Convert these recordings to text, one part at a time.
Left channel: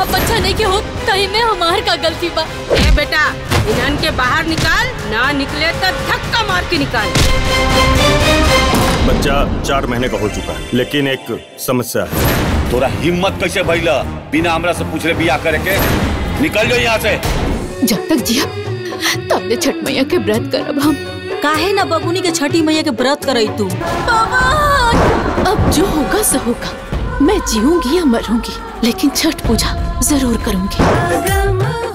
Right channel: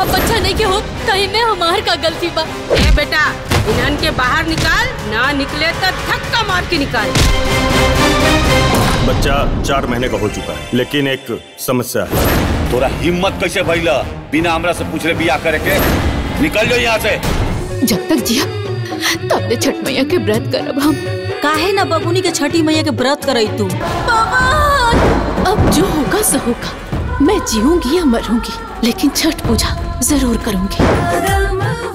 अब बच्चा नहीं के हो कहीं में हमार का गलती बा। ए बेटा इन्हन के बाहर निकाल, ना निकले तो धक्का मार के निकाल। बच्चा 4 महीने का हो चुका है, लेकिन एक समस्या है। तोरा हिम्मत कैसे भइला बिना हमरा से पूछले बियाह करे के? निकल जाओ यहाँ से। जब तक जिया तब छठ मैया के व्रत करब हम। काहे ना बबुनी के छठी मैया के व्रत करई तू? बाबा अब जो होगा सो होगा, मैं जीऊंगी या मरूंगी लेकिन छठ पूजा जरूर करूंगी।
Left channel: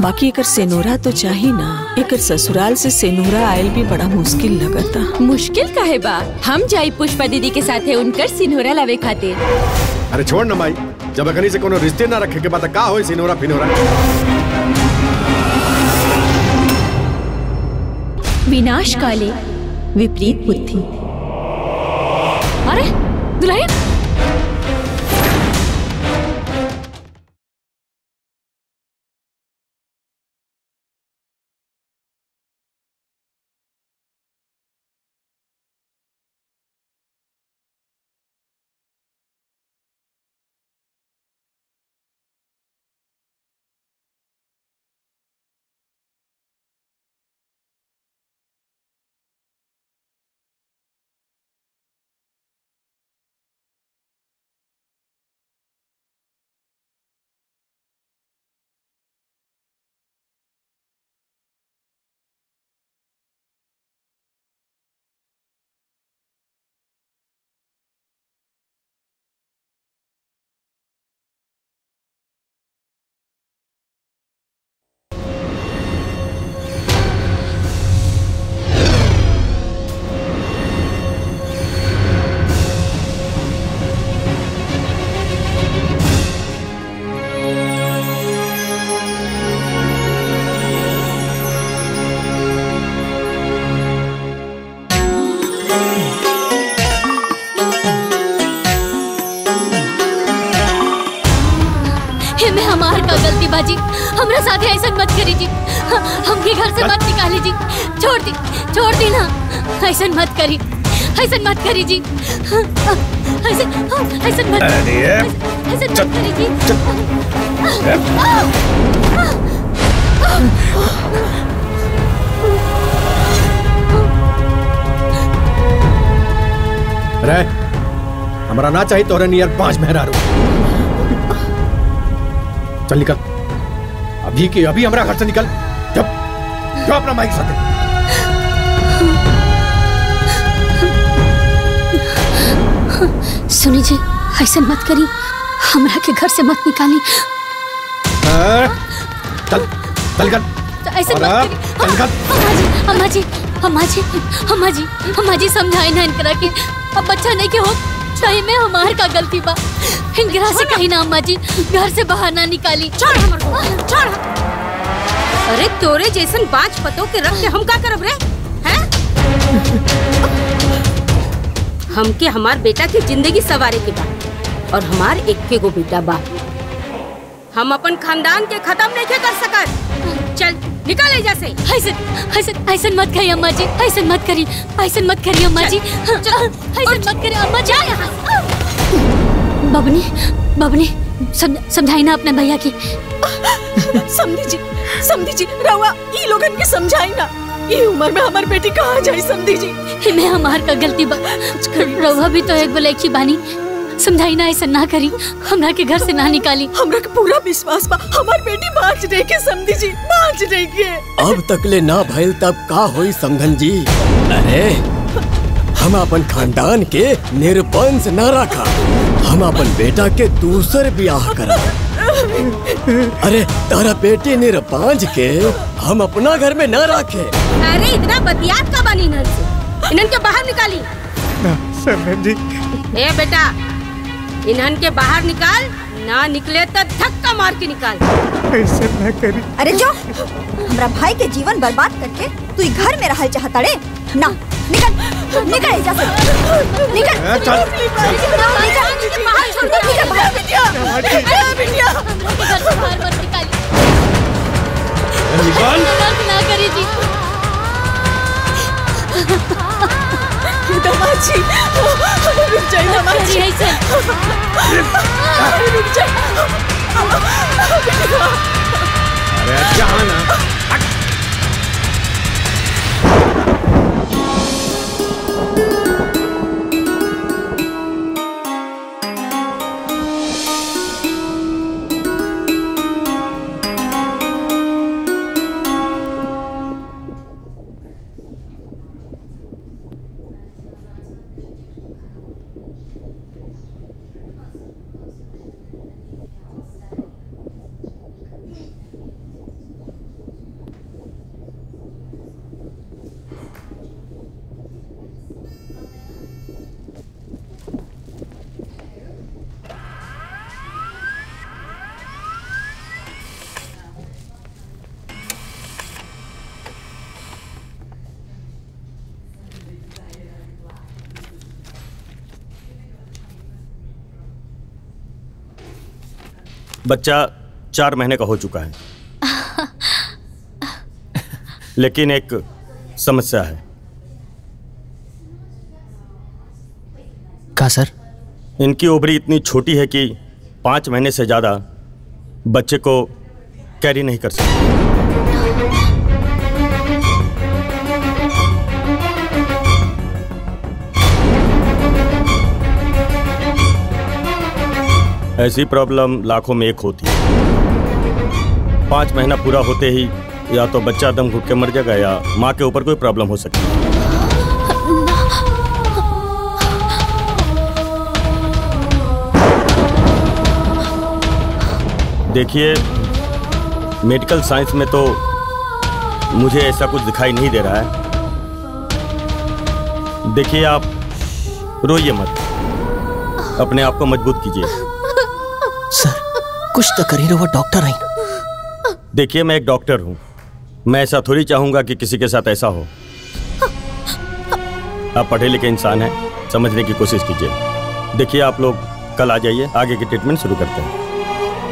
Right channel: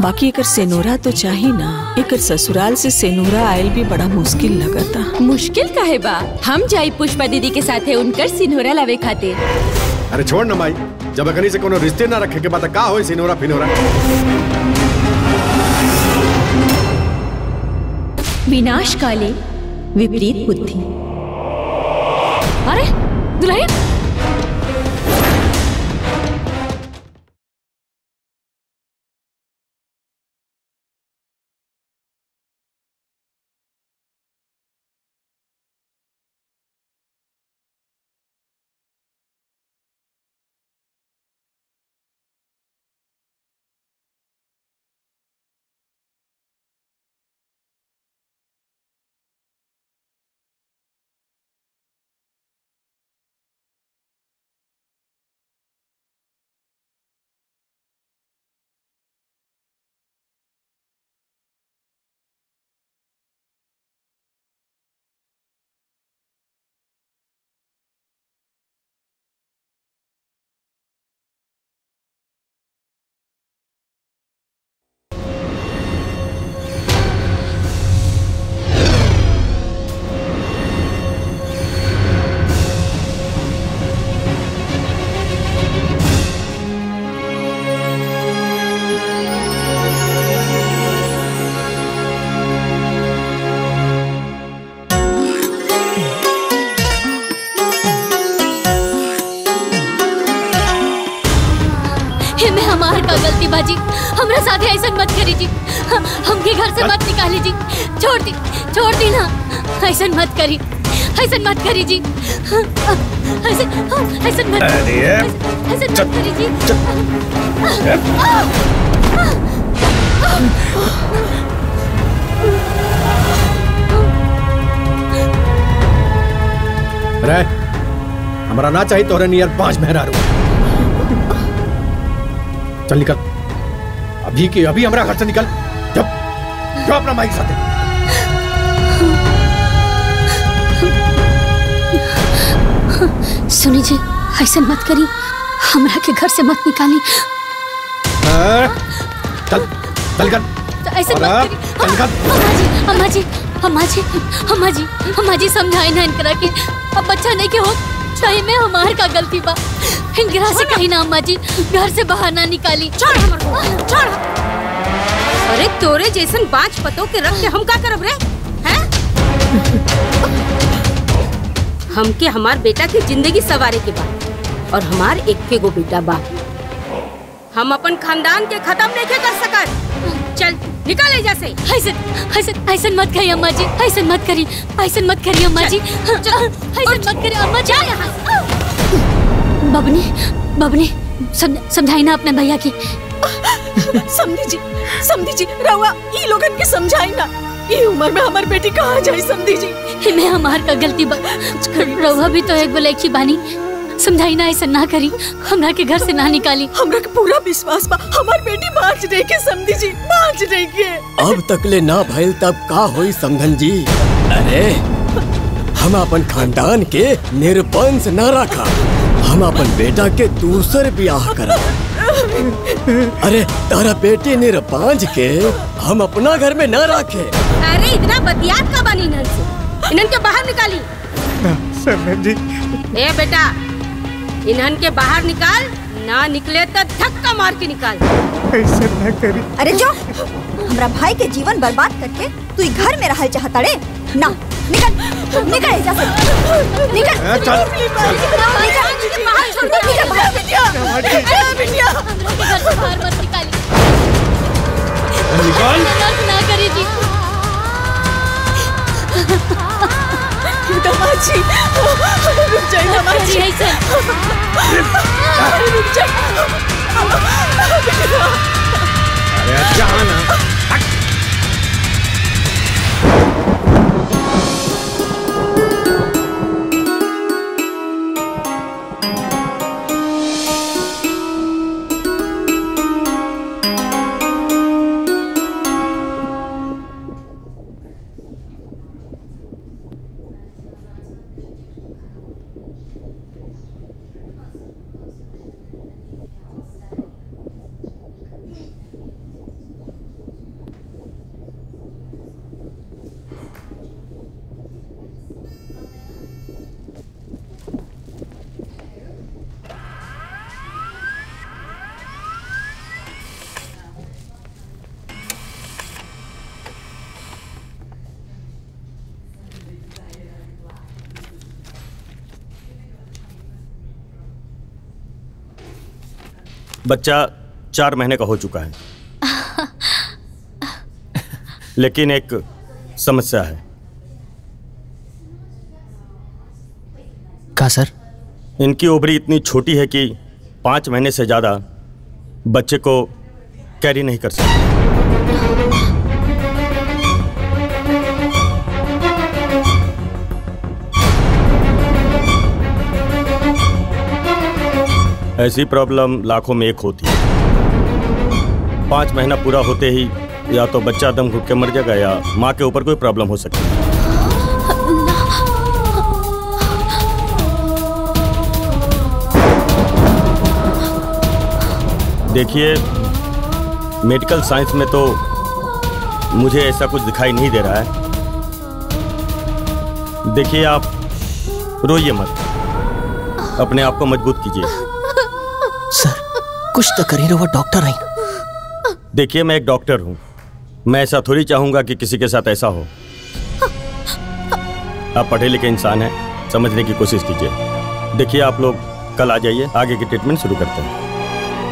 बाकी एकर सेनोरा तो चाहिए ना। एकर ससुराल से सेनोरा आयल भी बड़ा मुश्किल लगता। मुश्किल काहे बा, हम जाई पुष्पा दीदी के साथे उनकर सिनोरा लावे खातिर। अरे छोड़ ना माई, जब अगनी से कोनो रिश्ते ना रखे के बात का होई सिनोरा फिनोरा। विनाश काले विपरीत बुद्धि। अरे दुल्हन में हमार का गलती बाजी, हमरा साथे ऐसा मत करी जी। हमके घर से मत निकाली जी, छोड़ दी ना। ऐसा मत करी जी। ऐसा मत करी जी। रे हमारा ना चाहिए तोरे नियर 5 मेहरारू। चल निकल, अभी के अभी हमारा घर से निकल। जब अपना माइक साथे। सुनी जी, ऐसा मत करी, हमरा के घर से मत निकाली। चल निकल। ऐसा मत करी। अम्मा जी समझाए ना इनकरा के। अब बच्चा नहीं के हो सही में हमार का गलती बा। इनकरा से कहीं ना अम्मा जी घर से बाहर ना निकाली। छोड़ हमर को, छोड़। अरे तोरे जैसन बाँच पतों के रख के हम का करब रे? हैं? हमके हमार बेटा की जिंदगी सवारे के बा और हमार एक गो बेटा बा। हम अपन खानदान के खत्म नहीं कर सकत। चल निकल एजा से। ऐसा मत कही अम्मा जी, ऐसा मत करी अम्मा जी। ऐसा मत करी अम्मा जी। बबनी समझाई ना अपने भैया की। समझी जी रवा ई लोगन के समझाई ना। ये उम्र में हमार बेटी कहाँ जाई समझी जी। मैं हमार का गलती बा। रवा भी तो एक बोले की बानी, समझाई ना ऐसा ना करी, हमरा के घर से ना निकाली। हमरा के पूरा विश्वास बा हमार बेटी बाँच रही के समझी जी, बाँच रही के। अब तकले ना भइल तब का होई समधन जी? अरे हम अपन खानदान के निरपंस न रखा, हम अपन बेटा के दूसर ब्याह करा। अरे तारा बेटी निरपांज के हम अपना घर में न रखे। अरे इतना बतियात का बनी इन्हन से, इन्हन के बाहर निकाली। समधन जी। ए बेटा इन्हन के बाहर निकाल, ना निकले तो धक्का मार के निकाल। ऐसा ना करी। अरे जो हमरा भाई के जीवन बर्बाद करके तू घर में रहल चाहता रे ना? निकल एजा से, निकल। चल बाहर छोड़ दे। बिटिया घर से बाहर मत निकाली। निकाल। ना करी जी। दमाजी रुक जाइए, दमाजी ऐसा रुक जाइए। अरे जहाँ ना बच्चा 4 महीने का हो चुका है, लेकिन एक समस्या है। क्या सर? इनकी ओवरी इतनी छोटी है कि 5 महीने से ज्यादा बच्चे को कैरी नहीं कर सकते। ऐसी प्रॉब्लम लाखों में एक होती है। 5 महीना पूरा होते ही या तो बच्चा दम घुट के मर जाएगा या माँ के ऊपर कोई प्रॉब्लम हो सकती है। देखिए, मेडिकल साइंस में तो मुझे ऐसा कुछ दिखाई नहीं दे रहा है। देखिए, आप रोइए मत, अपने आप को मजबूत कीजिए। सर कुछ तो करिए, वो डॉक्टर आई। देखिए, मैं एक डॉक्टर हूँ, मैं ऐसा थोड़ी चाहूंगा कि किसी के साथ ऐसा हो। आप पढ़े लिखे इंसान हैं, समझने की कोशिश कीजिए। देखिए, आप लोग कल आ जाइए, आगे की ट्रीटमेंट शुरू करते हैं।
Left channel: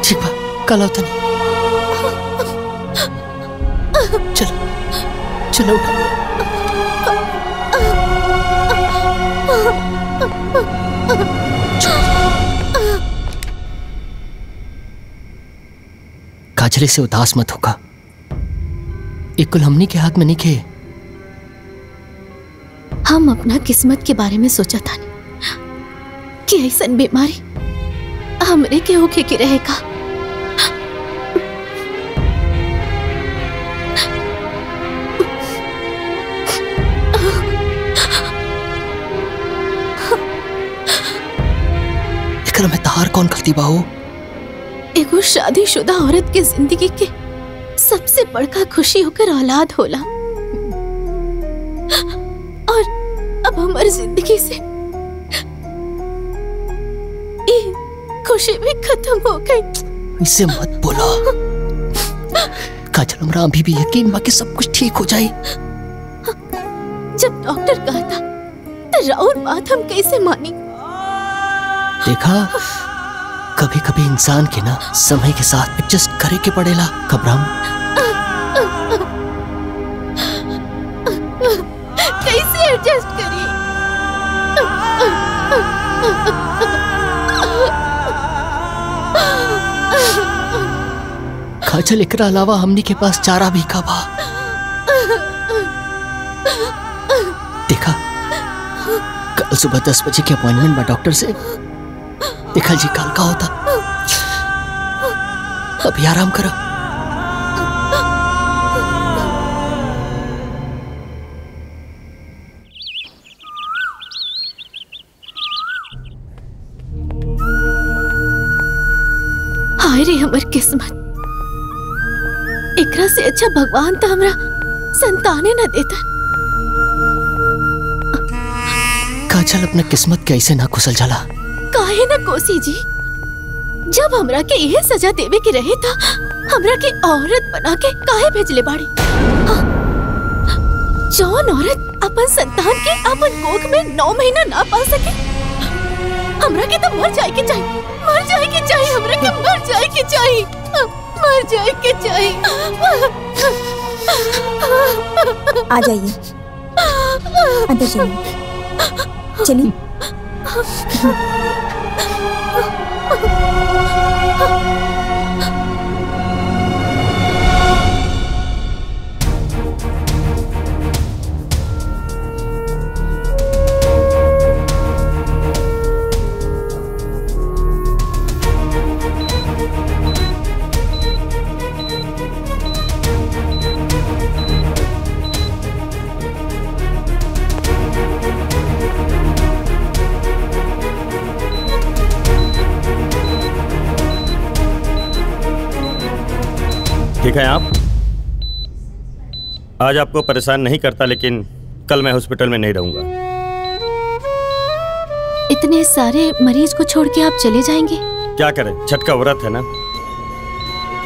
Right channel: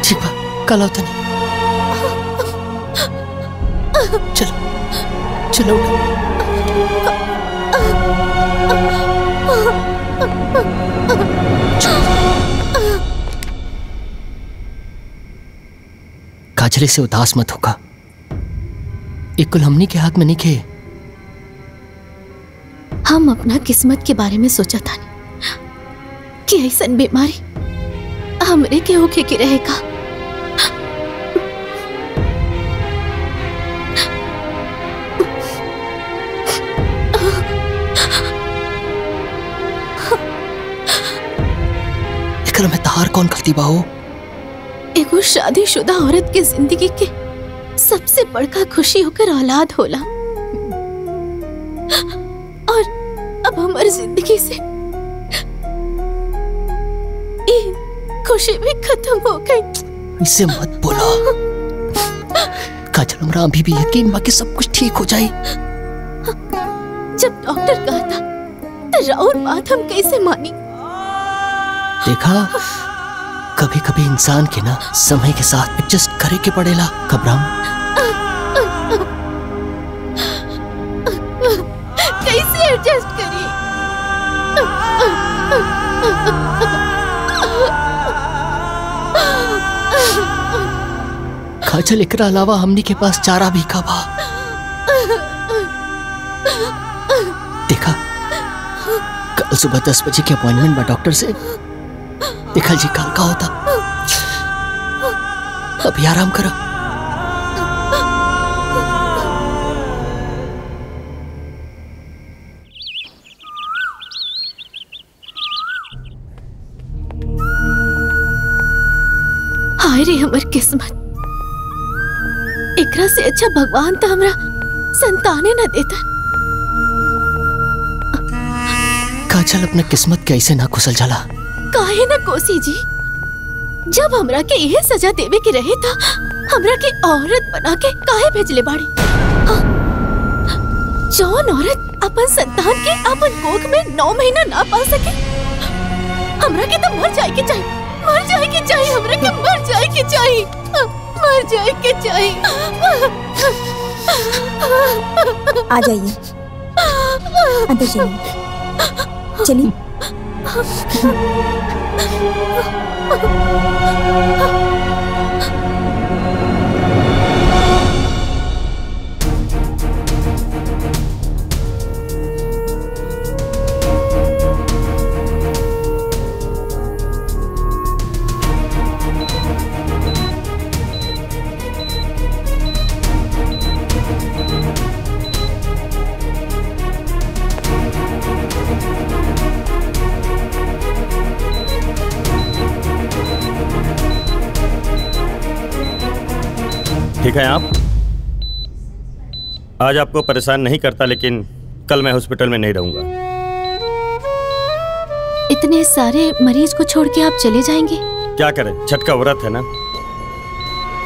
ठीक है, कल आओ। चलो चलो काजल से उदास मत होगा, एक कुल हमनी के हाथ में नहीं खे। हम अपना किस्मत के बारे में सोचा था कि ऐसा बीमारी हमरे के होके की रहेगा। एकरा में तहार कौन गलती बा हो? एगो शादीशुदा औरत के जिंदगी के सबसे बड़का खुशी होकर औलाद होला, और अब हमारी जिंदगी से ये खुशी भी खत्म हो गई। इसे मत बोलो काजल, हमरा अभी भी यकीन बा कि सब कुछ ठीक हो जाए। जब डॉक्टर कहा था तो राउर बात हम कैसे मानी? देखा, कभी कभी इंसान के ना समय के साथ एडजस्ट करे के पड़ेला। घबराम कैसे एडजस्ट करिए? काजल, एकरा अलावा हमनी के पास चारा भी का बा। देखा, कल सुबह 10 बजे की अपॉइंटमेंट बा डॉक्टर से। देखा जी, कल का होता। अभी आराम करो। हाय रे हमर किस्मत, एकरा से अच्छा भगवान तो हमरा संताने न देता। काजल, अपना किस्मत कैसे ना कुशल जाला? काहे ना कोसी जी, जब हमरा के यह सजा देवे के रहे था, हमरा के औरत बना के काहे भेजले बाड़ी? जौन औरत अपन संतान के अपन कोख में 9 महीना ना पाल सके, हमरा के तो मर जाए के चाहिए, मर जाए के चाहिए, हमरा के मर जाए के चाहिए, मर जाए के चाहिए। आ जाइए, अंदर जाइए, चलिए। ठीक है आप? आज आपको परेशान नहीं करता, लेकिन कल मैं हॉस्पिटल में नहीं रहूंगा। इतने सारे मरीज को छोड़ के आप चले जाएंगे? क्या करें, छठ का व्रत है ना।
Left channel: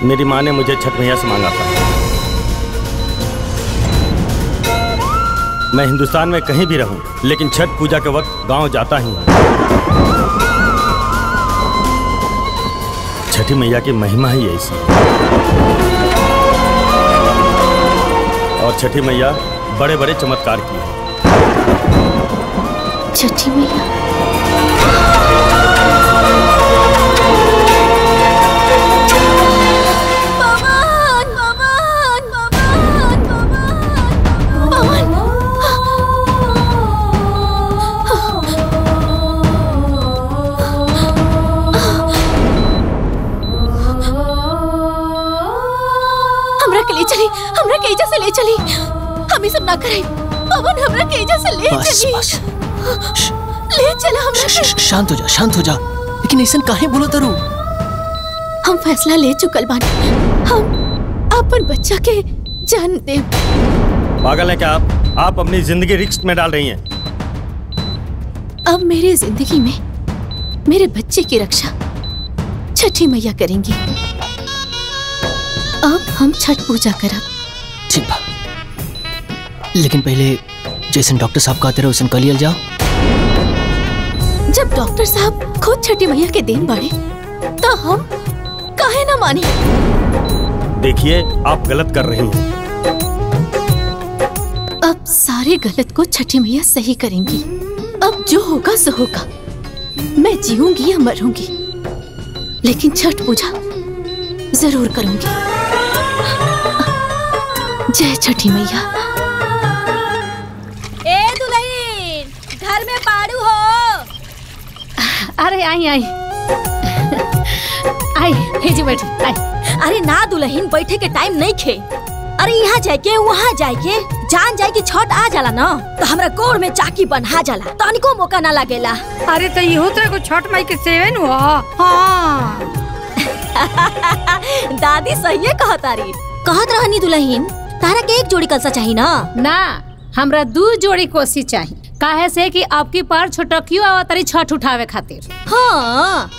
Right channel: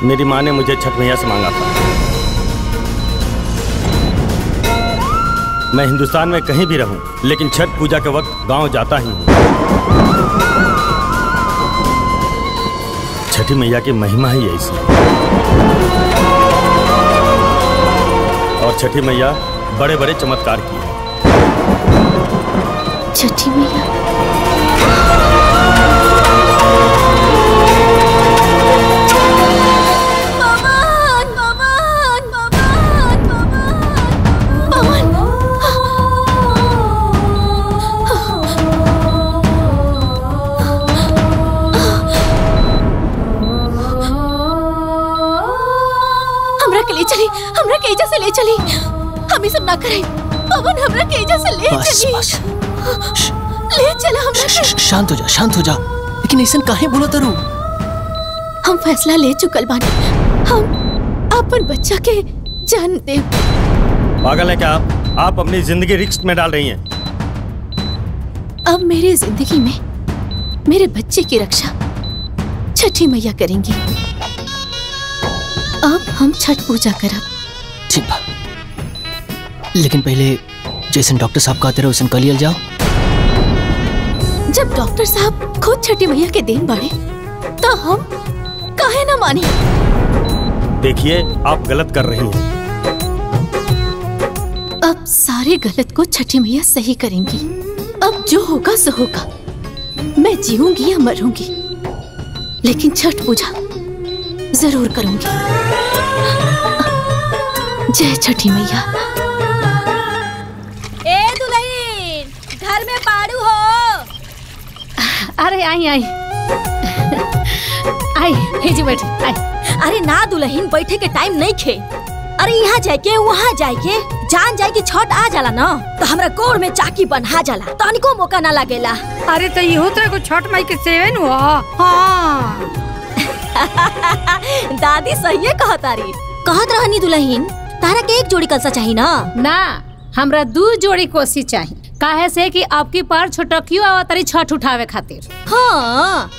मेरी माँ ने मुझे छठ मैया से मांगा था। मैं हिंदुस्तान में कहीं भी रहूं, लेकिन छठ पूजा के वक्त गांव जाता ही हूं। छठी मैया की महिमा ही ऐसी है। और छठी मैया बड़े बड़े चमत्कार की है। छठी मैया हमरा के एजा से ले चली। हम ये सब ना करें। पवन हमरा के एजा से ले चली। बस। ले चला हमरा के। शांत हो जा, शांत हो जा। लेकिन ऐसा काहे बोला तरू? हम फैसला ले चुकल बानी। हम अपन बच्चा के जान दे। पागल है क्या आप अपनी जिंदगी रिस्क में डाल रही हैं। अब मेरी जिंदगी में मेरे बच्चे की रक्षा छठी मैया करेंगी। अब हम छठ पूजा करब। ठीक बा, लेकिन पहले जैसे डॉक्टर साहब कहते रहे वैसे कलियल जाओ। जब डॉक्टर साहब खुद छठी मैया के देन बाड़े तो हम काहे ना माने। देखिए आप गलत कर रही हैं। अब सारे गलत को छठी मैया सही करेंगी। अब जो होगा सो होगा। मैं जीऊंगी या मरूंगी, लेकिन छठ पूजा जरूर करूंगी। जय छठी मैया। ए दुल्हन, घर में पाड़ू हो? अरे आई आई आई, हे जी बैठी आई। अरे ना दुल्हन, बैठे के टाइम नहीं खे। अरे यहाँ जाके वहाँ जाके जान जाए कि छठ आ जाला ना तो हमरा गोड़ में चाकी बन्हा जाला, तनिको मौका ना लगेला। अरे तो ये तरह को छठ माई के सेवन हुआ। हाँ दादी सही कहतारी। कहत रहनी दुल्हन, तारा के एक जोड़ी कलसा चाहिए ना? ना, हमरा 2 जोड़ी कोसी चाहिए। काहे से कि आपकी पार छोटकियो आवतरी छठ उठावे खातिर। हाँ,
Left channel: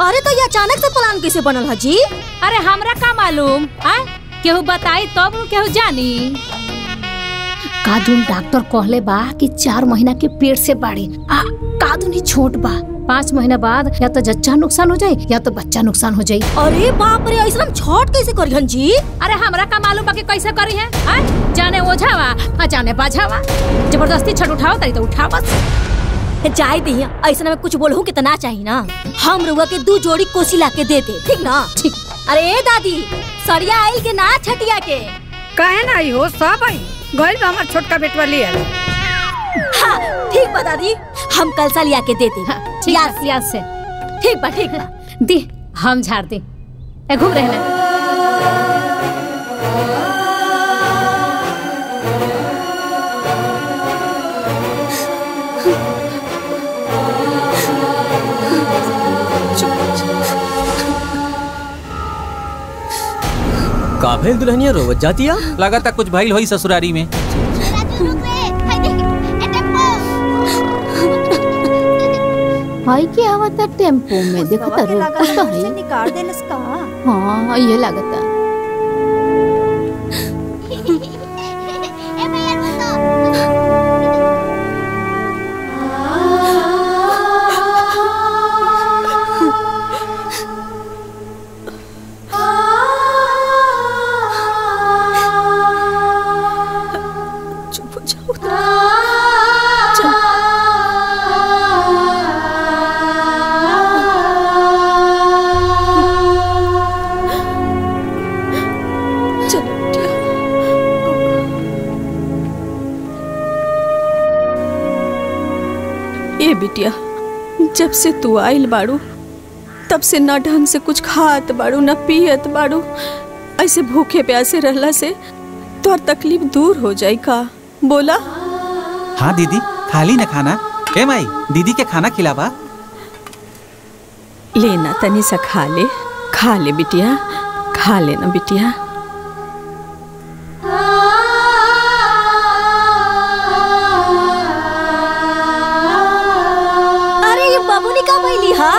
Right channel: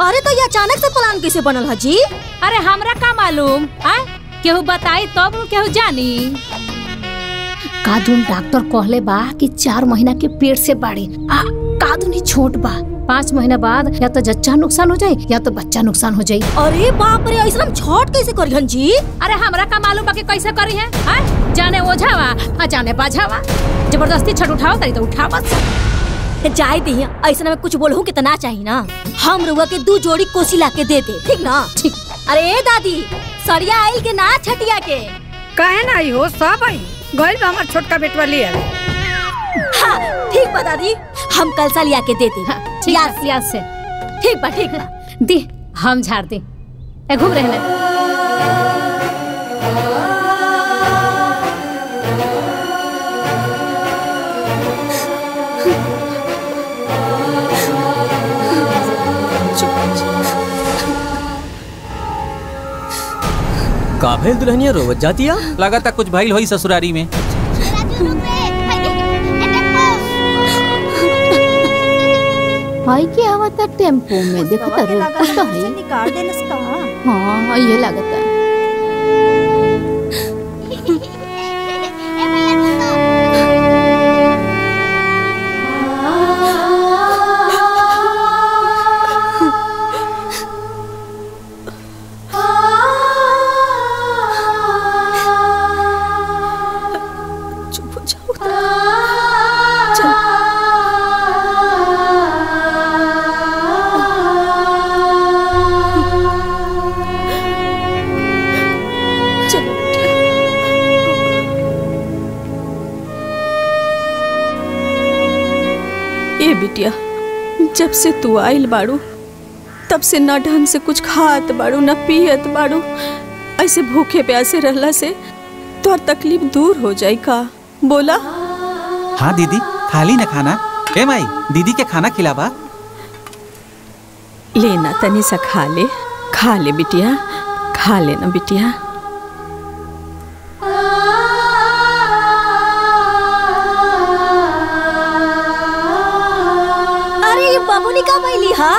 अरे तो ये अचानक से प्लान कैसे बनल है जी? अरे हमरा का मालूम, केहू बताई तब केहू जानी। कादून डॉक्टर कहले बा कि 4 महीना के पेट से बाड़ी। कादून ही छोट बा। 5 महीना बाद या तो जच्चा नुकसान हो जाये या तो बच्चा नुकसान हो जाये। अरे बाप रे, ऐसा छठ कैसे करिहन जी? अरे हमरा का मालूम बा कि कैसे करी है। जाने ओझावा जाने बाझावा, जबरदस्ती छठ उठाओ तरी तो उठावा। जाए दी, ऐसा में कुछ बोलूं कितना चाहिए ना। हम रुआ के 2 जोड़ी कोसी ला के दे दे, ठीक ना? ठीक। अरे दादी, सरिया आई के ना छटिया के? कहे ना आई हो, सब आई गइल बा। हमार छोटका बेटवा ले आवे। हाँ ठीक बा दादी, हम कलसा लिया के दे दे। याद से। ठीक बा ठीक बा। दी हम झाड़ दी। घूम रहने। का भेल दुल्हनिया रोवत जातिया? लगाता कुछ भाई होई ससुरारी में। भाई के आवता टेम्पो में देखता रोक तो है। निकाल देना इसका। हाँ ये लगता। बिटिया, जब से तू आइल बाड़ू तब से ना ढंग से कुछ खात बाड़ू ना पियत बाड़ू। ऐसे भूखे प्यासे रहला से तोर तकलीफ दूर हो जाई का? बोला। हाँ दीदी, खा ली ना खाना। ए माई, दीदी के खाना खिलावा। लेना तनी सा खा ले बिटिया, खा लेना बिटिया। अरे ये बाबूनी का भैली हा?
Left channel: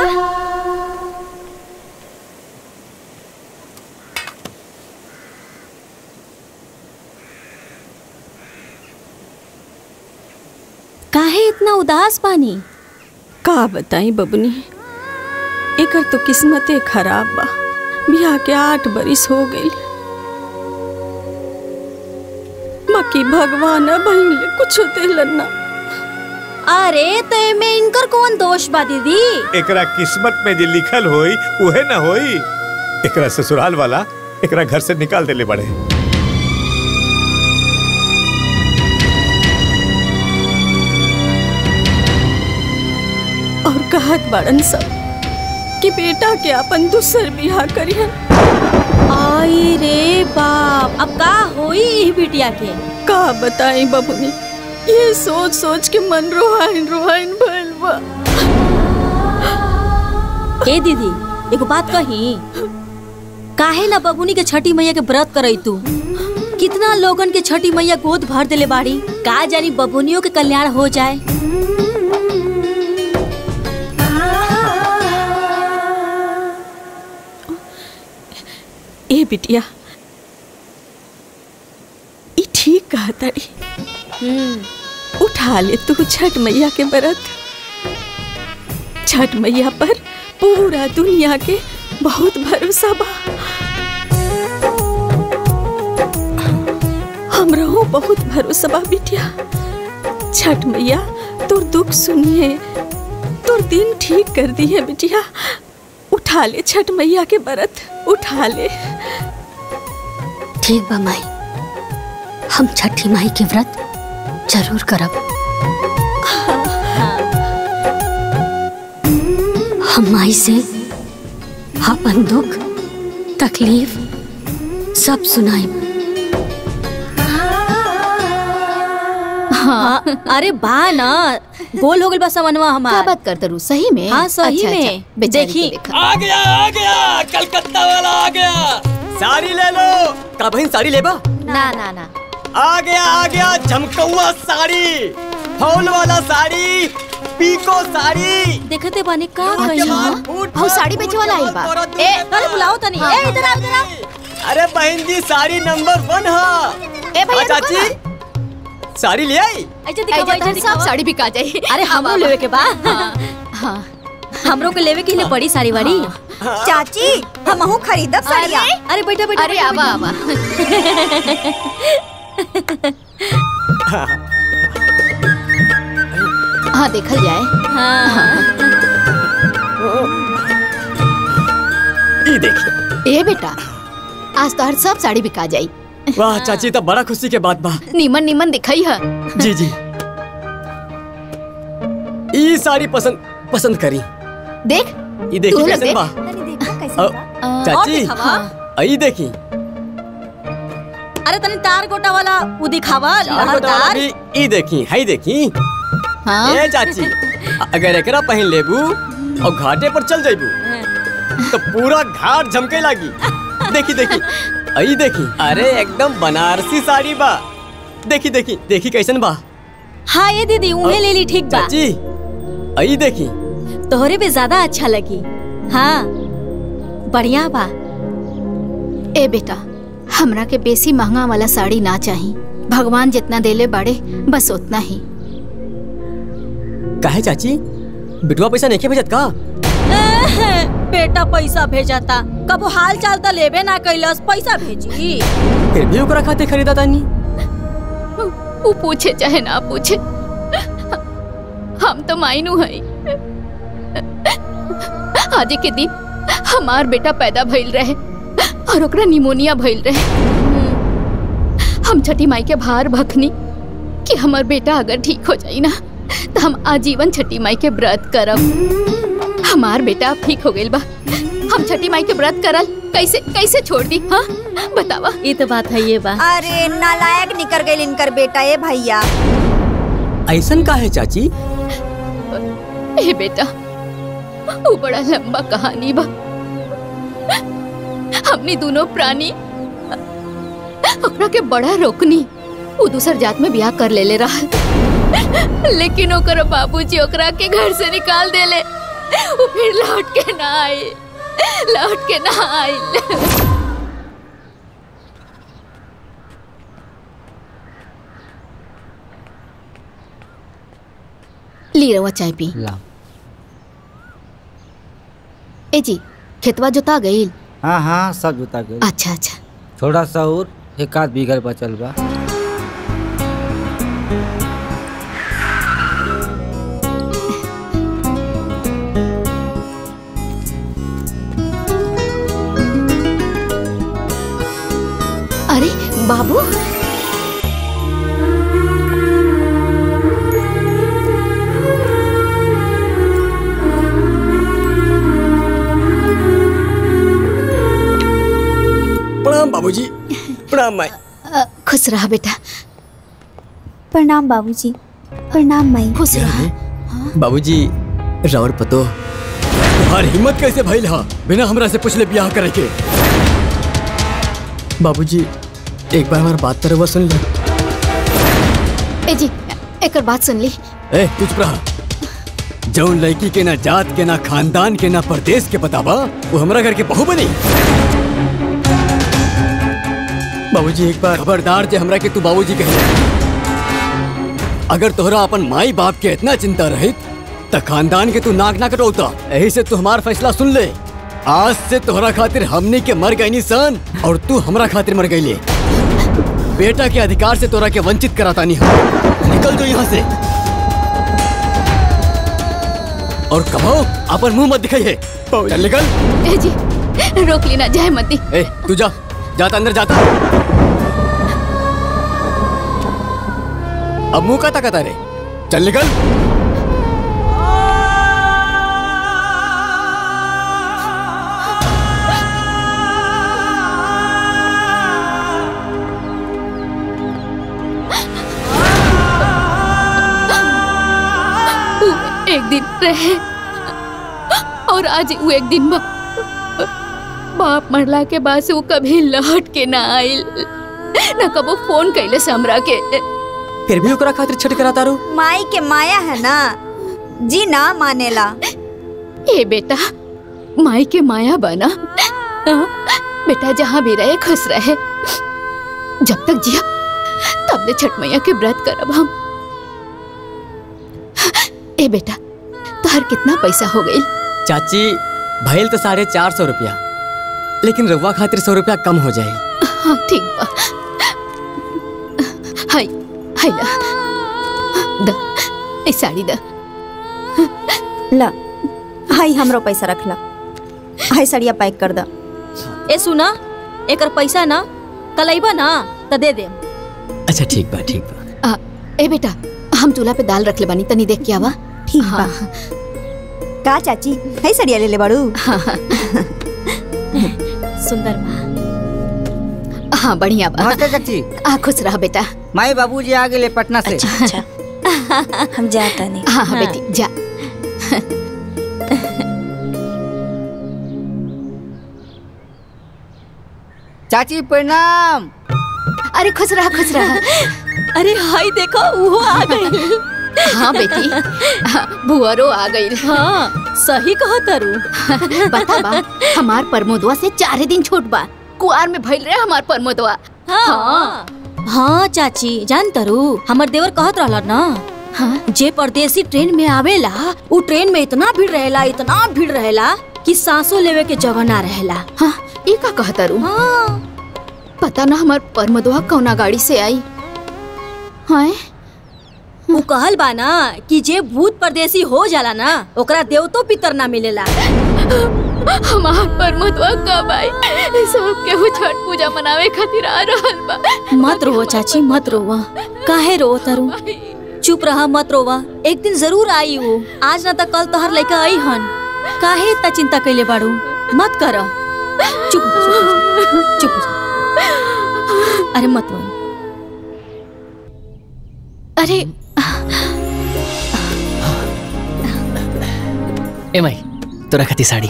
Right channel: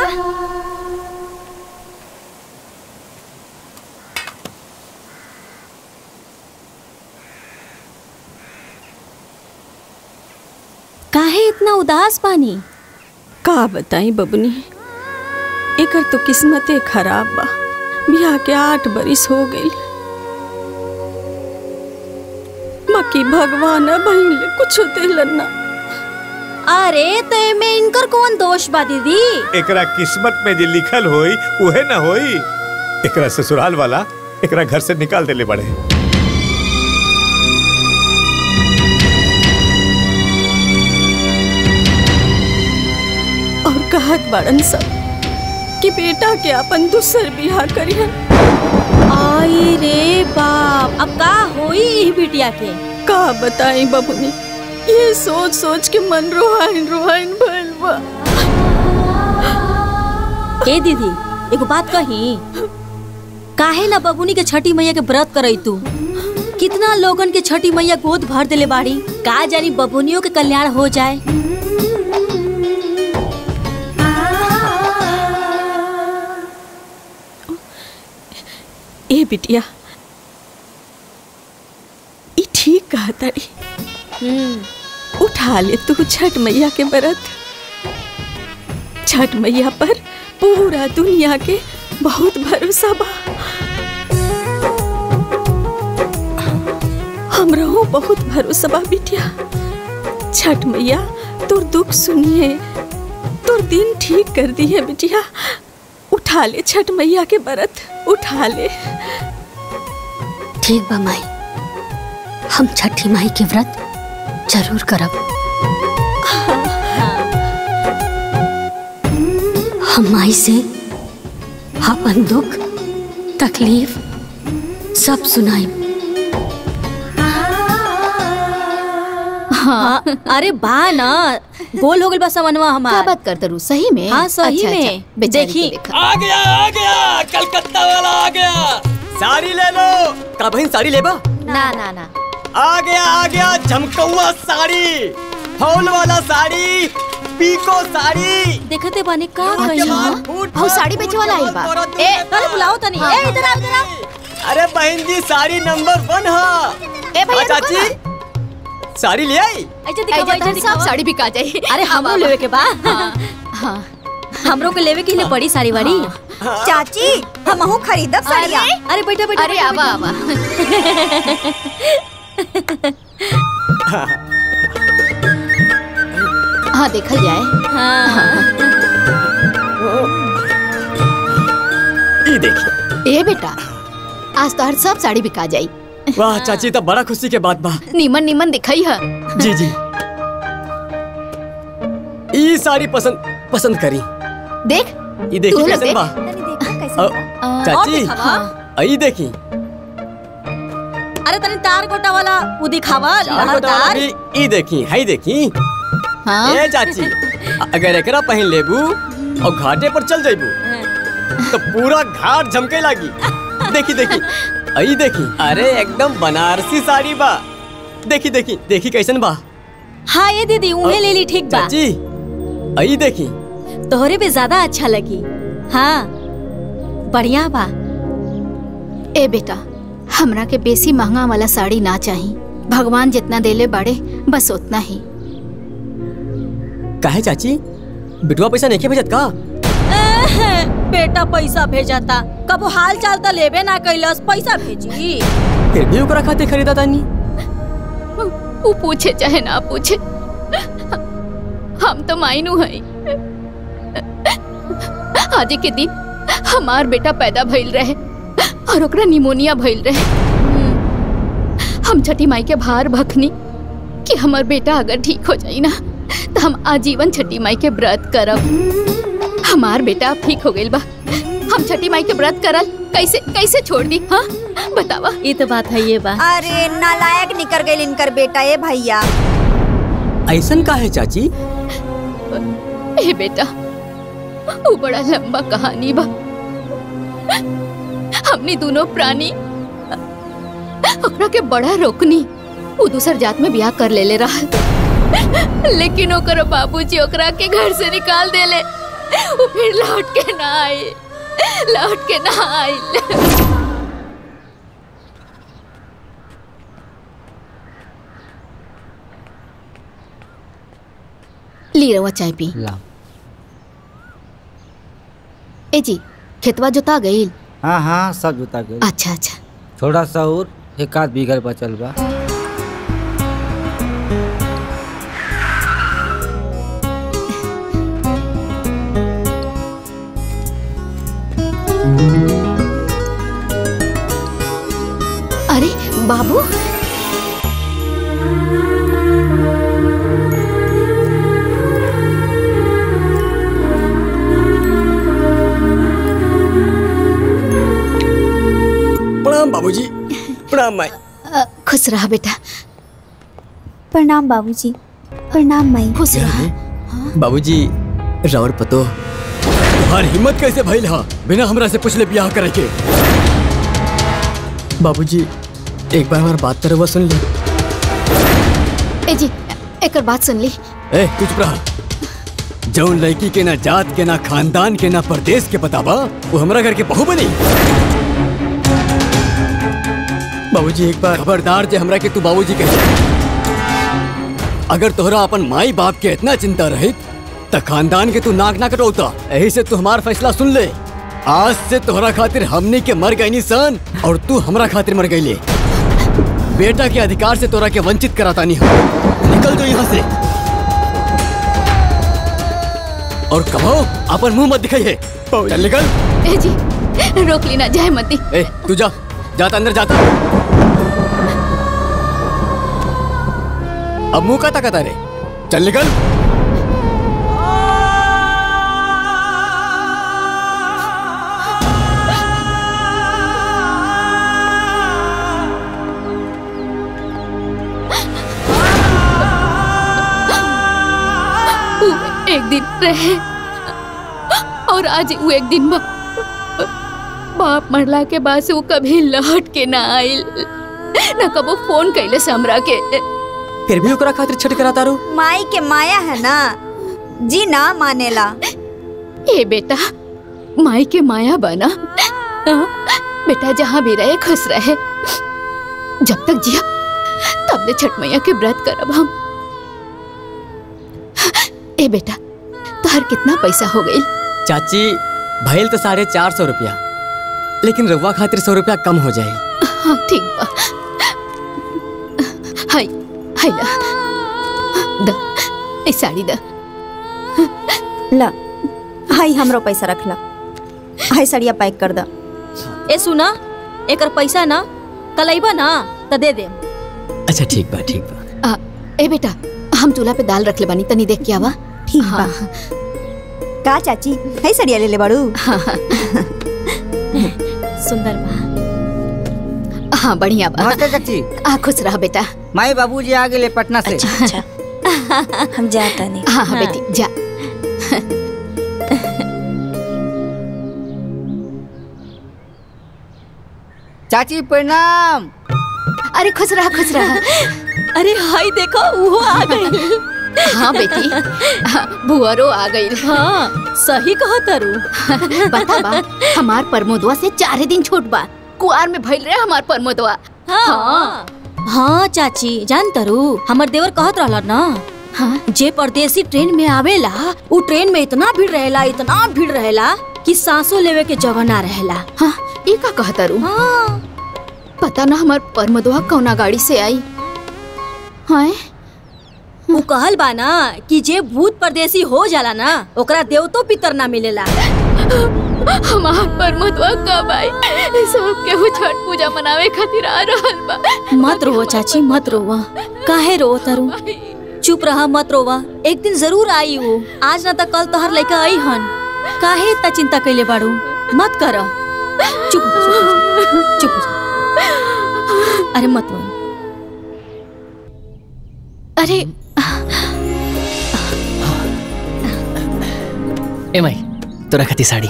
काहे इतना उदास पानी? का बताई बबनी, एकर तो किस्मते खराब बा। बियाह के 8 बरिस हो गई, बाकी भगवान बहिन कुछ देलन ना। अरे तो में इनकर कौन दोष बा दीदी? एकरा किस्मत में जो लिखल होई उहे ना होई। एकरा ससुराल वाला एकरा घर से निकाल देले बड़े। और कहत बड़न सब कि बेटा के अपन दूसर बियाह करियन। आई रे बाप, अब का होई बिटिया के? का बताई बबुनी, ये सोच सोच के मन रोहाइन रोहाइन भइल बा। ए दीदी एगो बात कही, काहे ना बबुनी के छठी मैया के व्रत करई तू? कितना लोगन के छठी मैया गोद भर देले बाड़ी, का जानी बबुनियों के कल्याण हो जाए। ए बिटिया, ई ठीक कहता री। उठा ले तू छठ मैया के व्रत। छठ मैया पर पूरा दुनिया के बहुत भरोसा बा। हमरो बहुत भरोसा बा बिटिया। छठ मैया तोर दुख सुनिए, तोर दिन ठीक कर दिए बिटिया। उठा ले छठ मैया के व्रत, उठा ले। ठीक बा माई, हम छठी माई के व्रत जरूर करब। हम माई से अपन दुख तकलीफ सब सुनाई। हाँ, अरे बा ना, गोल हो गल बस मनवा हमार। क्या बात करते रू? सही में? हाँ सही अच्छा, में। अच्छा, देखी आ गया कलकत्ता वाला आ गया। साड़ी ले लो। का बहन साड़ी लेबा? ना ना ना, आ गया झमकौआ साड़ी, फॉल वाला साड़ी, पीको साड़ी। देखते बानी का कही? हां साड़ी बेचे वाला आई बा। ए अरे बुलाओ तनी। ए इधर आ, इधर आ। अरे बहन जी साड़ी नंबर 1 है। ए भैया चाची साड़ी ले आई। सब साड़ी बिका जाए। अरे हमरो लेवे के बा। हां हमरो के लेवे के लिए पड़ी साड़ी वाड़ी। चाची हमहू खरीदब साड़िया। अरे बैठा बैठा। अरे आवा आवा। हाँ देखल जाए। ये देखिए। ए बेटा, आज तो हर सब साड़ी बिका जाई। वाह चाची, तो बड़ा खुशी के बात बा। नीमन नीमन दिखाई है। जी जी, ये साड़ी पसंद करी। देख ये देखी कैसे बा? चाची आई देखी। अरे तनी तार गोटा वाला वो दिखावा। लहरदार ई देखी, हाई देखी। हाँ? ए चाची, अगर एकरा पहन लेबू और घाटे पर चल जाइबू तो पूरा घाट झमके लागी। देखी देखी, आई देखी। अरे एकदम बनारसी साड़ी बा। देखी देखी देखी कैसन बा। हाँ ये दीदी उन्हें ले ली। ठीक बा चाची, आई देखी। तोहरे पे ज्यादा अच्छा लगी। हाँ बढ़िया बा। ए बेटा, हमरा के बेसी महंगा वाला साड़ी ना चाहिए। भगवान जितना देले बाड़े बस उतना ही। काहे चाची, बिटवा पैसा नहीं भेजत का? बेटा पैसा भेजता, कबो हाल चाल तो लेबे ना कैलस, पैसा भेजी। फिर भी ओकरा खाते खरीदा तानी। वो पूछे चाहे ना पूछे, हम तो मायनू है। आज के दिन हमार बेटा पैदा भइल रहे और ओकरा निमोनिया भइल रहे। हम छठी माई के भार भखनी कि हमार बेटा अगर ठीक हो जाई ना तो हम आजीवन छठी माई के व्रत करब। हमार बेटा अब ठीक हो गइल बा, हम छठी माई के व्रत करल कैसे कैसे छोड़ दी? हाँ बतावा। ये तो बात है ये बा। अरे नालायक निकर गइल इनकर बेटा। ए भैया ऐसन का है चाची? ए बेटा, वो बड़ा लंबा कहानी बा। हमनी दोनों प्राणी ओकरा के बड़ा रोकनी। वो दूसर जात में ब्याह कर ले रहा, लेकिन ओकर बाबूजी ओकरा के घर से निकाल देले। वो फिर लौट के ना आई, लौट के ना आई। ली रवा चाय पी। ए जी खेतवा जोता गईल? हाँ हाँ सब जोता गईल। अच्छा अच्छा। थोड़ा सा और 1 बीघा बचल बा। अरे बाबू, प्रणाम बाबूजी। प्रणाम माई। खुश रहा बेटा। प्रणाम बाबूजी। प्रणाम माई। खुश रहा। बाबूजी रावर पतो तुम्हारी हिम्मत कैसे भइल हा बिना हमरा से पूछले ब्याह करे के? बाबूजी एक बार हमारी बात तरह सुन ले। ए जी एक बात सुन ली। ए तू चुप रहा। जौन लड़की के ना जात के ना खानदान के ना परदेश के पता बा वो हमरा घर के बहू बनी। बाबूजी एक बार खबरदार जे हमरा के तू बाबूजी कह। अगर तोहरा अपन माई बाप के इतना चिंता रहित त खानदान के तू नाक ना कटौता। यही से तू हमार फैसला सुन ले। आज से तोहरा खातिर हमनी के मर गई सन और तू हमरा खातिर मर गई। बेटा के अधिकार से तोरा के वंचित कराता नहीं हम। निकल जो यहाँ से और कहो अपन मुंह मत दिखाइए। चल निकल। ए जी रोक लेना जाए मती। ए तू जा, जाता अंदर जाता। अब मुंह का ताकत रे। चल निकल। एक दिन रहे और आज वो एक दिन बाप मरला के बाद से वो कभी लौट के ना आइल, ना कबो फोन कैले हमरा के। फिर भी ओकरा खातिर छट कराता रो। माई के माया है ना जी, ना मानेला। ए बेटा माई के माया बना। बेटा जहाँ भी रहे खुश रहे। जब तक जिया तब ले छठ मैया के व्रत करब हम। ए बेटा तोहर कितना पैसा हो गई? चाची भइल तो 450 रुपया, लेकिन रउआ खातिर 100 रुपया कम हो जाए। हाँ ठीक बा। हाय हाय ला द ए साड़ी द। ला हाय हमरो पैसा रख ला। हाय साड़िया पैक कर द। ए सुना एकर पैसा ना कलैबा ना त दे दे। अच्छा ठीक बा ठीक बा। ए बेटा हम चूल्हा पे दाल रख ले बानी, तनी देख के आवा। ठीक बा। का चाची है साड़िया ले ले बाड़ू? हाँ सुंदर बा। हाँ बढ़िया बा। नमस्ते चाची। खुश रहा बेटा। माई बाबूजी आ गए पटना से। अच्छा हम जाता नहीं। हाँ हाँ बेटी जा। चाची प्रणाम। अरे खुश रहा खुश रहा। अरे हाय देखो वो आ गई। हाँ बेटी भुअरो आ गई। हाँ सही कहो तरु। बता बा हमार परमोदवा से 4 दिन छोट बा। कुआर में भइल रहे हमार परमोदवा। हाँ हाँ चाची जान तरु हमर देवर कहत रहला ना। हाँ जे परदेसी ट्रेन में आवेला उ ट्रेन में इतना भीड़ रहेला कि सांसों लेवे के जगह ना रहेला। हाँ ये का कहता रू? हाँ पता ना हमार परमोदवा कौना गाड़ी से आई। हाँ वो कहल बा ना कि जे भूत परदेसी हो जाला ना ओकरा देवतो पितर ना मिलेला। हमार परमोदवा कब आई? सब केहू छठ पूजा मनावे खातिर आ रहल बा। मत रोवो चाची मत रोवा। काहे रोवो तरु? चुप रहा मत रोवा। एक दिन जरूर आई वो। आज ना तो कल तोहर लइका आई हन। काहे इतना चिंता कैले बाड़ू? मत कर। चुप चुप। अरे मत रो। अरे ए माई तोरा खाती साड़ी।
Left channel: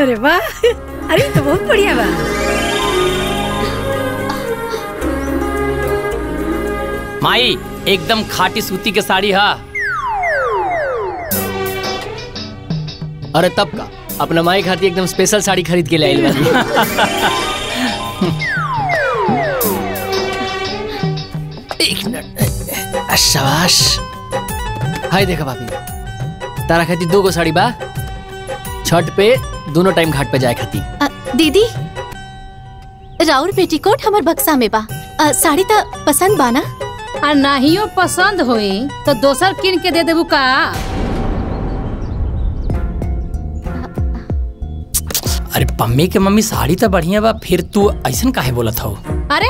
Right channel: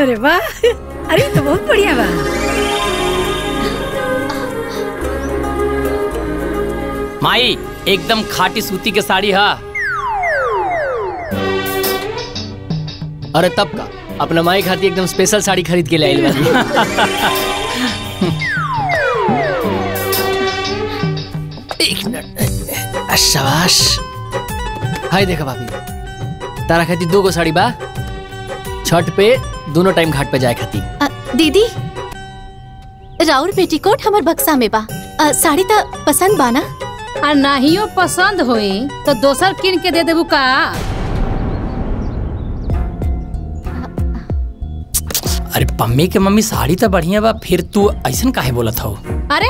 अरे वाह, अरे तो बहुत बढ़िया बा। माई एकदम खाटी सूती के साड़ी हा। अरे तब का अपना माई खाती एकदम स्पेशल साड़ी खरीद के ले आई बानी। एक मिनट, शाबाश। हाय देखा भाभी, तारा खाती 2 गो साड़ी बा, छठ पे दोनों टाइम घाट पे जाए खाती। दीदी राउर पेटीकोट हमर बक्सा में बा, साड़ी तो पसंद बा ना? आ नाहियो पसंद होई तो दोसर किन के दे देबू का? अरे पम्मी के मम्मी साड़ी तो बढ़िया बा, फिर तू ऐसन काहे बोलत हो? अरे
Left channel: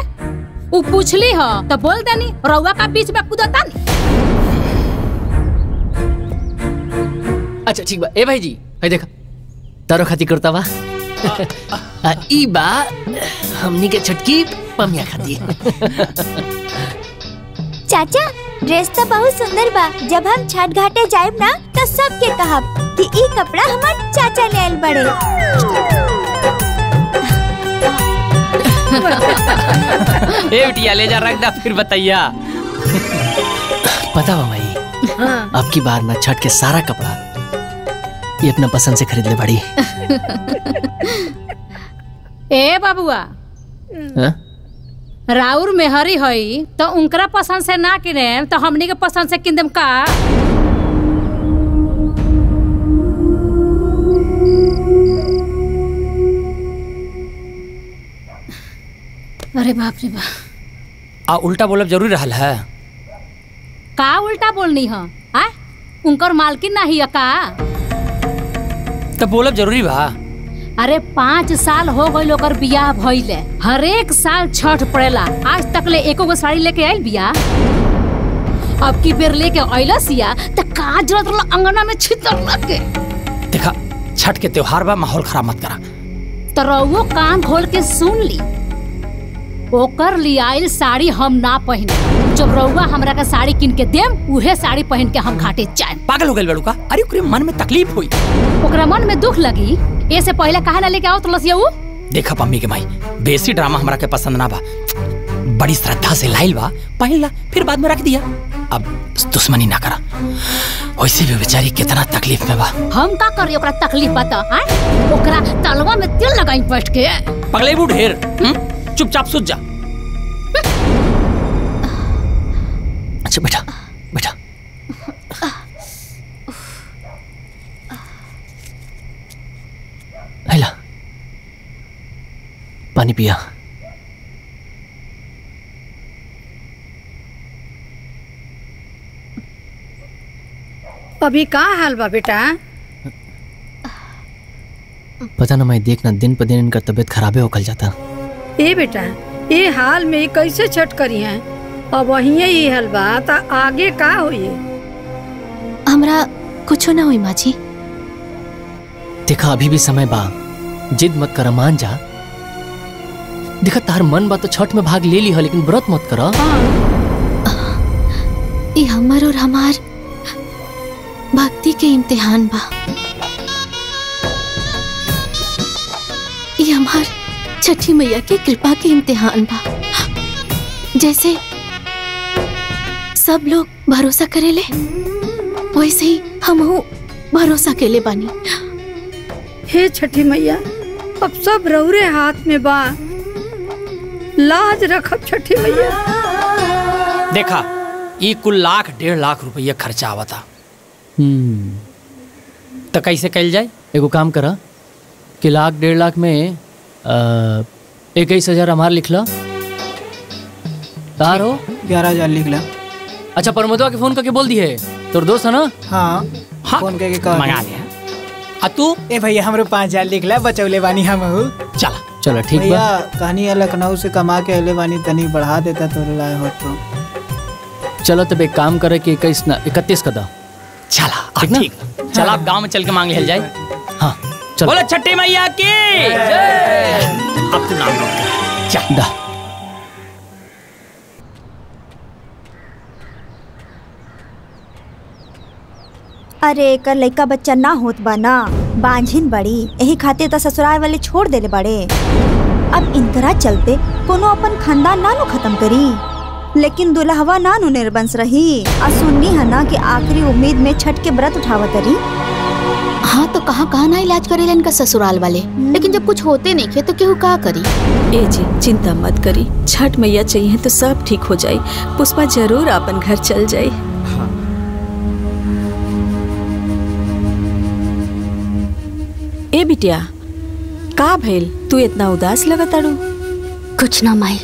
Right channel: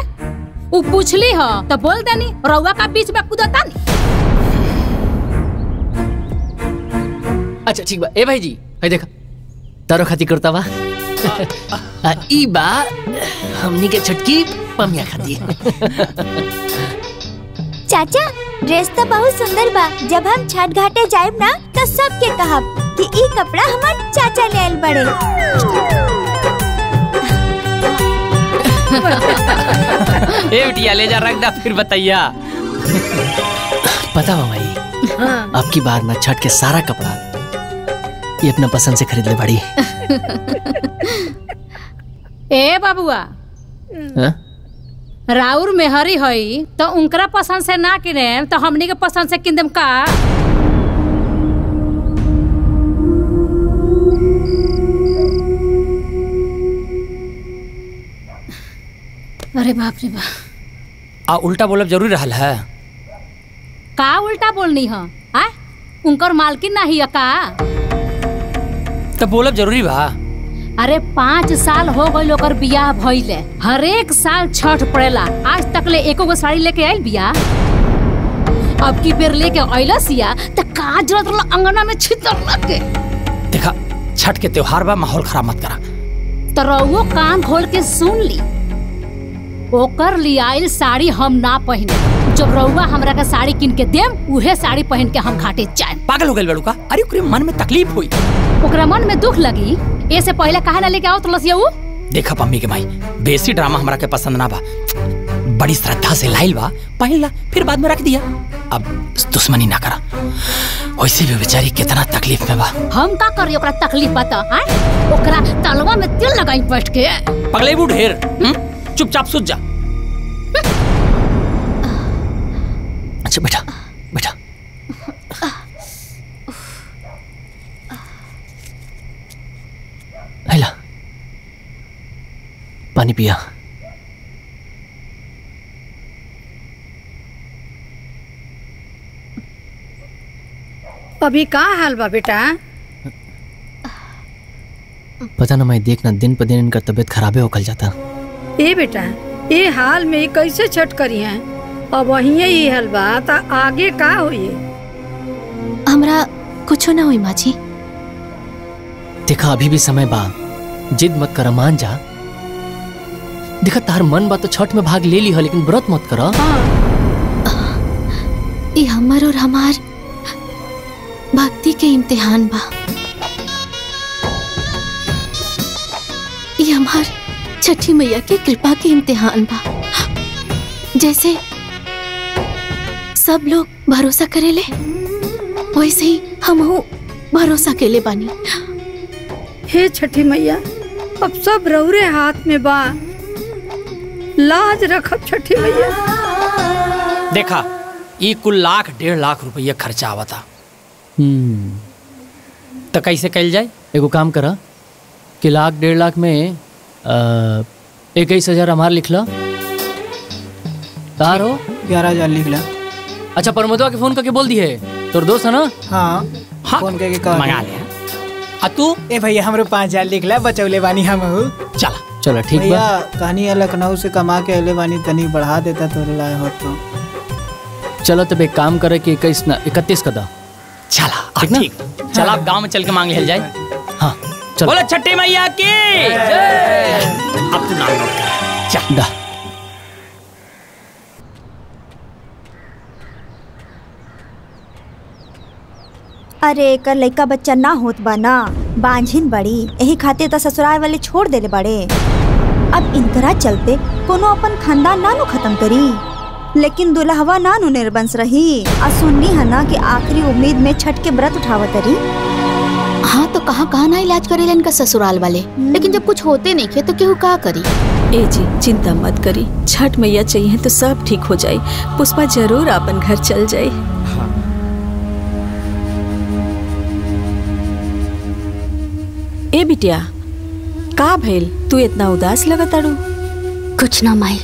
उ पूछली हो तो बोल देनी, रउआ का बीच में कूदता नहीं। अच्छा ठीक बा। ए भाई जी, हाय देखा तारो खाती करता बा। ई बा हमनी के छटकी पमिया खाती। चाचा ड्रेस तो बहुत सुंदर बा। जब हम छठ घाटे जाएब ना तो सबके कहब कि ई कपड़ा हमार चाचा ले आइल बड़े। ए बिटिया ले जा रख दा, फिर बताइया। पता बा माई, अब की बार ना छठ के सारा कपड़ा ये अपना पसंद से खरीद ले बड़ी। ए बाबुआ, राउर मेहरी हई तो उनकरा पसंद से ना किने तो हमनी के पसंद से किन देम का? अरे बाप रे बाप। आ उल्टा बोलब जरूरी रहल है का? उल्टा बोलनी है? उनकर मालकिन ना ही का? तो बोलब जरूरी बा। अरे 5 साल हो गई ओकर बियाह भइले, हर एक साल छठ पड़ेला, आज तक ले एको गो साड़ी लेके आइल बिया। अब की बेर लेके आइला सिया त का जरूरत रहा अंगना में छितर लगे। देखा छठ के त्योहार बा, माहौल खराब मत करा। तो रउओ कान खोल के सुन ली, ओकर लियाइल साड़ी हम ना पहने। जब रउआ हमरा का साड़ी किन के देम उहे साड़ी पहन के हम घाटे जाए। पागल हो गइल बड़ू का? अरे ओकरे मन में तकलीफ हुई, ओकरा मन में दुख लगी, ऐसे पहले काहे ना लेके आओ तो लसिया उ? देखा पम्मी के माई, बेसी ड्रामा हमरा के पसंद ना बा। बड़ी श्रद्धा से लाइल बा, पहन ला फिर बाद में रख दिया। अब दुश्मनी ना करा, वैसे भी बेचारी कितना तकलीफ में बा। हम का करी ओकरा तकलीफ बता? ओकरा तलवा में तेल लगाई बैठ के। पगलेबू ढेर, चुपचाप सूझ जा। अच्छा बेटा बेटा, हैला पानी पिया। अभी का हाल बा बेटा? पता ना मैं देखना दिन पर दिन इनका तबीयत खराबे होकर जाता। ए बेटा, ये हाल में कैसे छठ करी है? अब वही ही हाल बा तो आगे का होई? हमरा कुछ ना हुई माँ जी। देखा अभी भी समय बा, जिद मत कर, मान जा। देखा तार मन बा तो छठ में भाग ले ली है, लेकिन व्रत मत करा। ये हमर और हमार भक्ति के इम्तिहान बा। ये हमार छठी मैया की कृपा के इम्तिहान बा। जैसे सब लोग भरोसा करेले वैसे ही हमहू भरोसा केले बानी। हे छठी मैया, अब सब रउरे हाथ में बा, लाज रखब छठी मैया। देखा ये कुल 1.5 रुपया खर्चा आवता। तो कैसे कल जाए? एगो काम करा कि 1.5 में 21,000 हमार लिख ला। तार हो 11,000 लिख ला। अच्छा परमोदवा के फोन करके बोल दी है, तोर दोस्त है ना? हाँ फोन करके कह मंगा लिया। आ तू ए भैया हमरो 5,000 लिख ला, बचौले बानी हम। चला चलो ठीक बा। भैया कहानी लखनऊ से कमा के अले बानी, तनी बढ़ा देता तो लाए हो तो। चलो तब एक काम करे कि 31 का दा। चला ठीक। चल आप गांव में चल के मांग ले जाए। हाँ चलो। बोलो छठी मैया की जय। अब तू नाम नोट कर। चल दा। अरे एकर लइका बच्चा ना होत बा ना, बांझिन बड़ी, यही खातिर तो ससुराल वाले छोड़ देले बड़े। अब इनकरा चलते कोनो अपन खानदान ना नु खत्म करी। लेकिन दुल्हवा ना नु निर्बंस रही। आ सुननी है ना कि आखिरी उम्मीद में छठ के व्रत उठावत रही। हाँ तो कहाँ ना इलाज करेला इनका ससुराल वाले, लेकिन जब कुछ होते नहीं थे तो केहू का करी। ए जी चिंता मत करी, छठ मैया चाहिए तो सब ठीक हो जाए। पुष्पा जरूर अपन घर चल जाए। हाँ। ए बिटिया का भइल, तू इतना उदास लगत आड़ू? कुछ ना माई।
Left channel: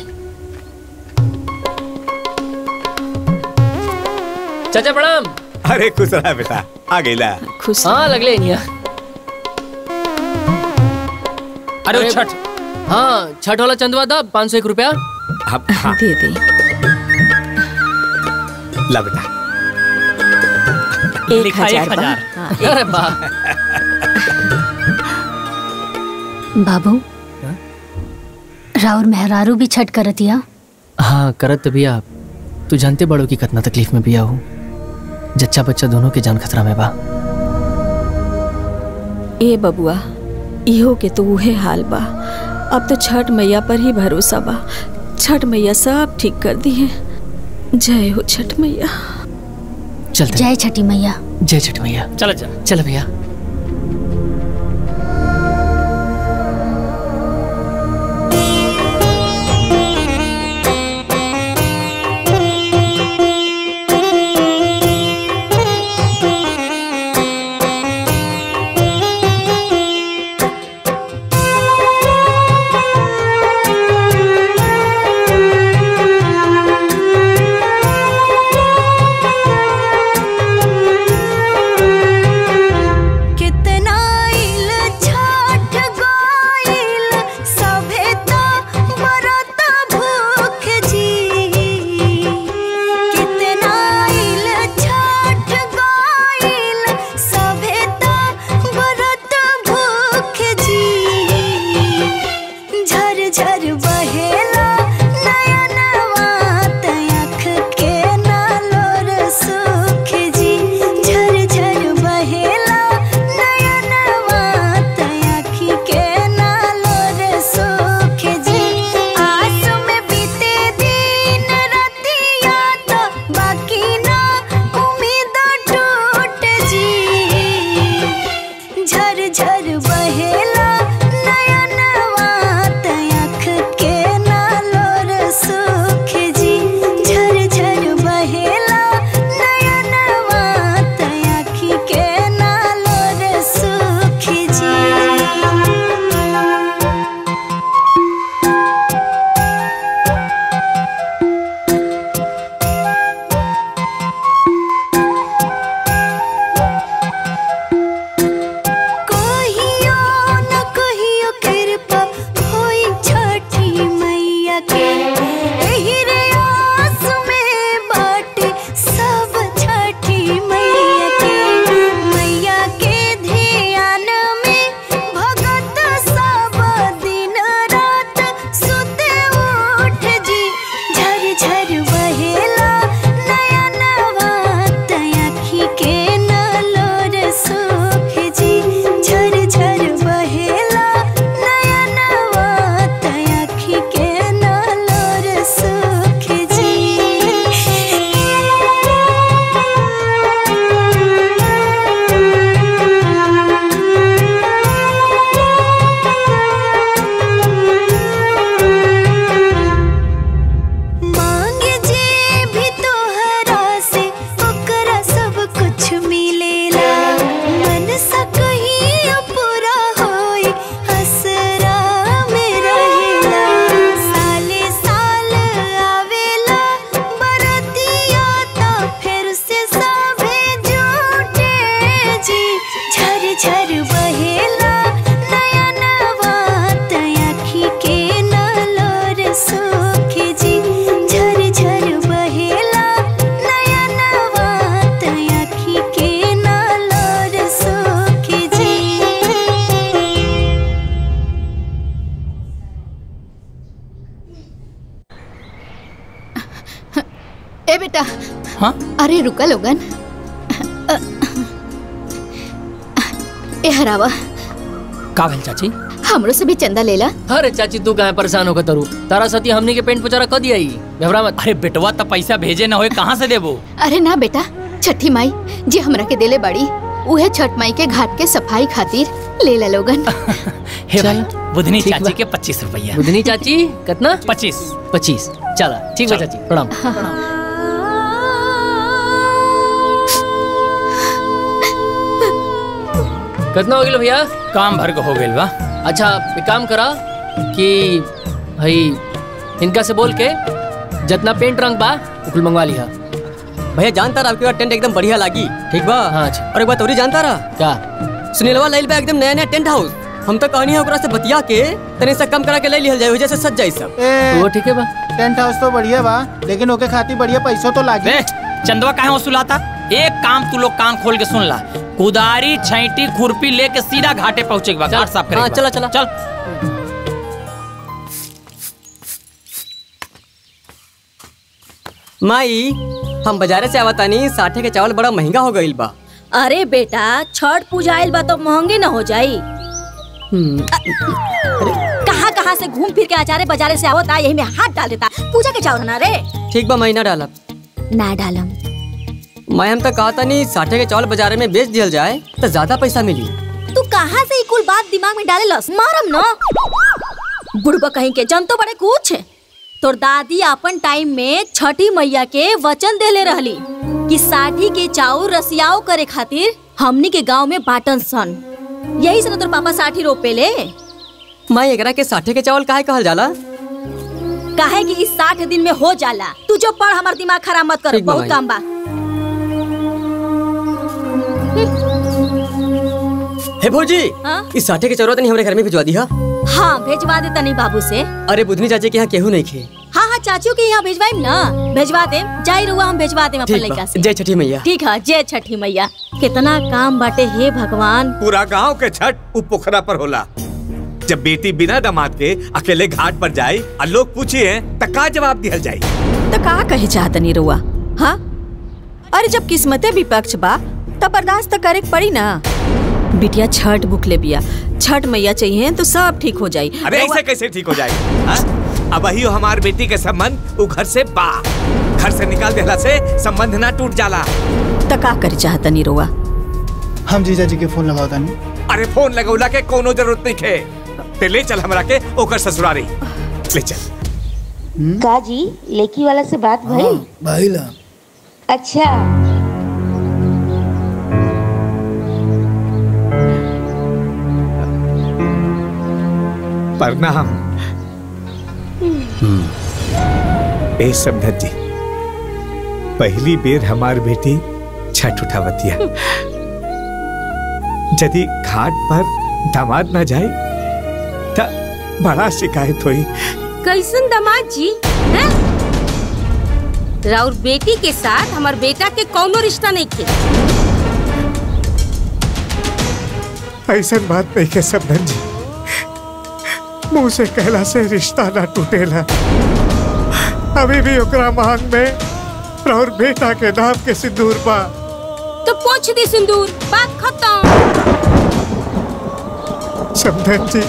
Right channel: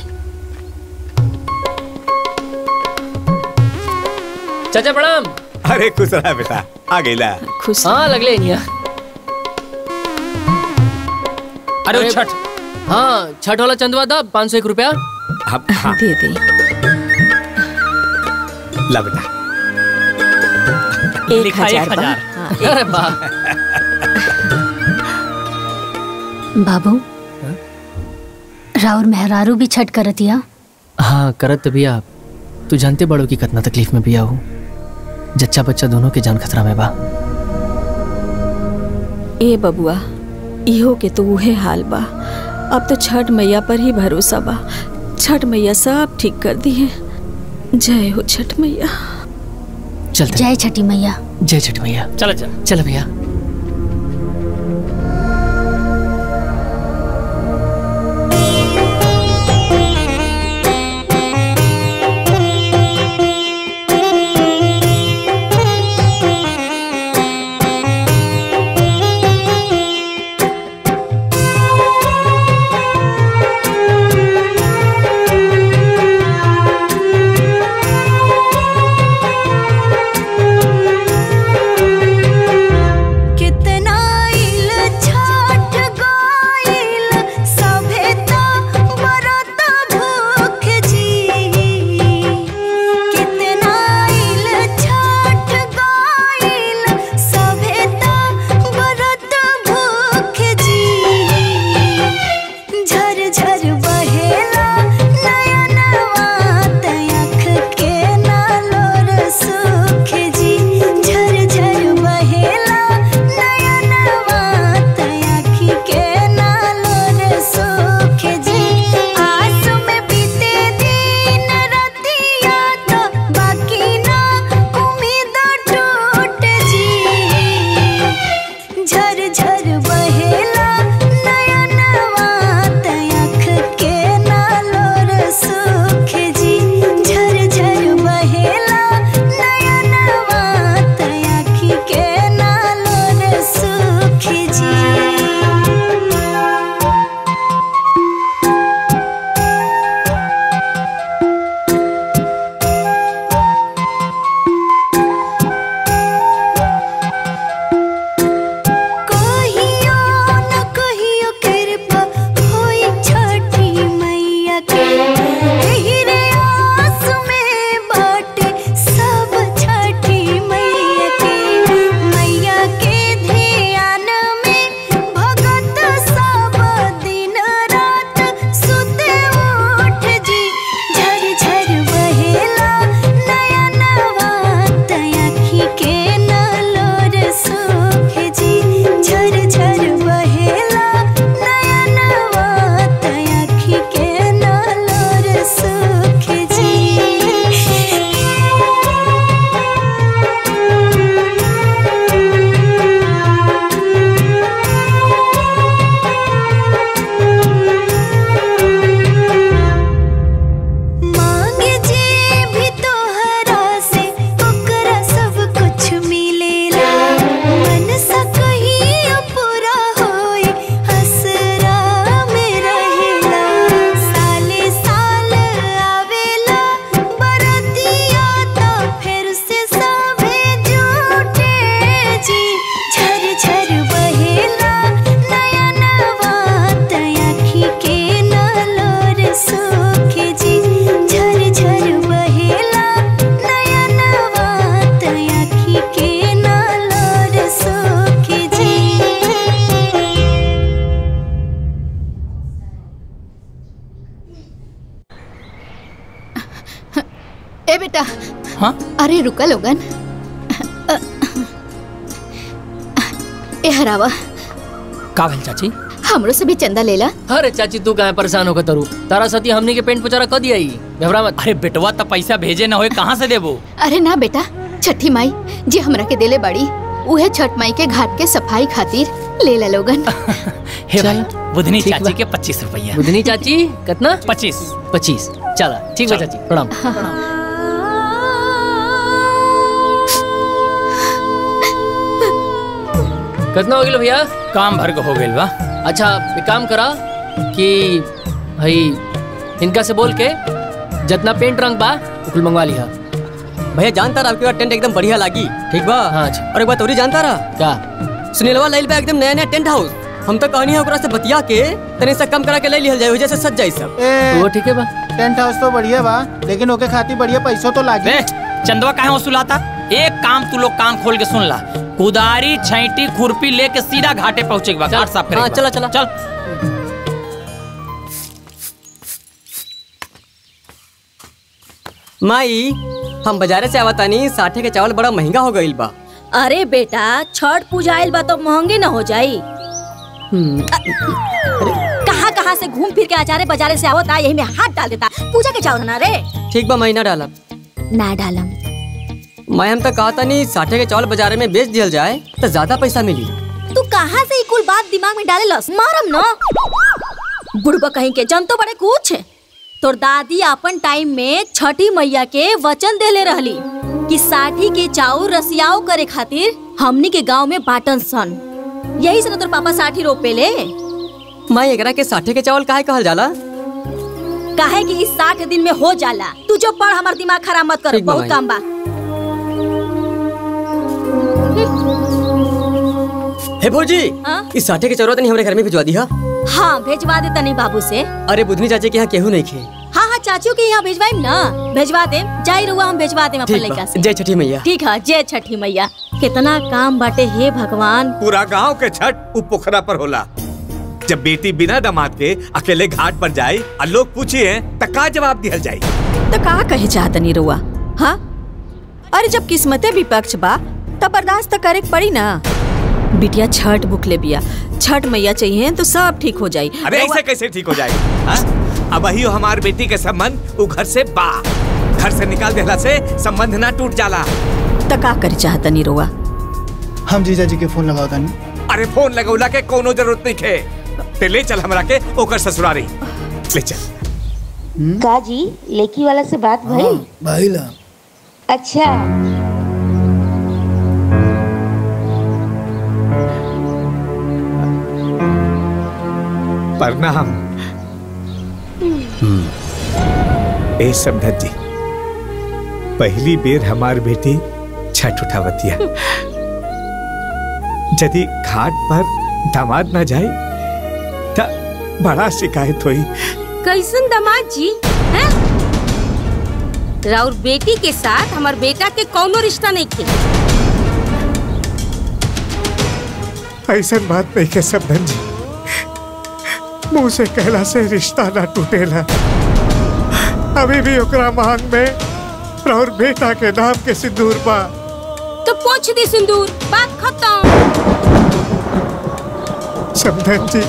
चाचा प्रणाम। अरे खुश रहा बेटा, आ गईला। खुश। हाँ लगले इनिया। अरे छठ, हाँ छठ वाला चंदवा दा 501 रुपया। हाँ। दे दे। ला बेटा। 1000। अरे वाह। बाबू राउर मेहरारू भी छठ करतिया? हाँ करत बिया। तू जानते बड़ो की कितना तकलीफ में बिया हूँ। जच्चा बच्चा दोनों के जान खतरा में बा। ए बबुआ इहो के तो उहे हाल बा। अब तो छठ मैया पर ही भरोसा बा। छठ मैया सब ठीक कर दी है। जय हो छठ मैया। चलते। जय छठी मैया। जय छठ मैया। चल चल भैया। ए बेटा। हाँ? अरे रुका लोगन। ए हरावा का भेल चाची? हमरो से भी चंदा लेला। अरे चाची तू कहाँ परेशान होकर तरू, तारा सती हमनी के पेंट पुचारा कर दिया घबरा मत। अरे बेटवा तो पैसा भेजे ना होए कहाँ से देबो? अरे ना बेटा, छठी माई जी हमरा के देले बड़ी, उहे छठ माई के घाट के सफाई खातिर ले ला लोगन। हे भाई बुधनी चाची के 25 रुपया। बुधनी चाची कितना? 25। चला ठीक है चाची, प्रणाम। कितना हो गया भैया? काम भर हो गया बा। अच्छा एक काम करा कि भाई इनका से बोल के जितना पेंट रंग बा कुल मंगवा लिया। भैया जानता रहा आपके टेंट एकदम बढ़िया लगी, ठीक बा? हाँ अच्छा। और एक बात और जानता रहा क्या? सुनीलवा लाइल बा एकदम नया नया टेंट हाउस। हम तो कहनी है ओकरा से बतिया के तने से कम करा के ले लिहल जाए, वजह से सज जाए सब। वो ठीक है बा। टेंट हाउस तो बढ़िया बा, लेकिन ओके खातिर बढ़िया पैसा तो लागी। चंदवा कहाँ वसूलाता? एक काम तू लोग कान खोल के सुन ला, कुदारी छैटी खुरपी लेके सीधा घाटे पहुँचे घाट साफ करेगा। चला चला चल। माई हम बाजारे से आवतानी, साठे के चावल बड़ा महंगा हो गईल बा। अरे बेटा छठ पूजा आइल बा तो महंगे न हो जाई। कहाँ से घूम फिर के आचारे बाजारे से आवता, यही में हाथ डाल देता। पूजा के चावल ना रे। ठीक बा महीना डालब ना डालम। मैं हम तो कहता नहीं साठे के चावल बाजारे में बेच दिया जाए तो ज्यादा पैसा मिली। तू कहाँ से कुल बात दिमाग में डाले लस? मारम न बुढ़बा कहीं के जन तो बड़े कुछ। तोर दादी अपन टाइम में छठी मैया के वचन देले रहली कि साठी के चाउर रसियाओ करे खातिर हमनी के गांव में बाटन सन। यही से तोर पापा साठी रोपे ले। मैं एकरा के साठे के चावल काहे कहल जाला? काहे कि इस 60 दिन में हो जाला। तू जो पढ़, हमार दिमाग खराब मत कर, बहुत काम बा। हे भौजी, इस साठे के चावल तनी हमरे घर में भिजवा दी। हाँ भेजवा दे तनी बाबू से। अरे बुधनी चाची के यहाँ केहू नहीं खे। हाँ चाचू के यहाँ भेजवाइम ना, भेजवा दे। जाई रुआ हम भेजवा दे अपन लड़का से। जय छठी मैया। ठीक है, जय छठी मैया। कितना काम बाटे हे भगवान। पूरा गांव के छठ उ पोखरा पर होला। जब बेटी बिना दामाद के अकेले घाट पर जाए और लोग पूछिए तो का जवाब दिया जाए? तो का कहे चाहतनी रुआ? हाँ अरे जब किस्मते विपक्ष बा तब बर्दाश्त तो करे पड़ी ना। बिटिया छठ भूख ले बिया, छठ मैया चाहिए तो सब ठीक हो जाये। अरे ऐसे कैसे ठीक हो जाए? अब वही हमार बेटी के संबंध वो घर से बा, घर से निकाल देला से संबंध ना टूट जाला। तो का करे चाहतनी रुआ? हम जीजा जी के फोन लगाओ तानी। अरे फोन लगौला के कोनो जरूरत नहीं खे। ते ले चल हमरा के ओकर ससुरारी ले चल। का जी लेकी वाला से बात भई? भइला। अच्छा प्रणाम। ए समधन जी, पहली बेर हमार बेटी छठ उठावतिया। यदि घाट पर दामाद न जाए तो बड़ा शिकायत हुई। कैसन दामाद जी हैं? राउर बेटी के साथ हमार बेटा के कौनो रिश्ता नहीं थे। ऐसा बात नहीं के समधन जी, मुंह से कहला से रिश्ता ना टूटेला। अभी भी ओकरा मांग में और बेटा के नाम के सिंदूर बा। तो पोंछ दी सिंदूर, बात खत्म। समधन जी,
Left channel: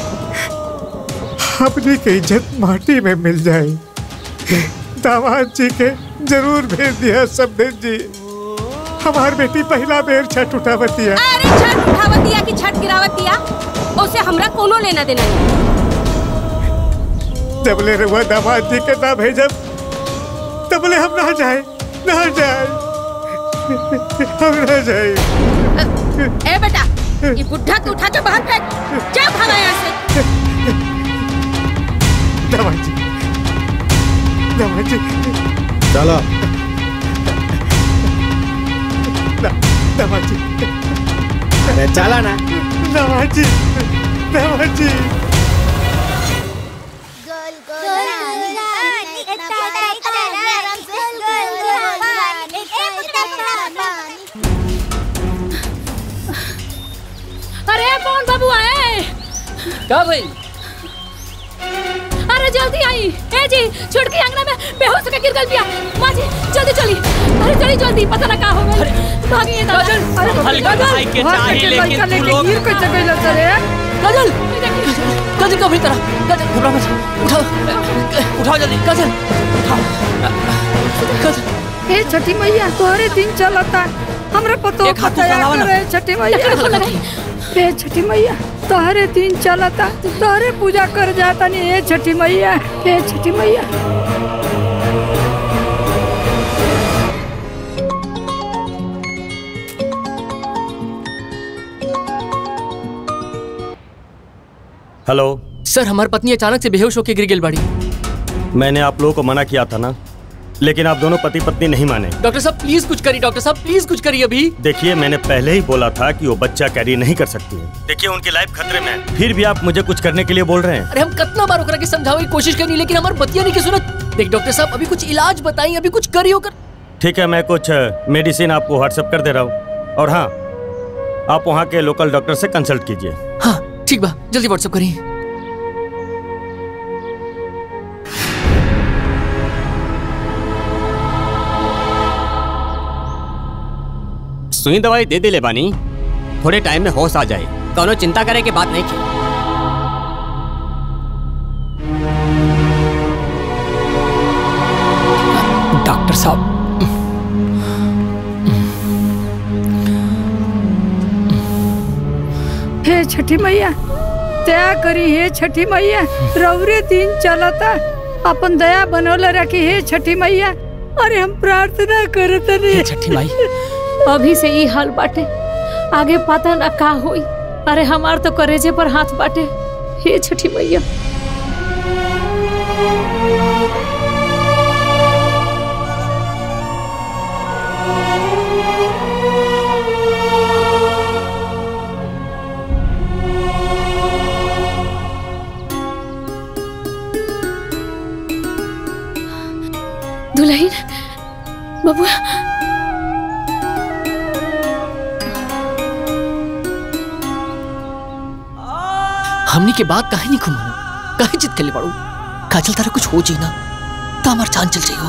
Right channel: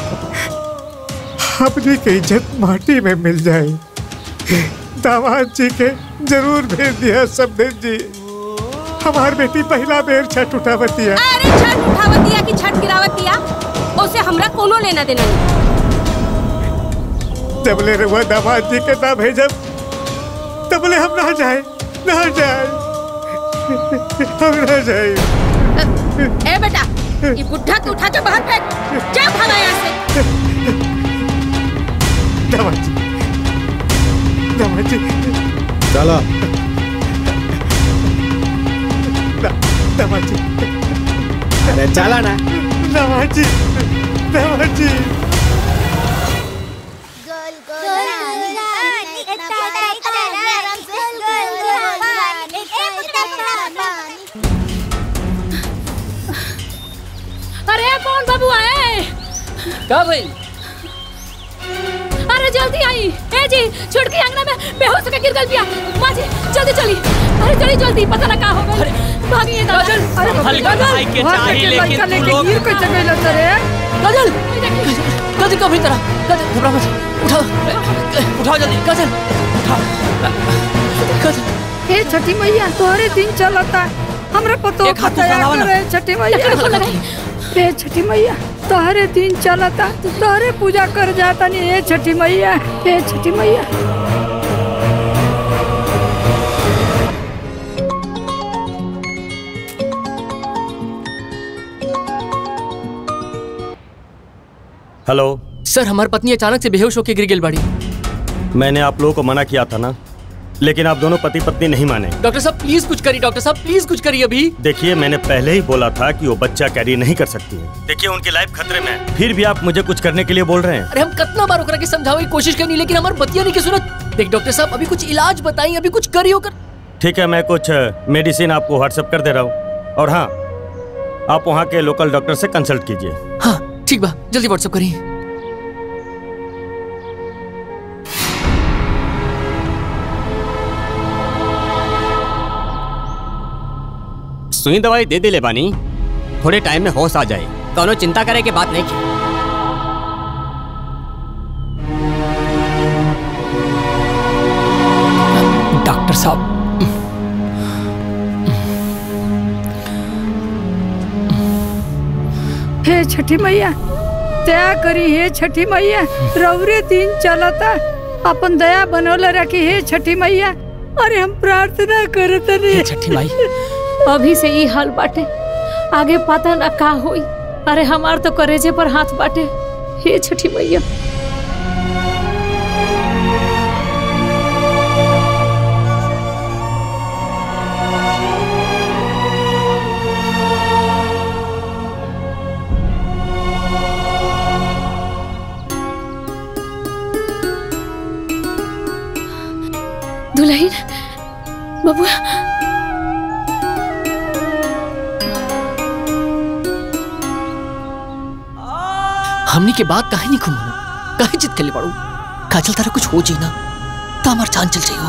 अपनी की इज्जत माटी में मिल जाए। दामाद जी के जरूर भेज दिया समधन जी। हमार बेटी पहला बेर छठ उठावतिया। अरे छठ उठावतिया की छठ गिरावतिया, उसे हमरा कोनो लेना देना नहीं। जबले रुआ दामाद जी के ना भेजब तबले हम ना जाए, ना जाए, हम ना जाए। ए बेटा, ये बुढ़ा को उठा के बाहर फेंक। जा भागा यहाँ से। दामाद जी, दामाद जी, चलो। दामाद जी, अरे चला ना। दामाद जी, दामाद जी। अरे कौन बाबू आए? का भाई? अरे जल्दी आई। ए जी, छुटकी अंगना में बेहोश होकर गिर गई बिया। माँ जी जल्दी चली। अरे चली जल्दी, पता ना का हो गई। भागिए दादा। हल्का भाई के चाहिए लेकिन तू लोग गिर कैसे गइल सरे? काजल काजल कब तरह काजल घबरा मत उठाओ उठाओ जल्दी काजल काजल हे छठी मैया तोहरे दिन चलता हमरा पतो करे छठी मैया हे छठी मैया तोहरे दिन चलता तोहरे पूजा कर जाता नहीं हे छठी मैया हे छठी मैया। हेलो सर, हमारी पत्नी अचानक से बेहोश होकर गिर गई बाड़ी। मैंने आप लोगों को मना किया था ना, लेकिन आप दोनों पति पत्नी नहीं माने। डॉक्टर साहब प्लीज कुछ करिए, डॉक्टर साहब प्लीज कुछ करिए अभी। देखिए मैंने पहले ही बोला था कि वो बच्चा कैरी नहीं कर सकती है। देखिए उनकी लाइफ खतरे में है, फिर भी आप मुझे कुछ करने के लिए बोल रहे हैं। अरे हम कितना बार ओकरा के समझावे की कोशिश करनी, लेकिन हमारी बतिया नहीं की सुनत। देख डॉक्टर साहब अभी कुछ इलाज बताइए, अभी कुछ करिए कर। ठीक है, मैं कुछ मेडिसिन आपको व्हाट्सएप कर दे रहा हूँ, और हाँ आप वहाँ के लोकल डॉक्टर से कंसल्ट कीजिए। हाँ ठीक बा, जल्दी व्हाट्सएप करिए। सुई दवाई दे ले बानी, थोड़े टाइम में होश आ जाए, कोनो चिंता करे के बात नहीं की। डॉक्टर साहब हे छठी मैया दया करी, हे छठी मैया रौरे दिन चलता अपन दया बनौले रखी हे छठी मैया। अरे हम प्रार्थना करत रे छठी माई। अभी से ई हाल बाटे, आगे पता ना का होई। अरे हमार तो करेजे पर हाथ बाटे हे छठी मैया। दुल्हन बबुआ हमनी के बात काहे नहीं घुमाना, काहे जिद कर ले पड़ो। काजल तारा कुछ हो जाए ना तो हमार जान चल जाइयो।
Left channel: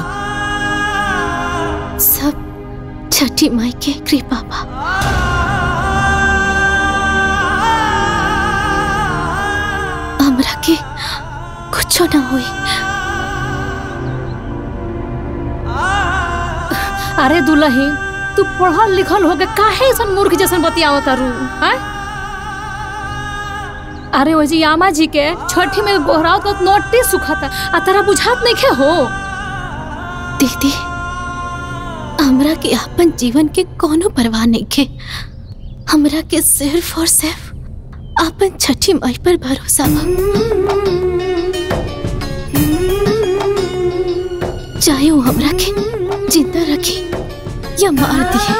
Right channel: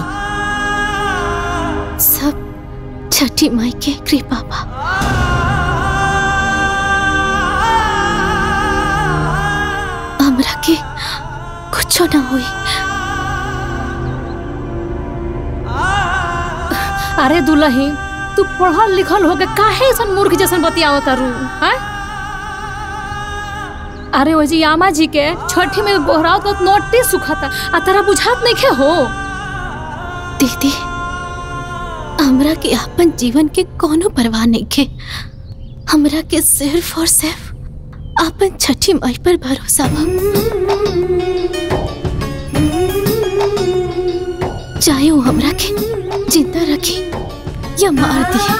सब छठी माई के कृपा बा। हमरा के कुछ ना होई। अरे दुल्हन तू पढ़ल लिखल हो गए, काहे ऐसा मूर्ख जैसन बतियावत रू? अरे वही यामा जी के छठी में गोहराव तो नोटिस सुखाता, आ तारा बुझात नहीं खे हो। दीदी हमरा के अपन जीवन के कोनो परवाह नहीं खे। हमरा के सिर्फ और सिर्फ अपन छठी माई पर भरोसा बा। चाहे वो हमरा के जिंदा रखी या मार दिए।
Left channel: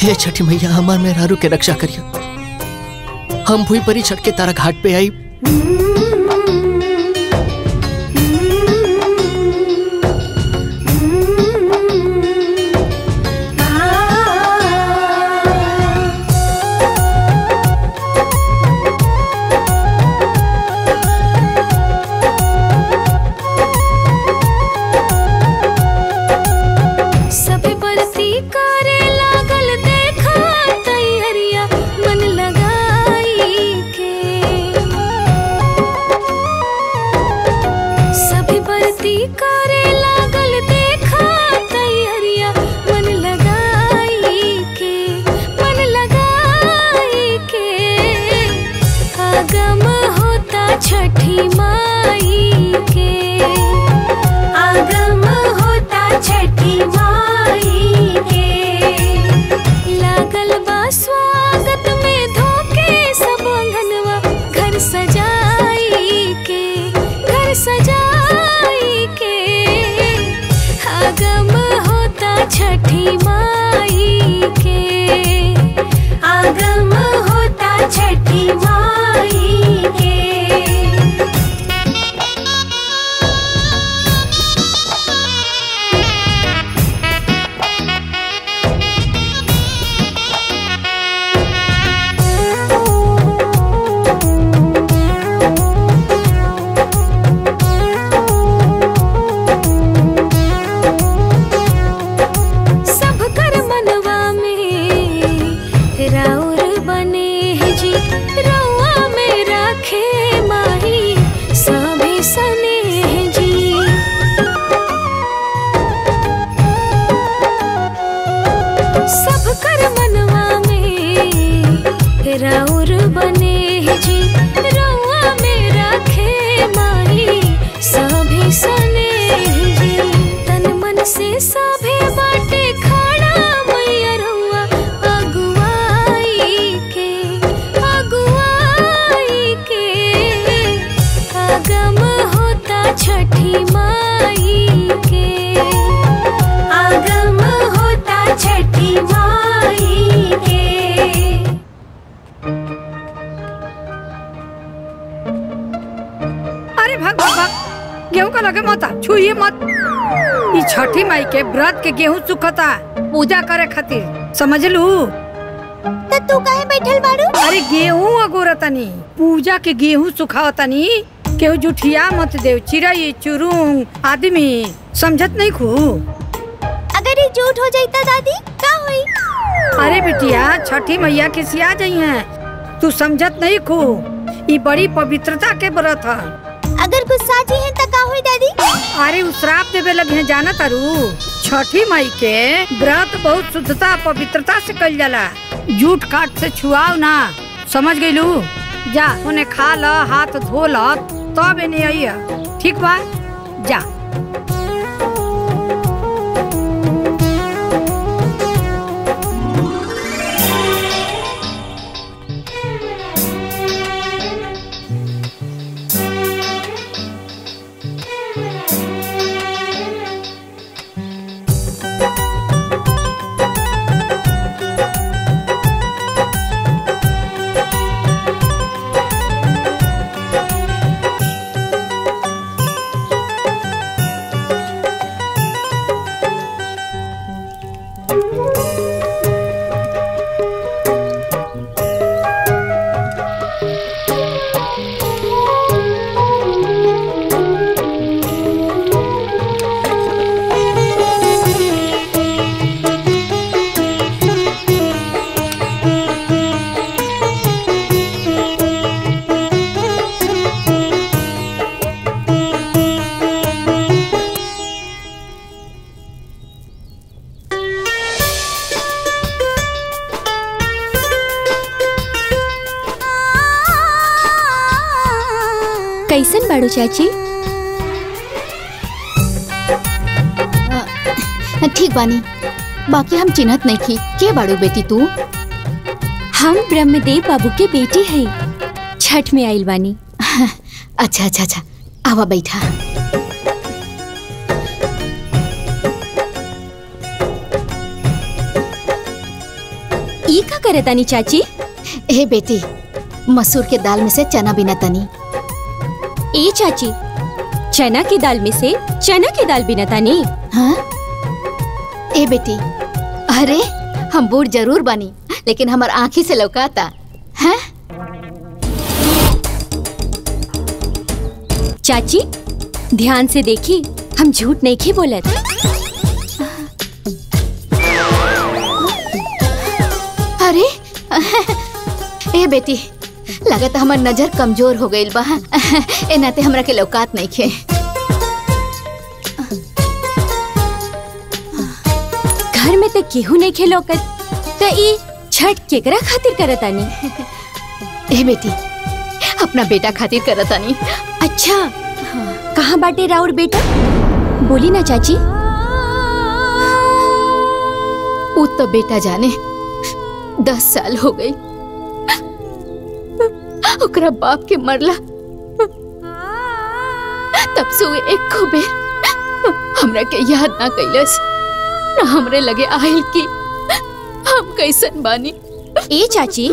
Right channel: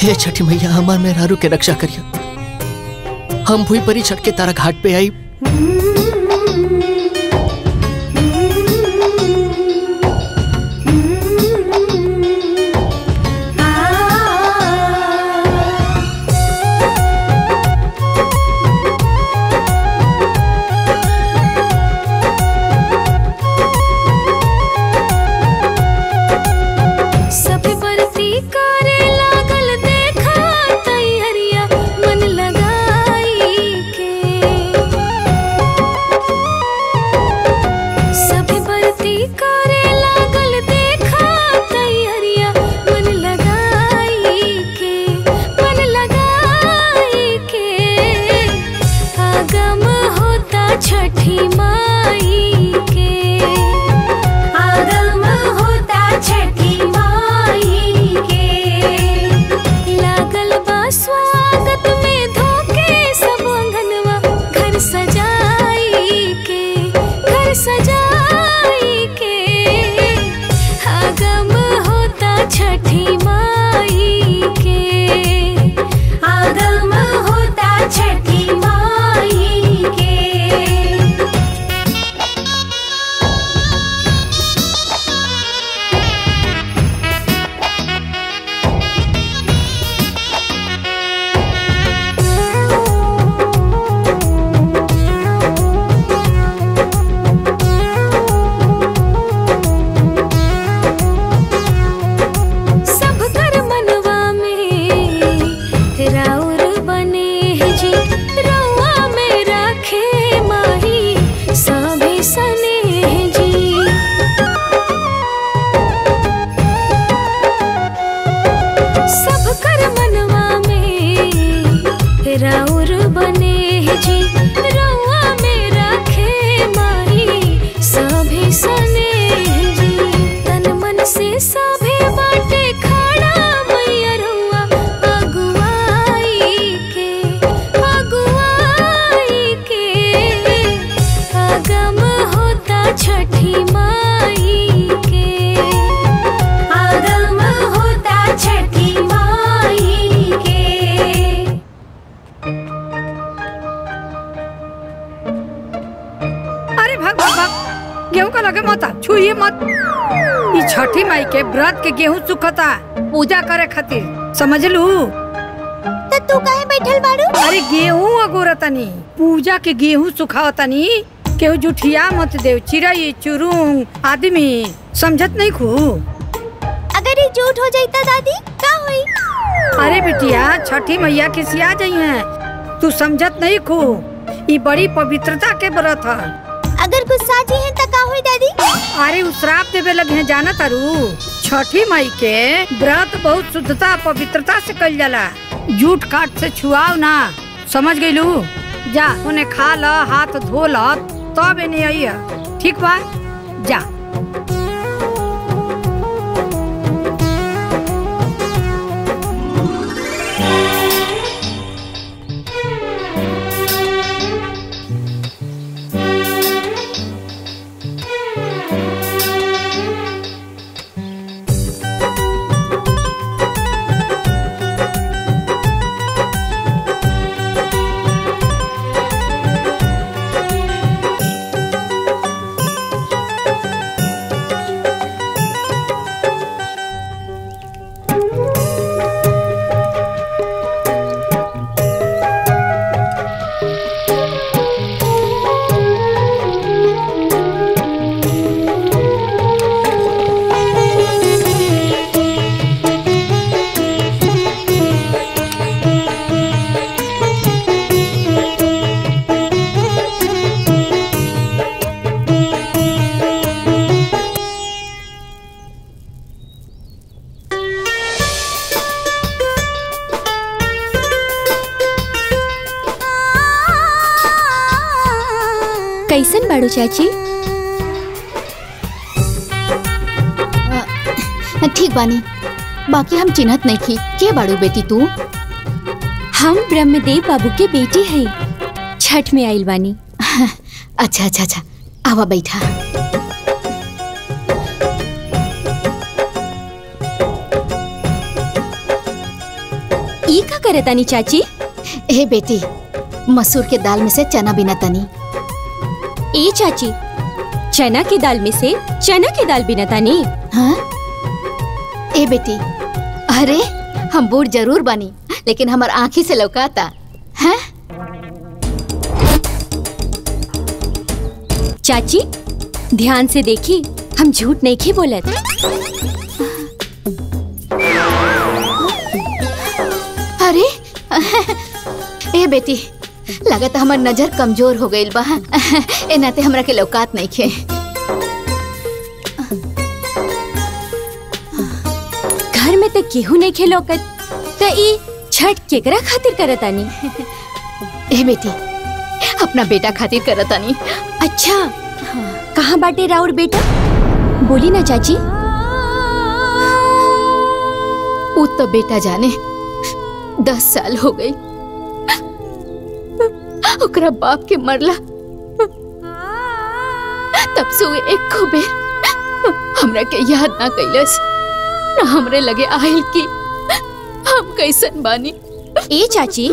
हे छठी मैया हमार मेहरारू के रक्षा करियो। हम भूई परी छठ के तारा घाट पे आई। राउर बने है जी रउआ में राखे माही सभी सने है जी। सब कर मनवा में राउर बने है जी रउआ में राखे माही सभी सने है जी। तन मन से सभे बाटे खड़ा मैया रउआ अगुवाई के आगम होता छठी माई के आगम होता छठी माई के। अरे भाग भाग भाग, गेहूं का लगे मत, छुइए मत। ई छठी माई के व्रत के गेहूं सुखता पूजा करे खातिर, समझ लू। तो तू काहे बैठल बाड़ू? अरे गेहूं अगोरतनी, पूजा के गेहूं सुखावतनी। केहू जुठिया मत देव, चिड़ै चुरुंग आदमी समझत नहीं खू। अगर ये झूठ हो जाता दादी का होई? अरे बिटिया छठी मैया खिसिया जाई हैं, तू समझत नहीं खू। ई बड़ी पवित्रता के व्रत है। अगर गुस्सा जी है तो का होई दादी? अरे उ श्राप देवे लगे हैं, जाना तारू। छठी माई के व्रत बहुत शुद्धता पवित्रता से कल जाला। जूठ काट से छुआओ ना, समझ गईलू। जा उन्हें खा ल, हाथ धो ल, तब इन्हें आई। ठीक बा, जा। कैसन बाड़ू चाची? ठीक बानी, बाकी हम चिन्हत नहीं थी। के बाड़ू बेटी तू? हम ब्रह्मदेव बाबू के बेटी है, छठ में आइल बानी। अच्छा अच्छा अच्छा, आवा बैठा। ई का करे तानी चाची? ए बेटी, मसूर के दाल में से चना बिना तनी। ए चाची, चना की दाल में से चना की दाल बिना तानी? हाँ? ए बेटी, अरे हम बूढ़ जरूर बनी, लेकिन हमार आँखी से लौकाता है। चाची ध्यान से देखी, हम झूठ नहीं की बोलत। अरे ए बेटी, लगत हमार नजर कमजोर हो गई बा। ए नाते हमरा के लौकात नहीं खे। घर में तो केहू नहीं खे लौकत, तो ई छठ केकरा खातिर करतानी? ए बेटी, अपना बेटा खातिर करतानी। अच्छा, कहाँ बाटे राउर बेटा? बोली ना चाची। वो तो बेटा जाने 10 साल हो गई, ओकरा बाप के मरला तब से वो एक को बेर हमरा के याद ना कैलस, ना हमरे लगे आइल की हम कैसन बानी। ए चाची,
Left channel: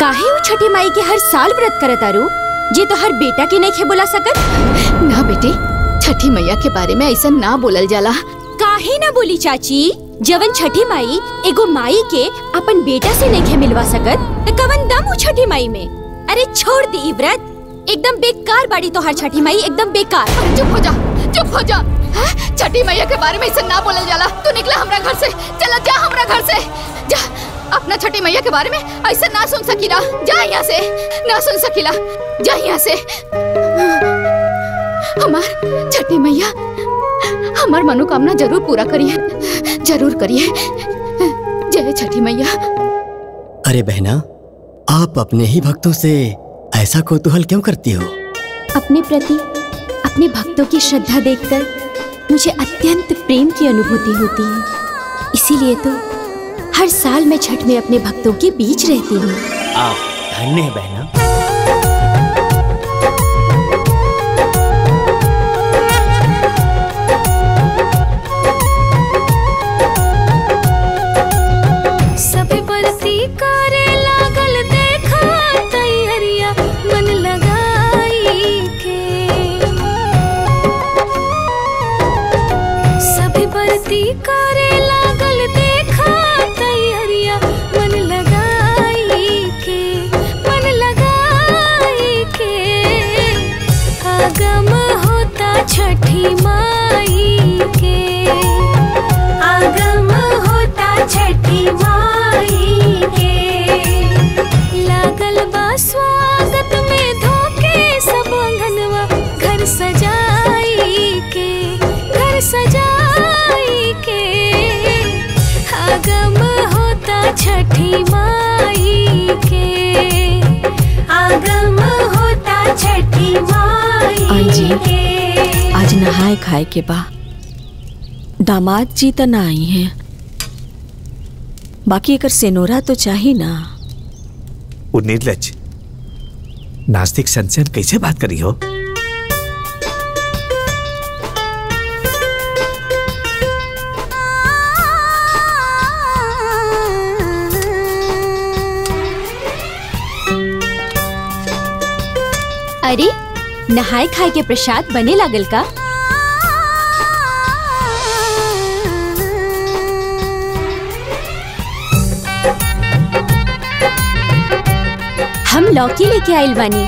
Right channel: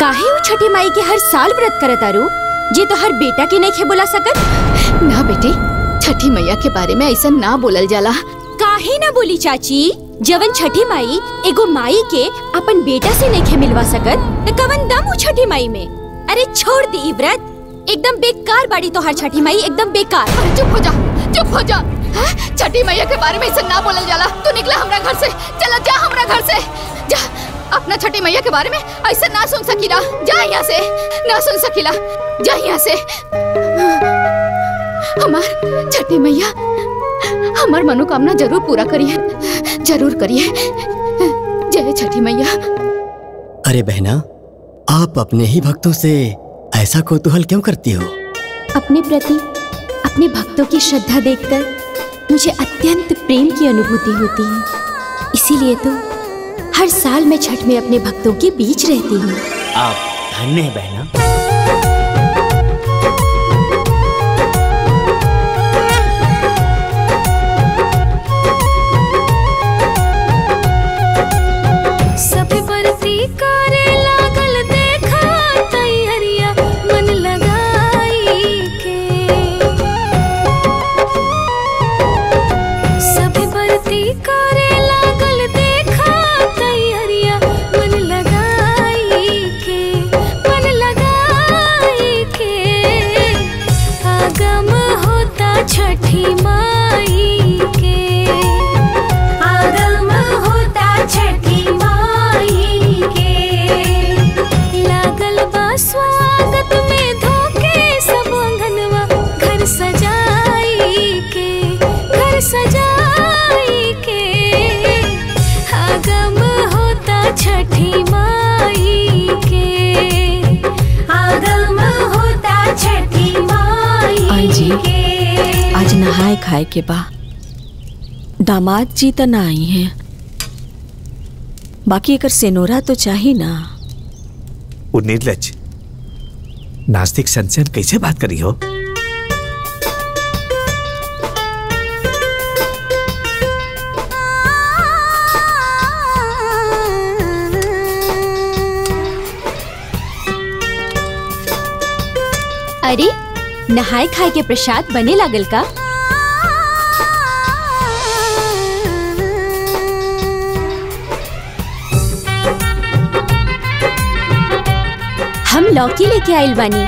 काहे वो छठी माई के हर साल व्रत करतारू जे तो हर बेटा के नहीं खे बुला सकत? ना बेटी, छठी मैया के बारे में ऐसा ना बोलल जाला। काहे ना बोली चाची? जवन छठी माई एगो माई के अपन बेटा से नहीं खे मिलवा सकत, तो कवन दम हो छठी माई में? अरे छोड़ दी व्रत, एकदम बेकार बाड़ी तो हर छठी माई, एकदम बेकार। अरे चुप हो जा, चुप हो जा। छठी मैया के बारे में ऐसा ना बोलल जाला। तू निकला हमरा घर से, चला जा हमरा घर से जा। अपना छठी मैया के बारे में ऐसा ना सुन सकीला। जा यहाँ से, ना सुन सकीला, जा यहाँ से। हमार छठी मैया हमार मनोकामना जरूर पूरा करिए, जरूर करिए। जय छठी मैया। अरे बहना, आप अपने ही भक्तों से ऐसा कौतूहल क्यों करती हो? अपने प्रति अपने भक्तों की श्रद्धा देखकर मुझे अत्यंत प्रेम की अनुभूति होती है। इसीलिए तो हर साल मैं छठ में अपने भक्तों के बीच रहती हूँ। आप धन्य है बहना। सभी बरती करे लागल देखा तैयारिया मन लगाई के। सभी बरती करे लागल देखा तैयारिया मन लगाई के, मन लगाई के। आगम होता छठी माई के, आगम होता छठी माई के। लागल बा स्वागत में धोके सब अंगनवा घर सजाई के, घर सजाई के। आगम होता छठी माई के, आगम होता छठी माई आंजी, आज नहाए खाए के बा। दामाद जी तो ना आई हैं, बाकी अगर सेनोरा तो चाहिए ना। वो निर्लज नास्तिक संसन कैसे बात करी हो? अरे नहाए खाए के प्रसाद बने लागल का? हम लौकी लेके आइल बानी।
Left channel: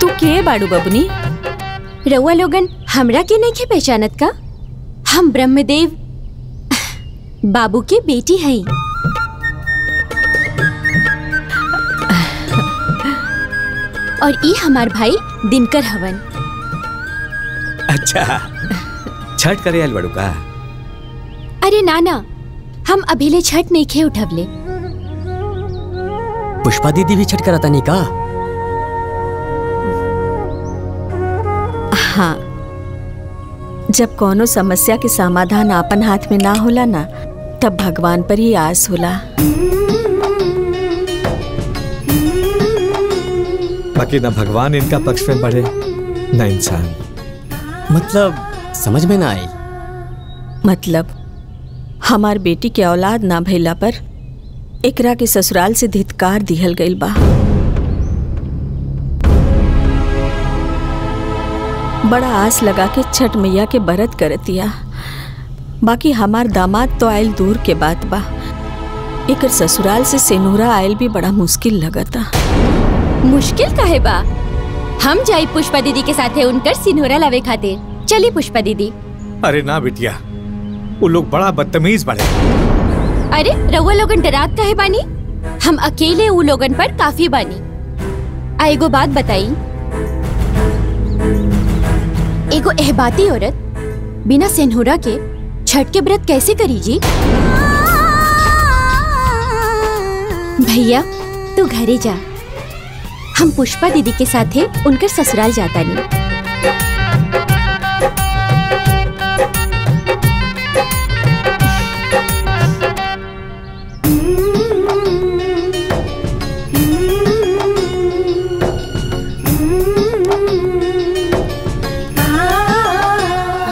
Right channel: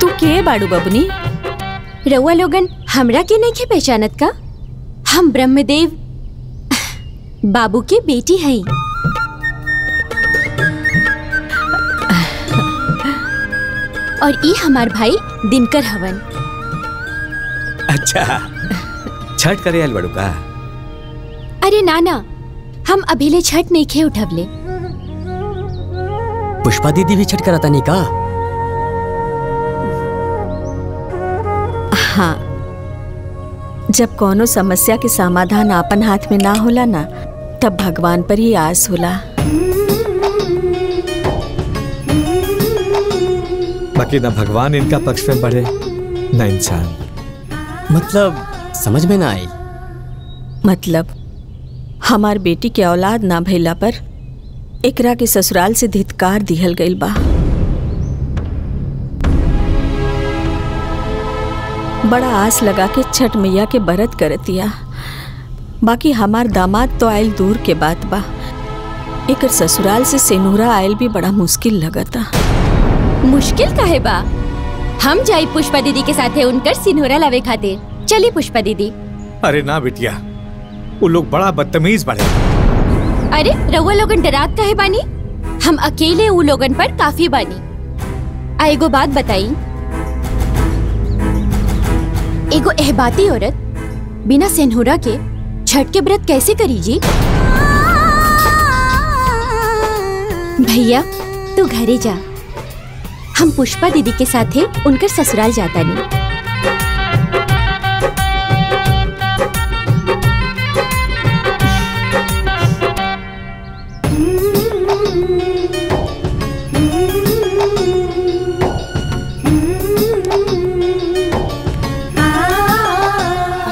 तू के बाड़ू बबनी? रउआ लोगन हमरा के नहीं के पहचानत का? हम ब्रह्मदेव बाबू के बेटी हैं। और ई हमार भाई दिनकर हवन। अच्छा, छठ करे आइल बाड़ू का? अरे नाना, हम अभिले छठ नहीं खे उठवले। पुष्पा दीदी भी छठ कराता नहीं का? हाँ, जब कोनो समस्या के समाधान आपन हाथ में ना होला ना, तब भगवान पर ही आस होला। बाकी ना भगवान इनका पक्ष में बढ़े ना इंसान। मतलब समझ में ना आई। मतलब हमार बेटी के औलाद ना भइला पर एकरा के ससुराल से धिक्कार दिहल गइल बा। बड़ा आस लगा के छठ मैया के बरत करतिया। बाकी हमार दामाद तो आयल दूर के बात बा, एकर ससुराल से सेनुरा आयल भी बड़ा मुश्किल लगता। मुश्किल काहे बा? हम जाई पुष्पा दीदी के साथे उनकर सिनोरा लावे खातिर। चली पुष्पा दीदी। अरे ना बिटिया, वो लोग बड़ा बदतमीज बने। अरे रउआ लोगन डरात काहे बानी? हम अकेले उ लोगन पर काफी बानी। एगो बात बताई, एगो एहबाती औरत बिना सेनुरा के छठ के व्रत कैसे करी जी? भैया तू घरे जा, हम पुष्पा दीदी के साथे उनकर ससुराल जाता नहीं।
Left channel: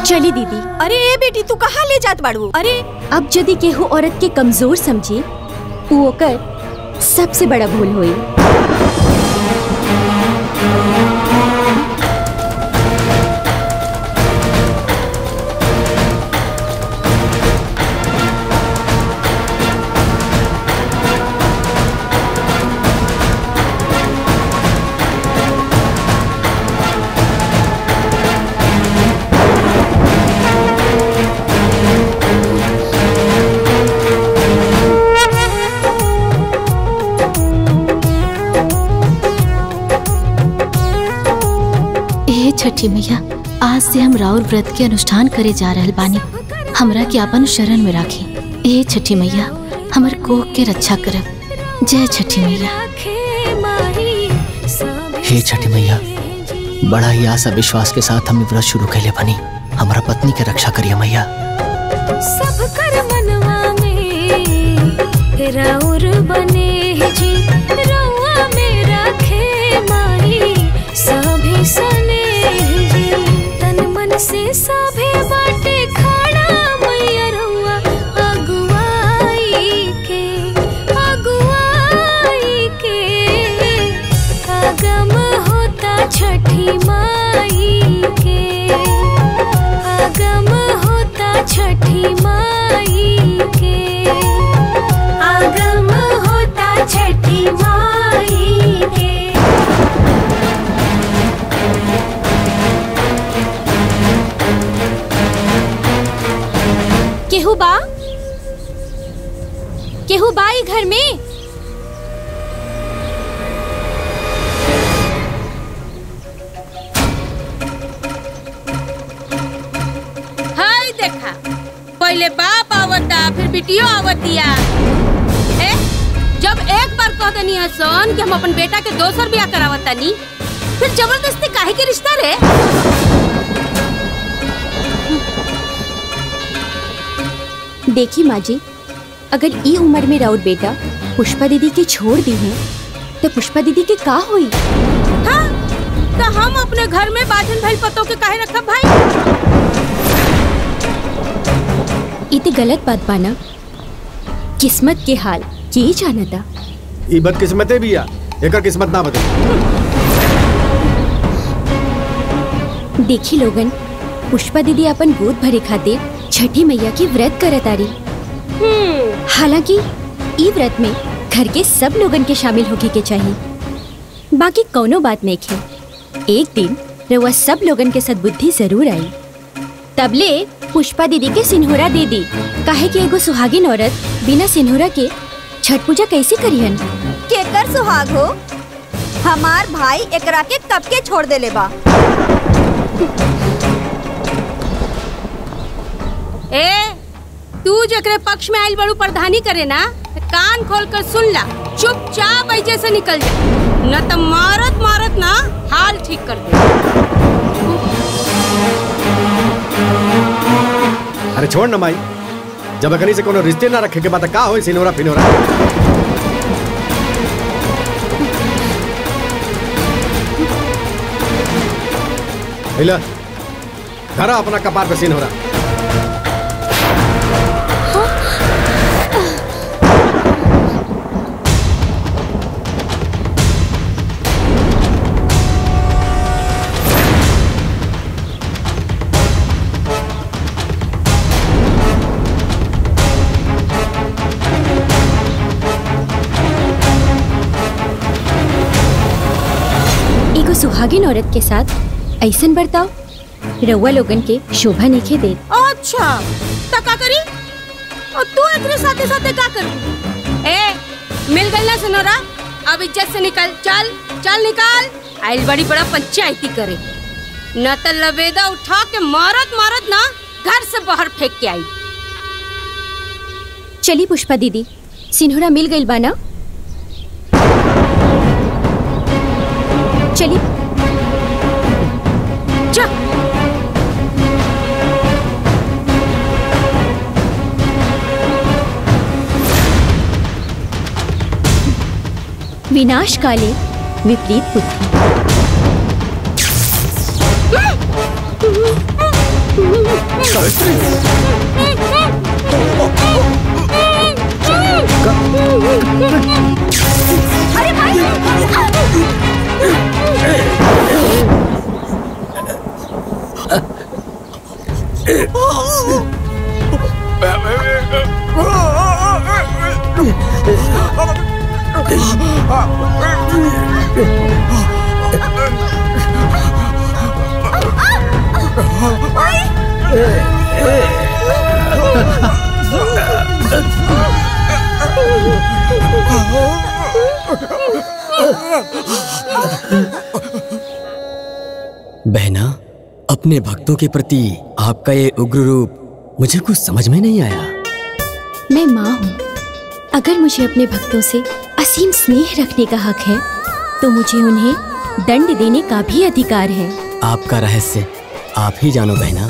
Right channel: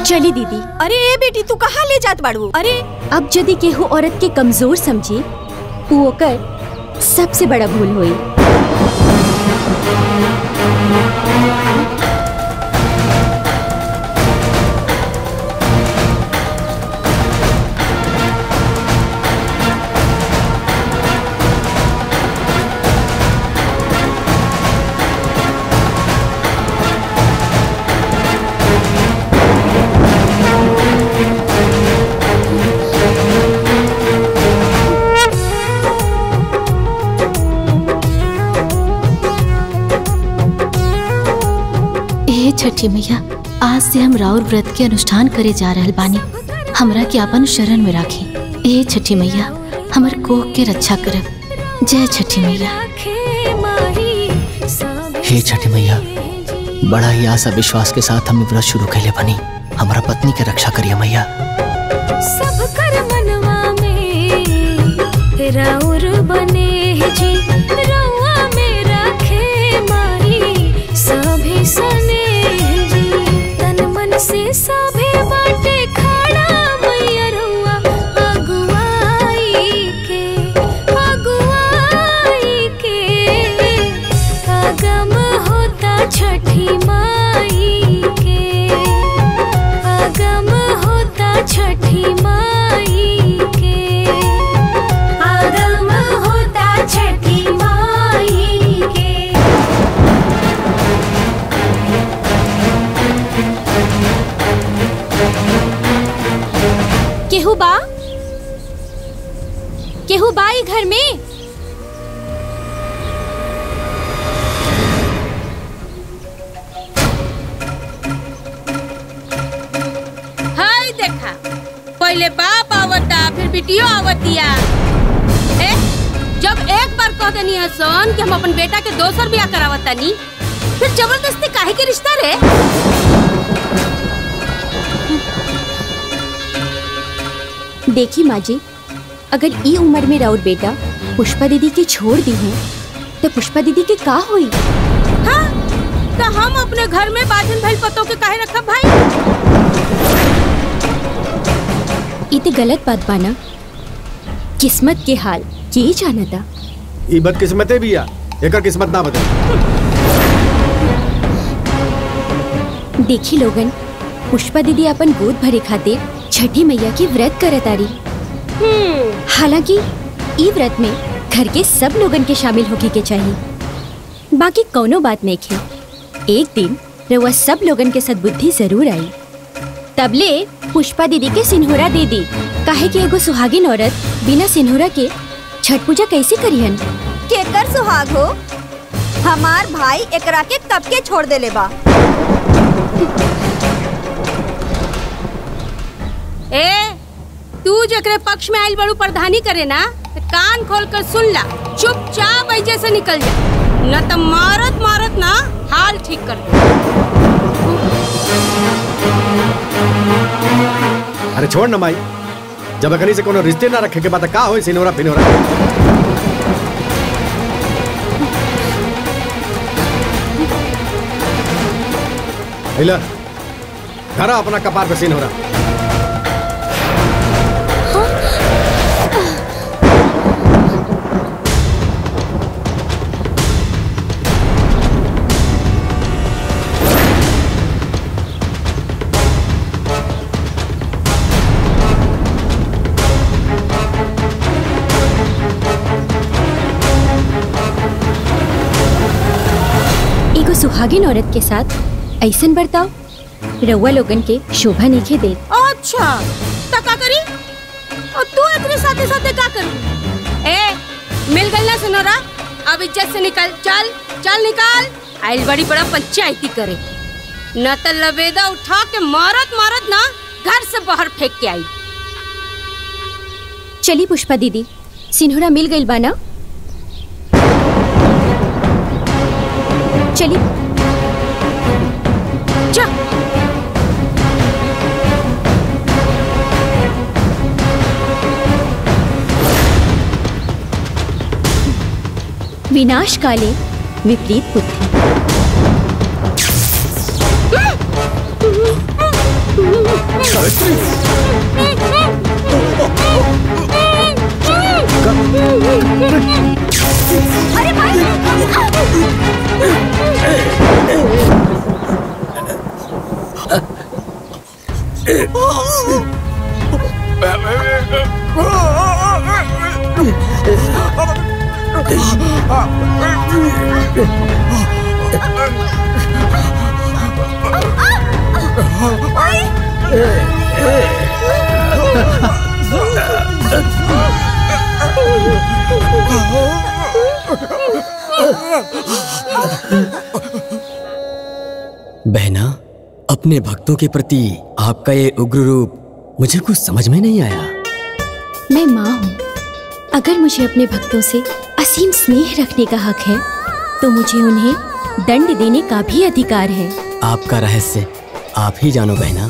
चली दीदी। अरे ए बेटी, तू कहाँ ले जात बाड़ू? अरे अब यदि केहू औरत के कमजोर समझी, वो ओकर सबसे बड़ा भूल होई। छठी मैया, आज से हम राउर व्रत के अनुष्ठान करे जा रहल बानी। हमरा के अपन शरण में राखी। ए छठी मैया, हमर कोख के रक्षा करब। जय छठी मैया। हे छठी मैया, बड़ा ही आशा विश्वास के साथ हमने व्रत शुरू कैले बनी। हमारा पत्नी के रक्षा करिए मैया। सब कर मनवा में राउर बने जी, रउआ में राखे माही सभे सने जी। तन मन से सभे बाटे खड़ा मैया रउआ अगुवाई के आगम होता छठी माई के, आगम होता छठी माई के, आगम होता छठी माई के। केहू बा? केहू बा ई घर में? हाय देखा, पहले बाप आवता फिर बिटियो आवतिया। ए, जब एक बार कह देनी है सोन कि हम अपन बेटा के दोसर ब्याह करावतानी, फिर जबरदस्ती काहे के रिश्ता रे? देखी माँ जी, अगर ई उम्र में राउर बेटा पुष्पा दीदी के छोड़ दी है तो पुष्पा दीदी के का होई? हाँ, तो हम अपने घर में बाजन भइल पतों के काहे रखब भाई? ई तो गलत बात बाना। किस्मत के हाल ये जाना था। ई बदकिस्मते भी आ, एकर किस्मत ना बदल। देखी लोगन, पुष्पा दीदी अपन गोद भरे खातिर छठी मैया की व्रत करत आरी। हालांकि ई व्रत में घर के सब लोगन के शामिल होके के चाहिए। बाकी कौनो बात नहीं खे, एक दिन रउआ सब लोगन के सद्बुद्धि जरूर आई। तबले पुष्पा दीदी के सिन्होरा दे दी, काहे कि एगो सुहागिन औरत बिना सिन्होरा के छठ पूजा कैसे करिहन? केकर सुहाग हो? हमार भाई एकरा के कब के छोड़ देले बा। ए, तू जकरे पक्ष में आइल बड़ू प्रधानी करे ना, तो कान खोल कर सुन ला, चुपचाप ऐसे से निकल जा, न तो मारत मारत ना हाल ठीक कर दे। अरे छोड़ न माई, जब अगली से कोनो रिश्ते ना रखे के बाद का होई सिनोरा फिनोरा। हिला, धरा अपना कपार पे सिनोरा। एगो सुहागिन औरत के साथ ऐसन बर्ताव रउआ लोगन के शोभा नहीं दे। अच्छा, तो का करी? और तू एकरे साथे साथे का करू? ए, मिल गई ना सिनोरा, अब इज्जत से निकल, चल चल निकाल। आइल बड़ी बड़ा पंचायती करे, न तो लबेदा उठा के मारत मारत ना घर से बाहर फेंक के आई। चली पुष्पा दीदी, सिन्होरा मिल गई बाना? चली जा। विनाश काले विपरीत बुद्धि। अरे भाई, बहना, अपने भक्तों के प्रति आपका ये उग्र रूप मुझे कुछ समझ में नहीं आया। मैं माँ हूँ। अगर मुझे अपने भक्तों से असीम स्नेह रखने का हक है तो मुझे उन्हें दंड देने का भी अधिकार है। आपका रहस्य आप ही जानो बहना।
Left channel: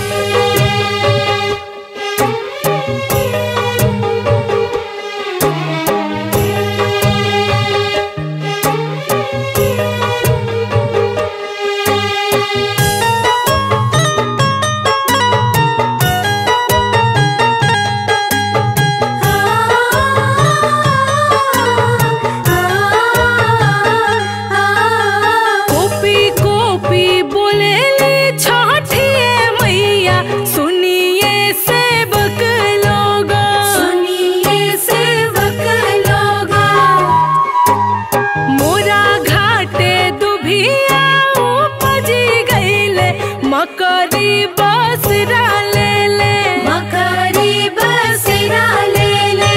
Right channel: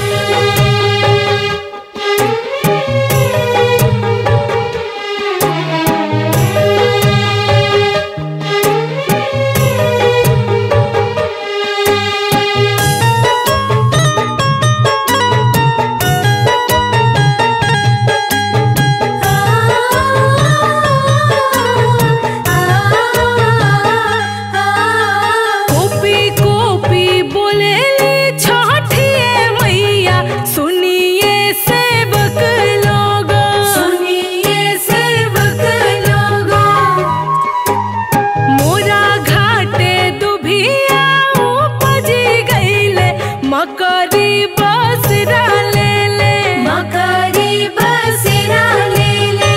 मकरी बसरा ले ले, मकरी बसरा ले ले।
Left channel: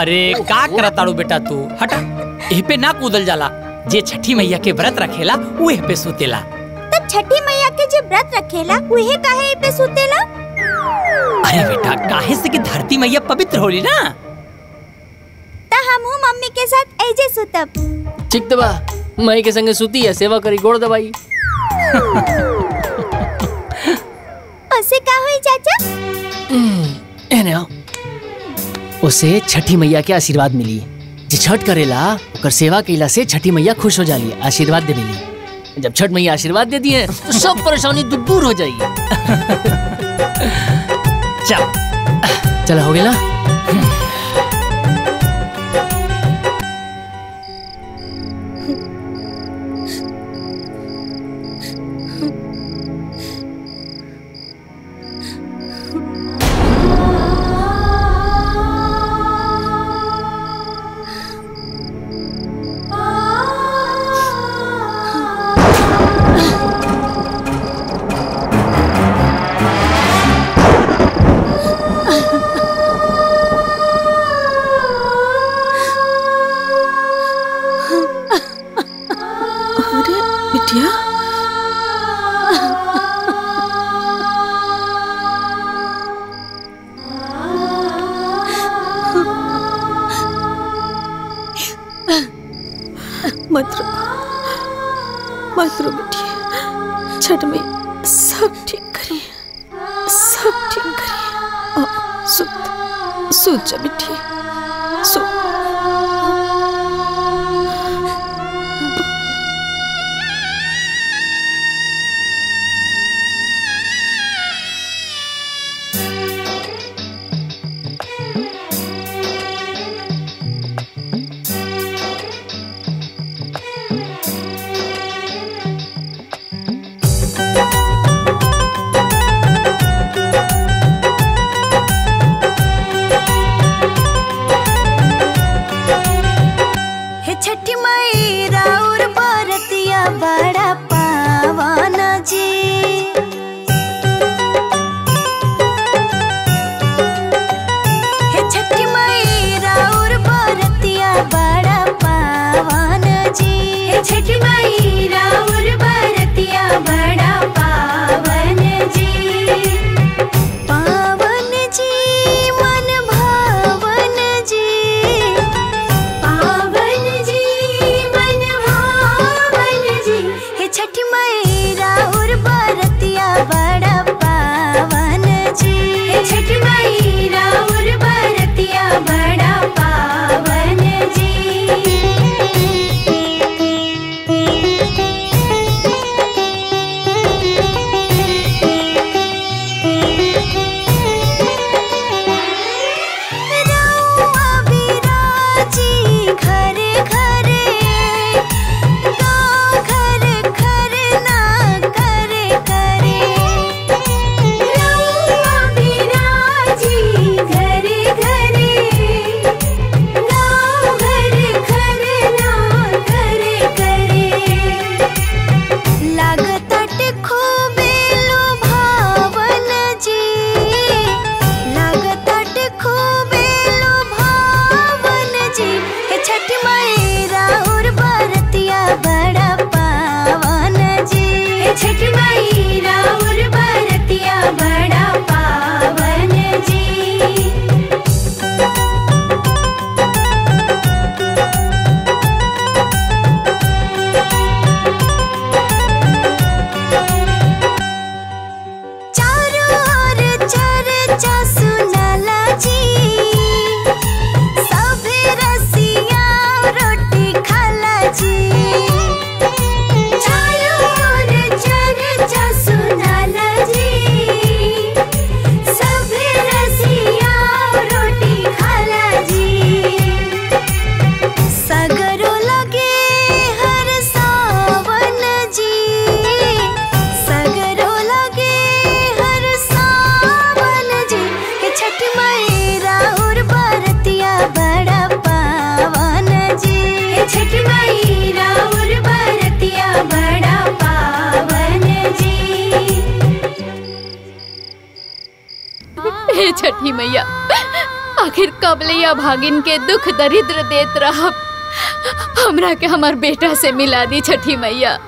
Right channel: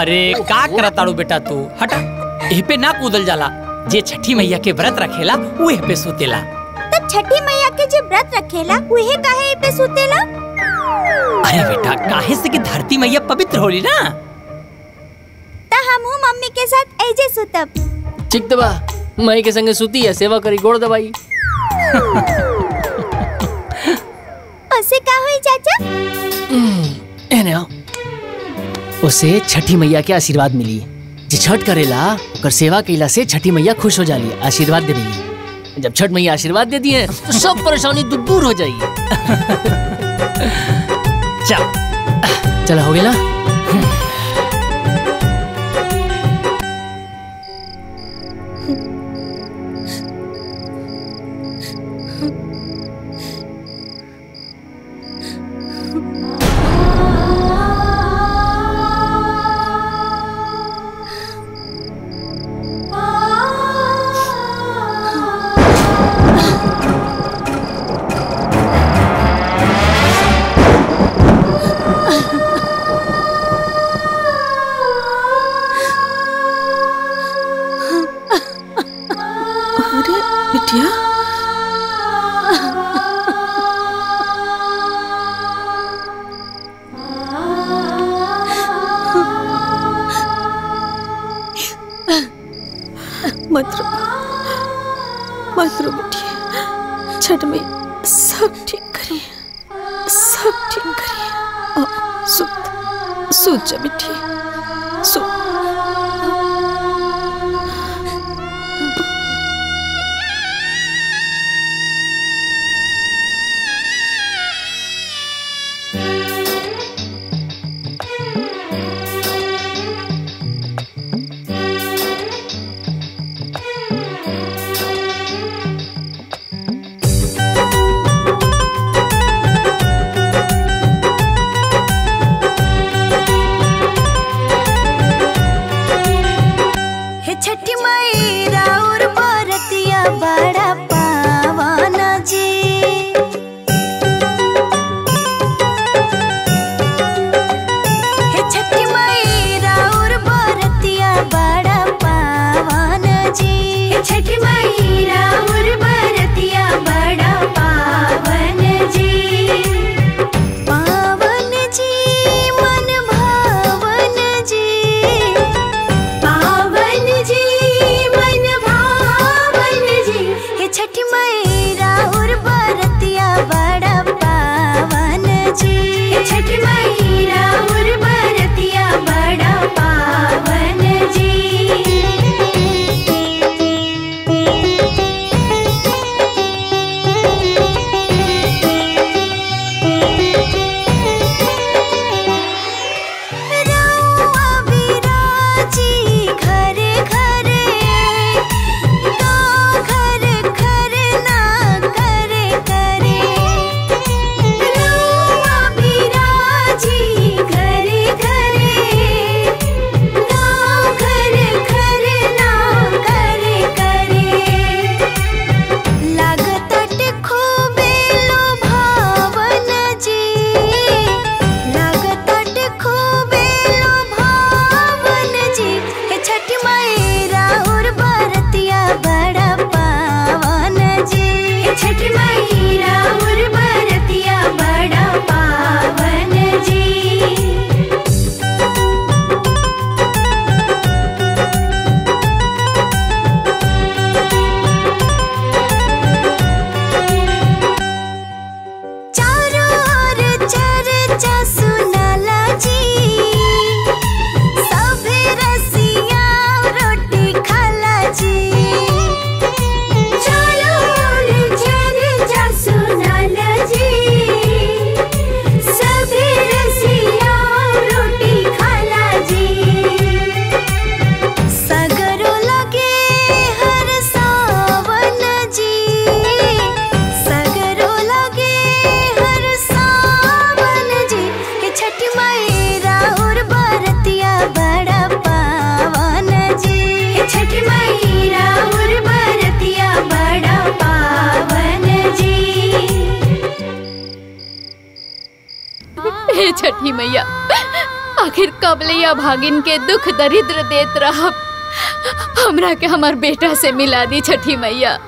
अरे का करताड़ू बेटा तू हटा एह पे ना कूदल जाला। जे छठी मैया के व्रत रखेला वो एह पे सुतेला। तो छठी मैया के जे व्रत रखेला उहे काहे पे सुतेला? अरे बेटा काहे से कि धरती मैया पवित्र होली ना। ता हमहू मम्मी के साथ ऐजे सुतब। ठीक तो बा मई के संगे सुती है सेवा करी गोड़ दबाई। उसे का होई चाचा? एने आओ। उसे छठी मैया के आशीर्वाद मिली। जे छठ करेला ओकर सेवा कइला से छठी मैया खुश हो जाली, आशीर्वाद दे मिली। जब छठ मैया आशीर्वाद दे दी है तो सब परेशानी दूर हो जाएगी। चल चला हो गई ना। मत रो बेटी, छठ में सब ठीक करिए, सब ठीक करिए। सूत जा बेटी, सूत। बड़ा पावन जी, हे छठी माई राउर बरतिया बड़ा पावन जी, हे छठी माई राउर बरतिया बड़ा पावन जी, पावन जी मन भावन जी, पावन जी मन भावन जी, हे छठी माई राउर बरतिया बड़ा पावन जी, हे छठी माई राउर बरतिया बड़ा पावन जी। रउआ बिराजी घरे घरे, गाँव घरे घरे ना करे करे, रउआ बिराजी घरे घरे, गाँव घरे घरे ना करे करे, लागताट खूबे लोभावन जी, लागताट खूबे लोभावन जी, हे छठी माई राउर बरतिया बड़ा पावन जी, हे छठी माई राउर बरतिया बड़ा पावन जी। चारों ओर चर्चा सुनाला जी, सभे रसिया रोटी खाला जी, चारों ओर चर्चा सुनाला जी, सभे रसिया रोटी खाला जी, सगरो लगे हर सावन जी, सगरो लगे हर सावन जी, हे छठी माई राउर बरतिया बड़ा पावन जी, हे छठी माई राउर बरतिया बड़ा पावन जी। हे छठी मैया, आखिर कब लिया भागिन के दुख दरिद्र देत रहब, हमरा के हमार बेटा से मिला दी छठी मैया,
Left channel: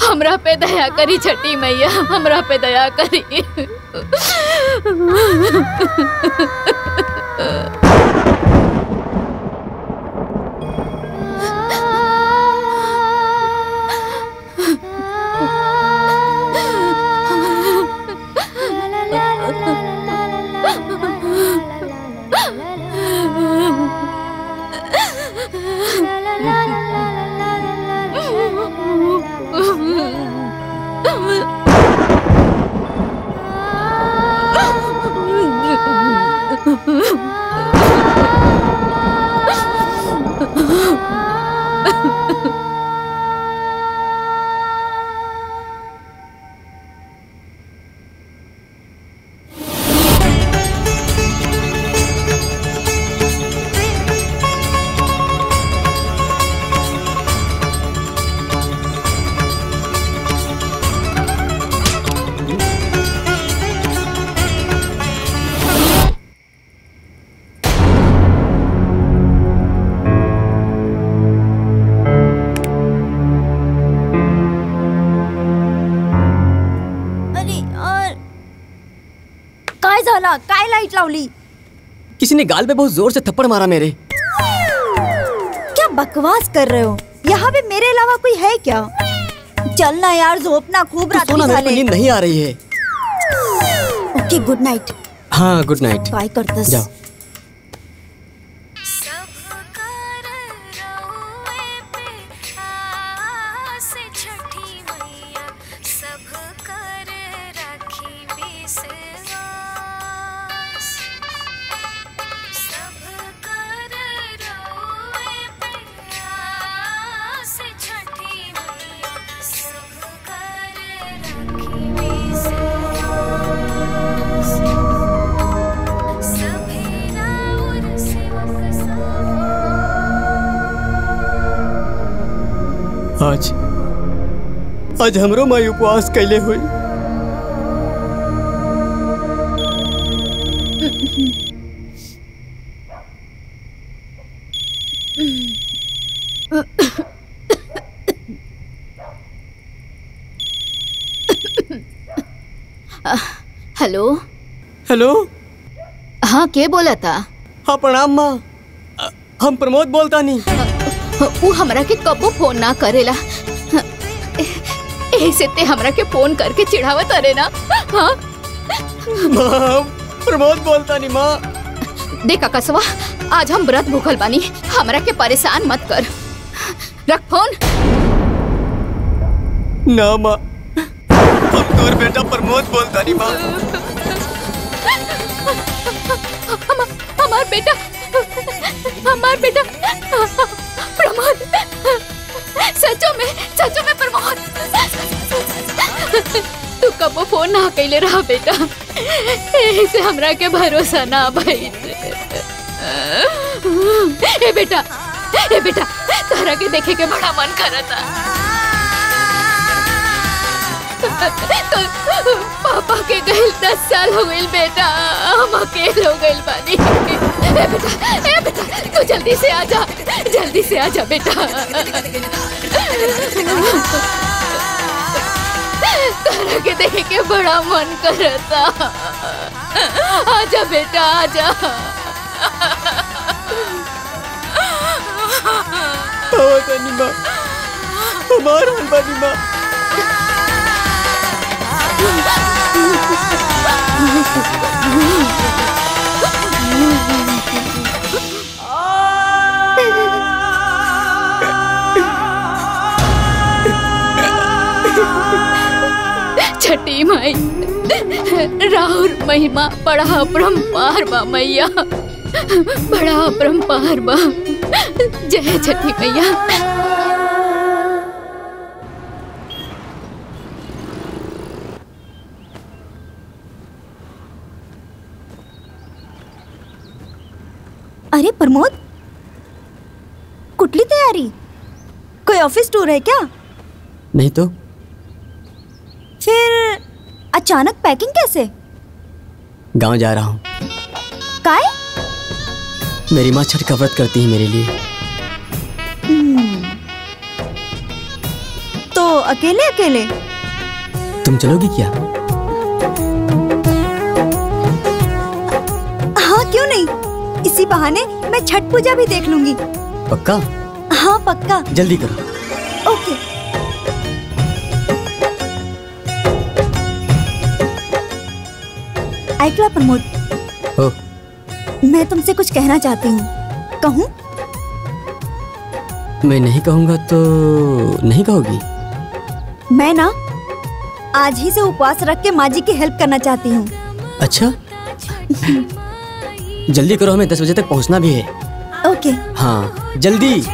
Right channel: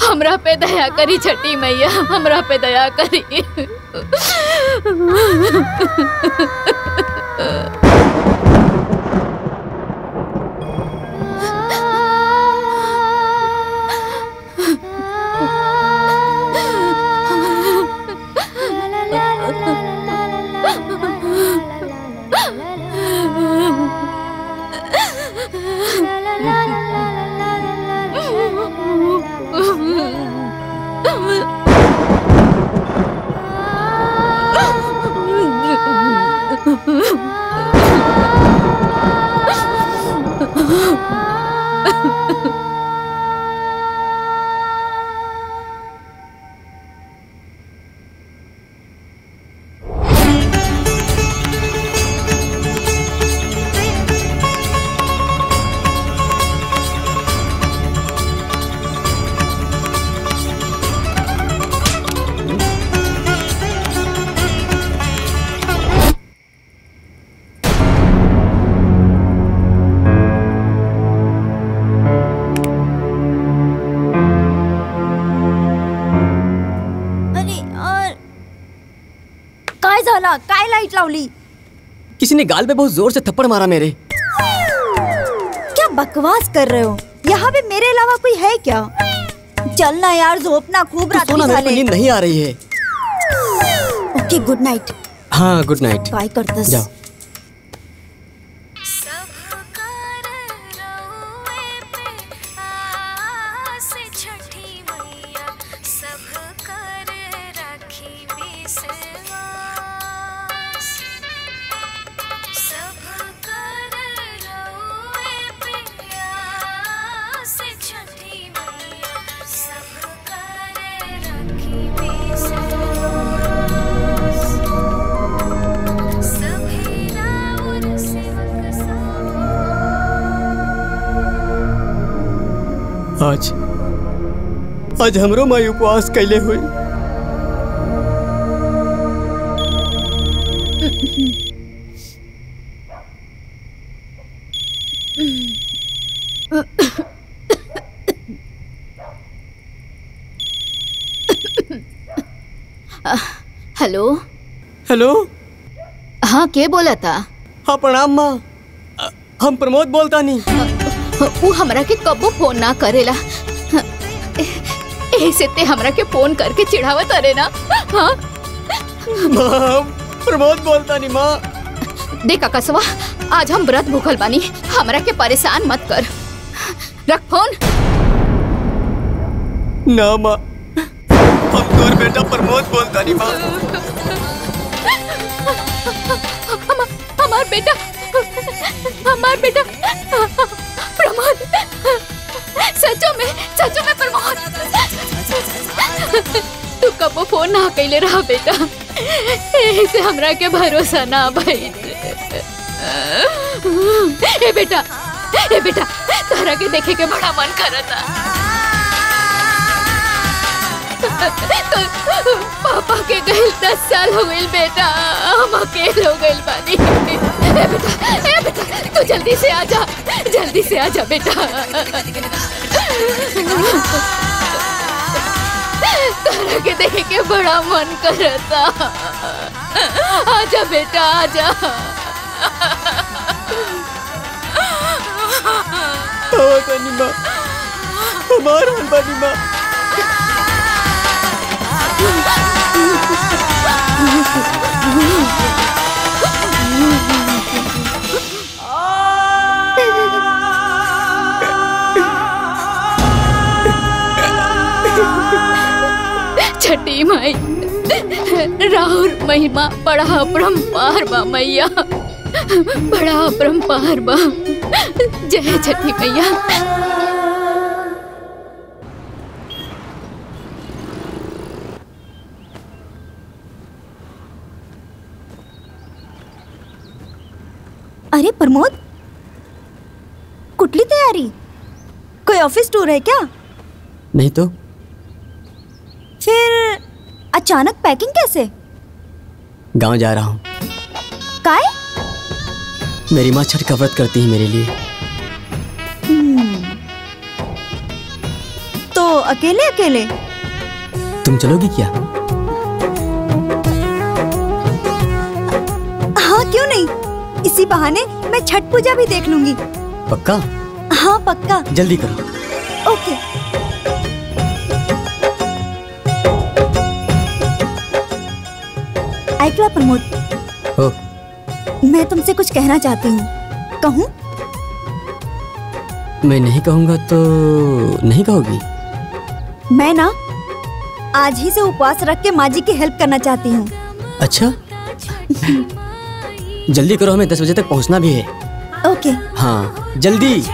हमरा पे दया करी छठी मैया, हमरा पे दया करी। काय लाइट लावली? किसी ने गाल पे बहुत जोर से थप्पड़ मारा मेरे। क्या बकवास कर रहे हो? ये यहाँ पे मेरे अलावा कोई है क्या? चलना यार, झोपना खूब रात सोना, मेरे को नींद नहीं आ रही है। ओके, गुड नाइट। हाँ, गुड नाइट। काय करतस? जाओ। आज हमरो माई उपवास कैले हुई। Hello hello. हाँ, के बोला था? हाँ, प्रणाम माँ। हम प्रमोद बोलता नहीं। वो हमरा के कबो फोन ना करेला, ऐसे ते हमरा के फोन करके चिढ़ावत अरे ना। हाँ माँ, प्रमोद बोलता नहीं माँ। देखा कसवा, आज हम व्रत भूखल बानी, हमरा के परेशान मत कर। रख फोन। ना माँ, हम तोर बेटा प्रमोद बोलता नहीं माँ। हमार बेटा प्रमोद, सचो में प्रमोद। तू कबो फोन ना कैले रहा बेटा, ऐसे हमरा के भरोसा ना भाई। ए बेटा तारा के देखे के बड़ा मन करता। तो पापा के गए 10 साल हो गए बेटा, हम अकेले हो गए बानी। ए बेटा तू जल्दी से आजा बेटा। तारा के देखे के बड़ा मन करता। आजा बेटा, आजा। माँ, हमार हाल बानी माँ। छठी माई, राहुल महिमा बड़ा अपरंपार बा मैया, बड़ा अपरंपार बा। जय छठी मैया। अरे प्रमोद, कुटली तैयारी? कोई ऑफिस टूर है क्या? नहीं तो। फिर अचानक पैकिंग कैसे? गांव जा रहा हूँ। काय? मेरी माँ छठ का व्रत करती है मेरे लिए। तो अकेले अकेले? तुम चलोगी क्या? हाँ, क्यों नहीं। इसी बहाने मैं छठ पूजा भी देख लूंगी। पक्का? हाँ पक्का। जल्दी करो। ओके। ऐकला प्रमोद, हो। मैं तुमसे कुछ कहना चाहती हूँ। कहूँ? मैं नहीं कहूँगा तो नहीं कहोगी? मैं ना आज ही से उपवास रख के माँ जी की हेल्प करना चाहती हूँ। अच्छा जल्दी करो, हमें 10 बजे तक पहुँचना भी है। ओके। हाँ जल्दी।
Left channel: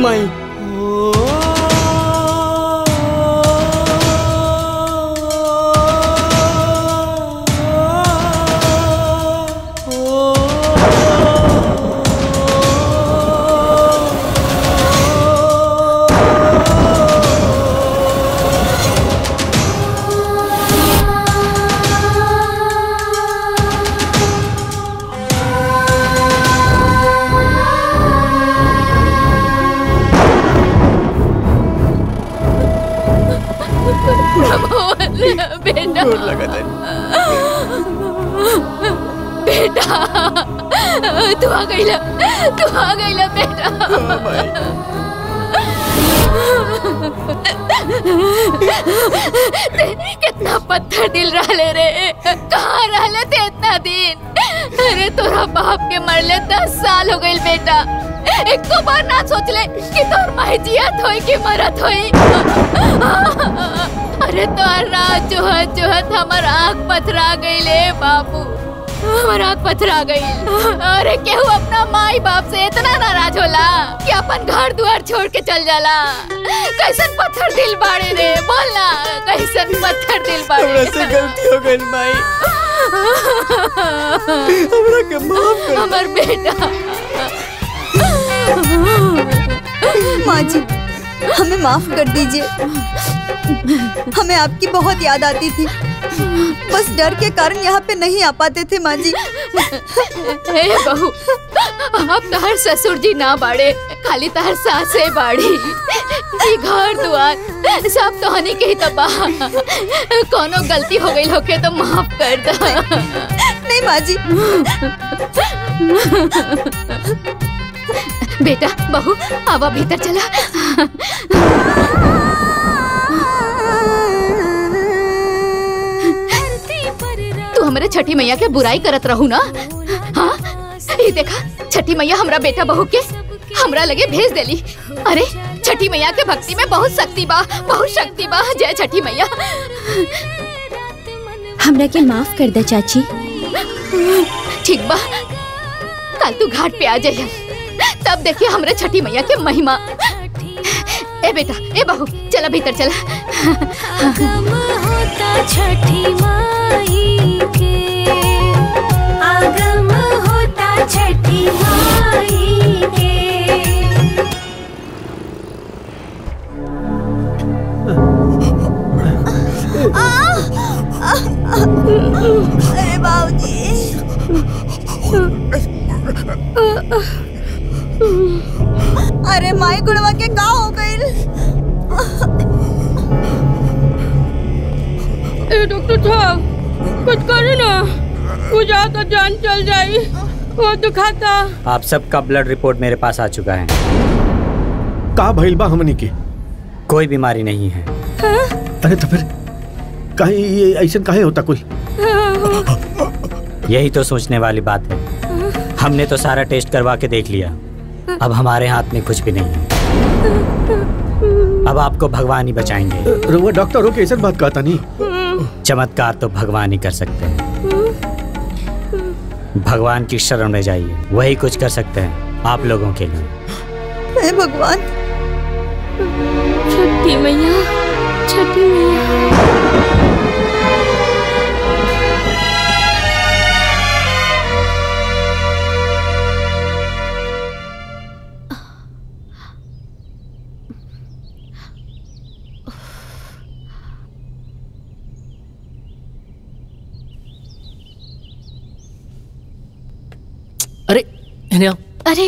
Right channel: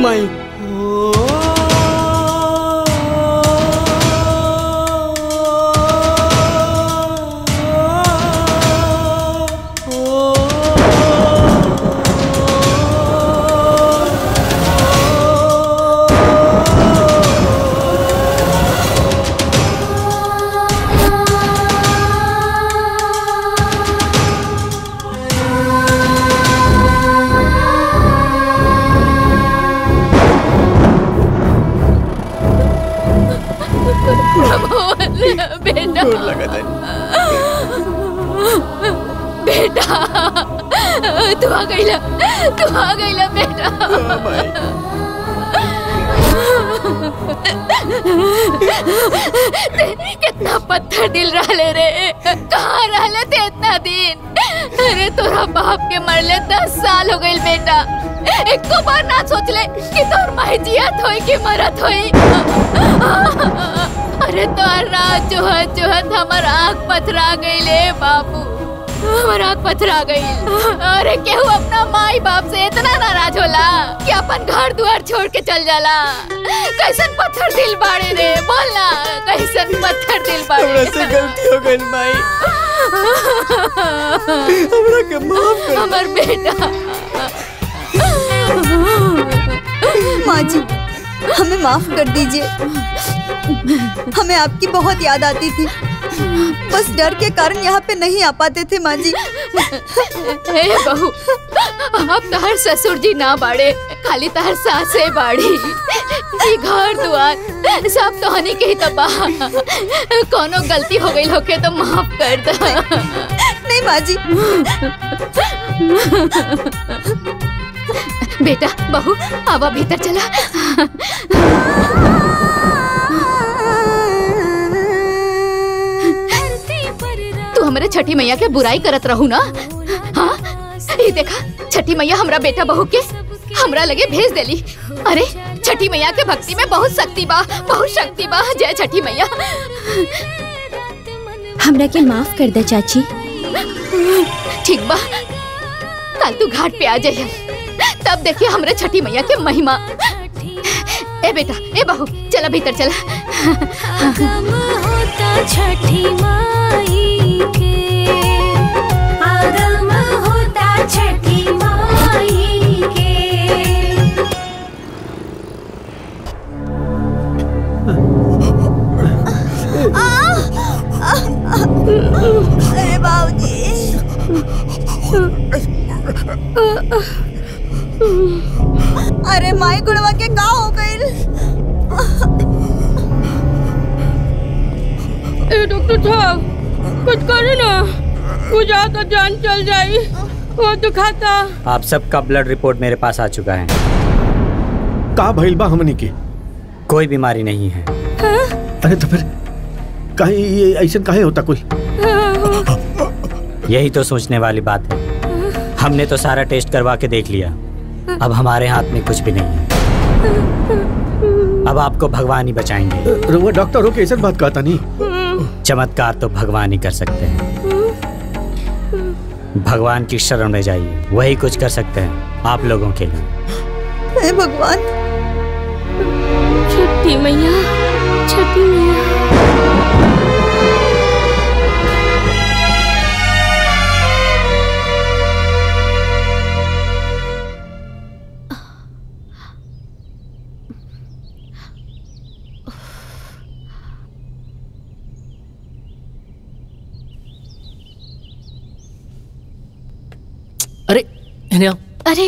माई। बेटा बेटा तू आ गईला बेटा। कितना पत्थर दिल रहले रे, कहाँ रहले थे इतना दिन? अरे तोरा बाप के मरले 10 साल हो गई बेटा। एक तो बार ना सोच ले कि तोर माई जियत होई कि मरत होई। अरे तोर रात जोहत हमर आँख पथरा गई ले बाबू, हमर आँख पथरा गई। अरे केहू अपना माई बाप से इतना नाराज होला कि अपन घर द्वार छोड़ के चल जाला। कैसन पत्थर दिल बाड़े रे, बोल ना कैसन पत्थर दिल बाड़े। हमरा से गलती हो गई माई, हमरा के माफ कर। हमर बेटा। माँ जी हमें माफ कर दीजिए, हमें आपकी बहुत याद आती थी, बस डर के कारण यहाँ पे नहीं आ पाते थे माँ जी। हे बहू, अब तहर ससुर जी ना बाड़े, खाली तहर सासे बाड़ी। ये घर दुआर सब तोहनी के ही तबाह। कोनो गलती हो गई होके तो माफ कर दो। नहीं माँ जी। बेटा बहू आवा भीतर चला। तू हमारे छठी मैया के बुराई करत रहू ना? हाँ ये देखा, छठी मैया हमरा बेटा बहू के हमरा लगे भेज देली। अरे छठी मैया के भक्ति में बहुत शक्ति बा, बहुत शक्ति बा। जय छठी मैया। हमरा के माफ कर दे चाची। ठीक बा, कल तू घाट पे आ जाइए, तब देखिए हमरे छठी मैया के महिमा। ए बेटा ए बहू चला भीतर चला। आगम होता छठी माई के, आगम होता छठी माई के। अरे बाबूजी। अरे माई गुड़वा के का हो गई? ए डॉक्टर साहब कुछ करे ना, मुझे तो जान चल जाई, वो दुखाता। आप सबका ब्लड रिपोर्ट मेरे पास आ चुका है। का भइल बा हमनी के? कोई बीमारी नहीं है। अरे तो फिर काहे ये ऐसा काहे होता कोई? यही तो सोचने वाली बात है। हमने तो सारा टेस्ट करवा के देख लिया, अब हमारे हाथ में कुछ भी नहीं है। अब आपको भगवान ही बचाएंगे। रउआ डॉक्टर हो के ऐसा बात कहता नहीं। चमत्कार तो भगवान ही कर सकते हैं। भगवान की शरण में जाइए, वही कुछ कर सकते हैं आप लोगों के लिए। हे भगवान। छठी मैया, छठी मैया। अरे अरे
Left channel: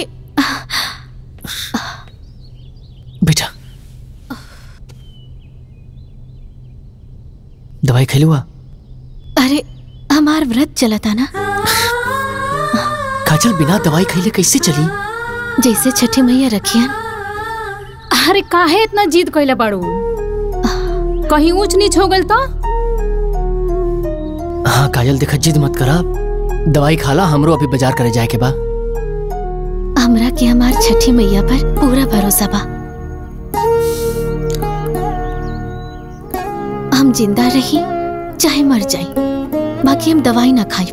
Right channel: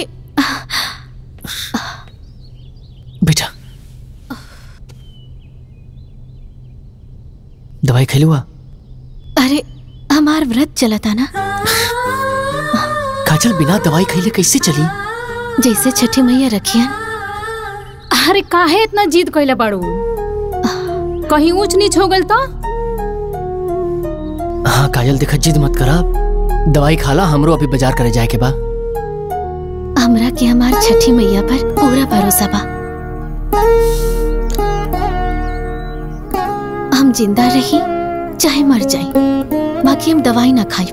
बेटा दवाई खा लुआ? अरे हमार व्रत चला था ना। काजल बिना दवाई खैले कैसे चली? जैसे छठी मैया रखियन। अरे काहे इतना जिद कैले बाड़ू? कहीं ऊंच नीच हो गल तो? हाँ काजल देखा, जिद मत करा, दवाई खाला, हमरो अभी बाजार करे जाए के बा। हमरा के हमार छठी मैया पर पूरा भरोसा बा। हम जिंदा रही चाहे मर जाई, बाकी हम दवाई ना खाई।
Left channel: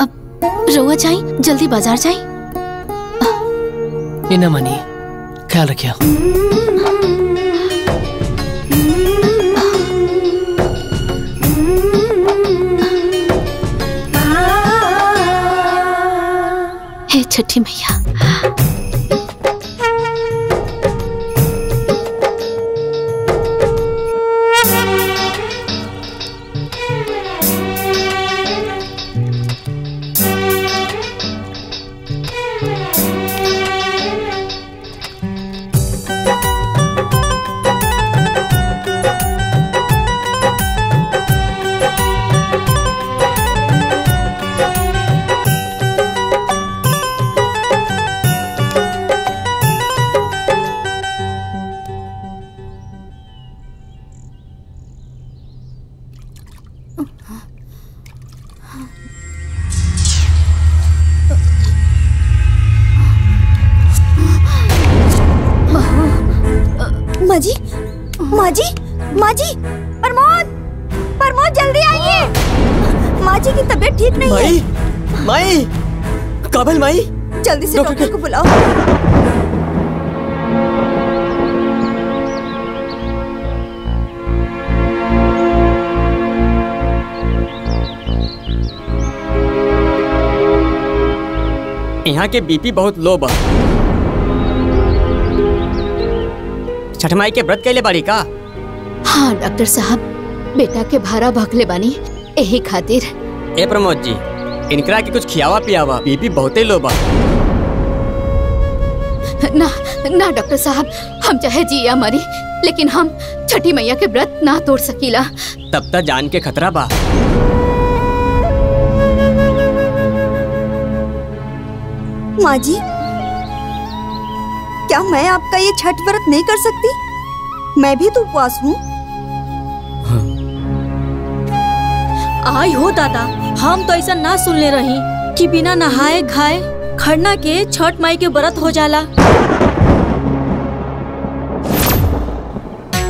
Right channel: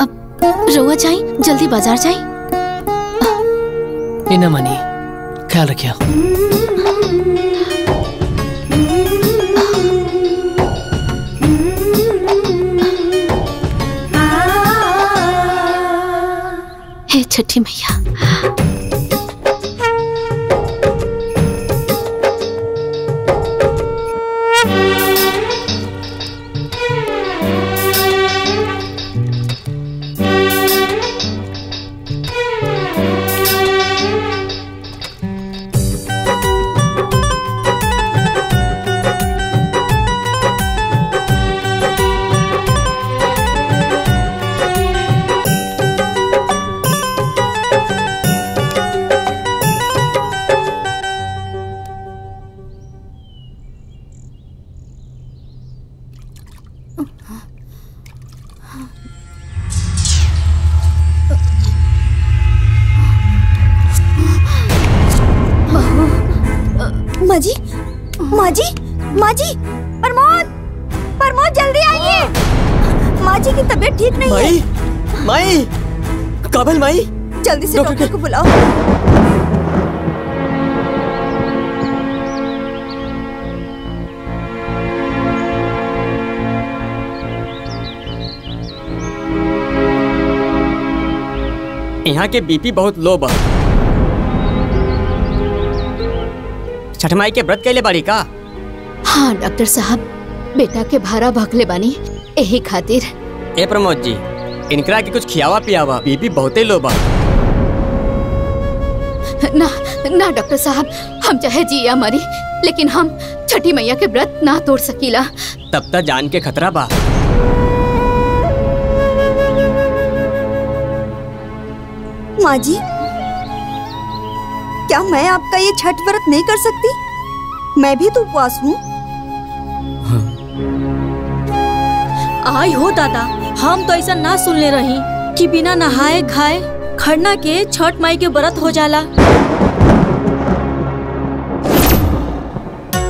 अब रोआ जाई, जल्दी बाजार जाई। न मनी, ख्याल रखिए। हे छठी मैया, माँ जी, माँ जी, माँ जी, प्रमोद, प्रमोद जल्दी आइए। माँ जी की तबीयत ठीक नहीं है। माई, काबिल माई, जल्दी से डॉक्टर को बुलाओ। यहाँ के बीपी बहुत लो बा। छठ माई के व्रत कैले बाड़ी का? हाँ डॉक्टर साहब, बेटा के भारा भखले बानी, यही खातिर। ए प्रमोद जी, इनकरा के कुछ खियावा पियावा, बीपी बहुते लो बा। ना ना डॉक्टर साहब, हम चाहे जिया मरी, लेकिन हम छठी मैया के व्रत ना तोड़ सकीला। तब तक जान के खतरा बा। माँ जी, क्या मैं आपका ये छठ व्रत नहीं कर सकती? मैं भी तो उपवास हूँ। आई हो दादा, हम तो ऐसा ना सुनले रही कि बिना नहाए खाए खरना के छठ माई के व्रत हो जाला।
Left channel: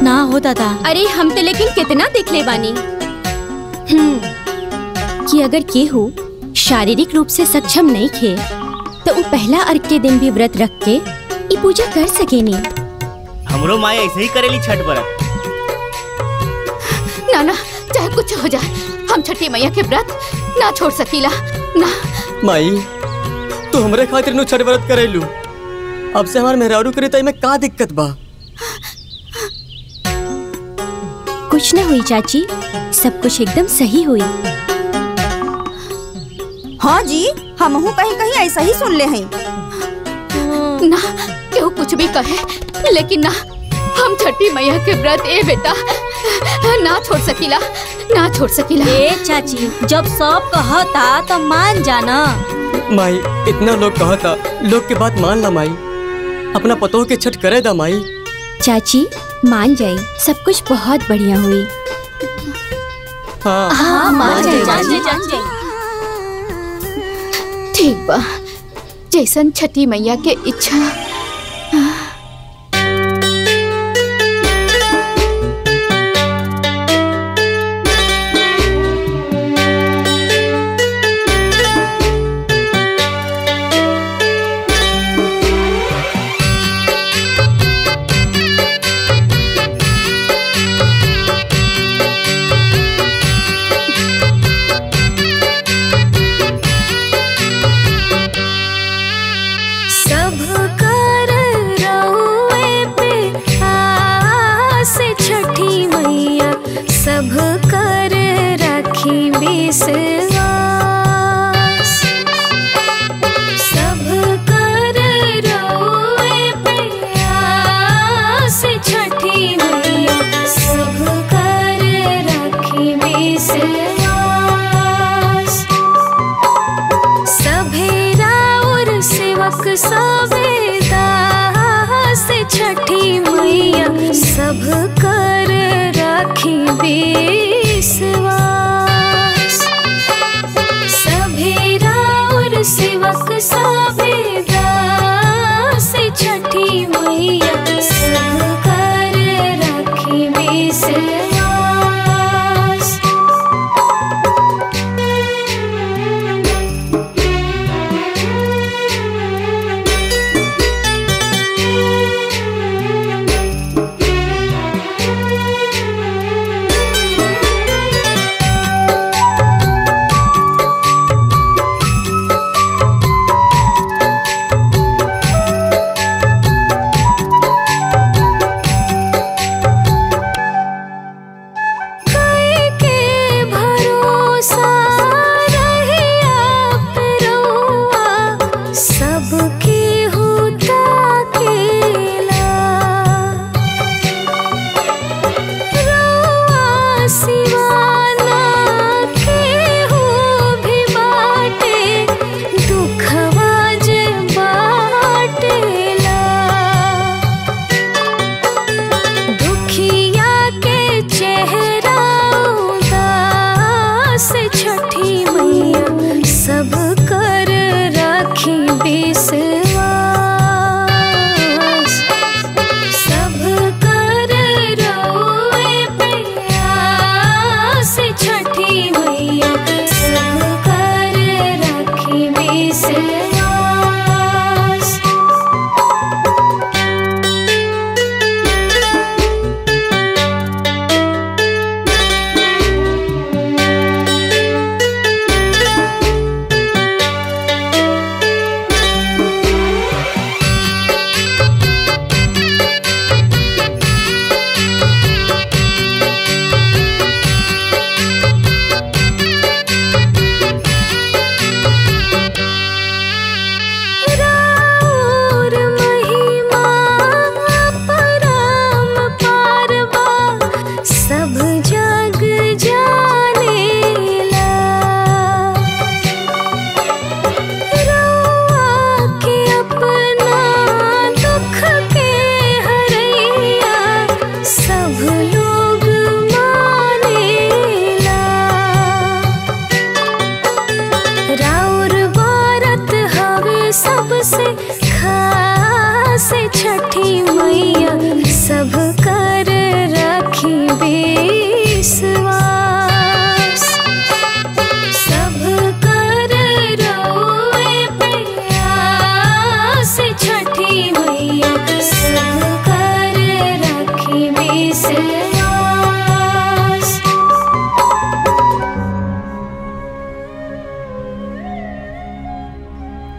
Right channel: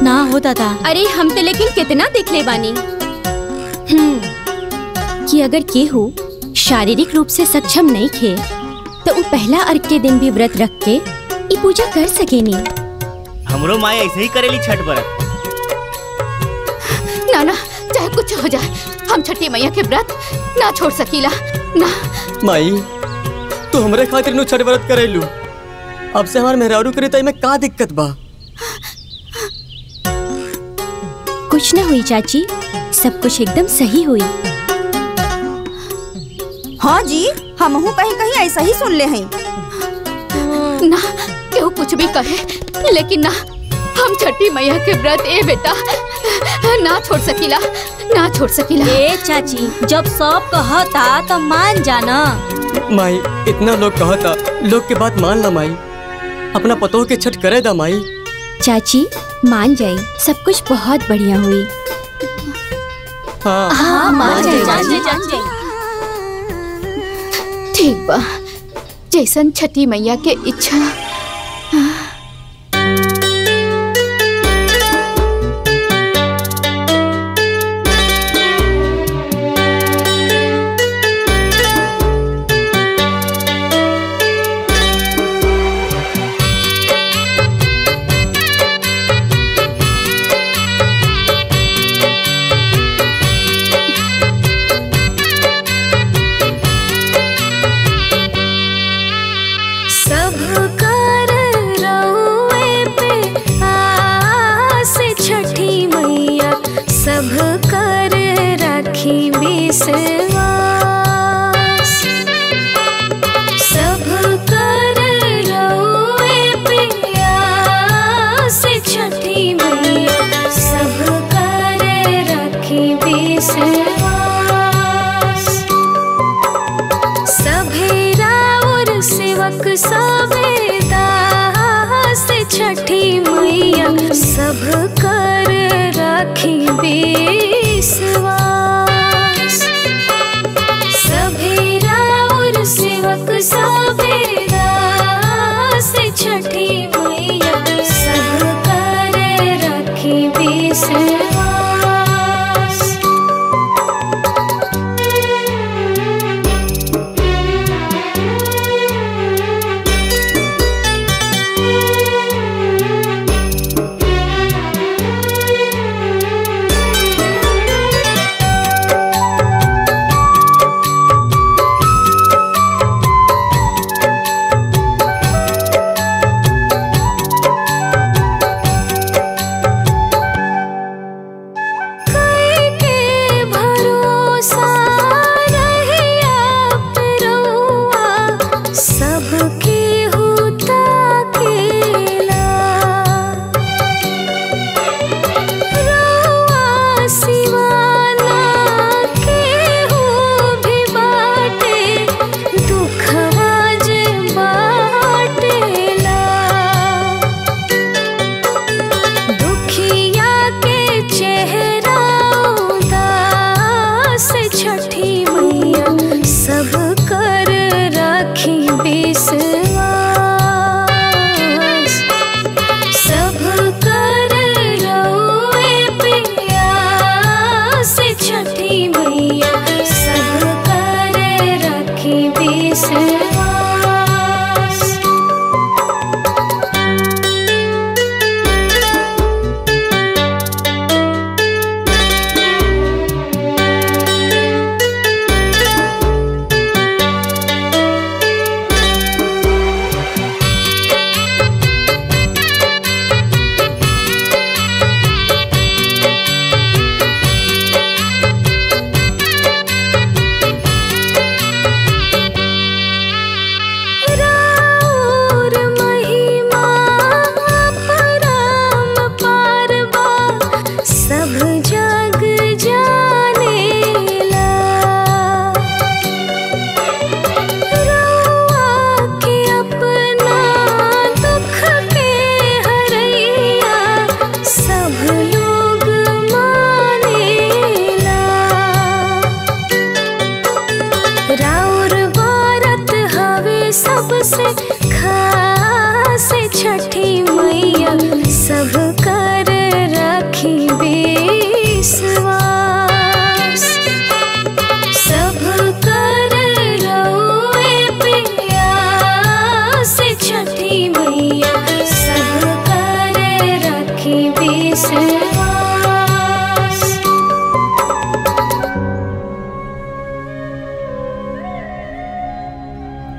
ना हो दादा। अरे हम तो लेकिन कितना देख ले बानी कि अगर केहू शारीरिक रूप से सक्षम नहीं खे तो वो पहला अर्घ के दिन भी व्रत रख के ये पूजा कर सकेनी। हमरो माए ऐसे ही करेली छठ व्रत। ना ना, चाहे कुछ हो जाए, हम छठी मैया के व्रत ना छोड़ सकीला ना। माई, तू हमरे खातिर नु छठ व्रत करेलू, अब से हमार मेहरारू करे तो में का दिक्कत बा? कुछ न हुई चाची, सब कुछ एकदम सही हुई। हाँ जी, हम कहीं कहीं ऐसा ही सुन ले हैं। ना केहू कुछ भी कहे, लेकिन ना, हम छठी मैया के व्रत ए बेटा ना छोड़ सकीला, ना छोड़ सकीला। ए चाची, जब सब कहता तो मान जाना। माई, इतना लोग कहता, लोग के बात मान ला माई, अपना पतोह के छठ करे दा माई। चाची मान जाई, सब कुछ बहुत बढ़िया हुई। हाँ, मान जाई। ठीक बा, जैसन छठी मैया के इच्छा। सब कर रखी विश्वास, सब कर रोए प्यास छठी मैया, सब कर रखी विश्वास। सभेरा और सेवक सभे दास छठी मैया, सब कर रखी विश्वास। सभेरा और सेवक सभे दास छठी मैया, सब कर रखी विश्वास।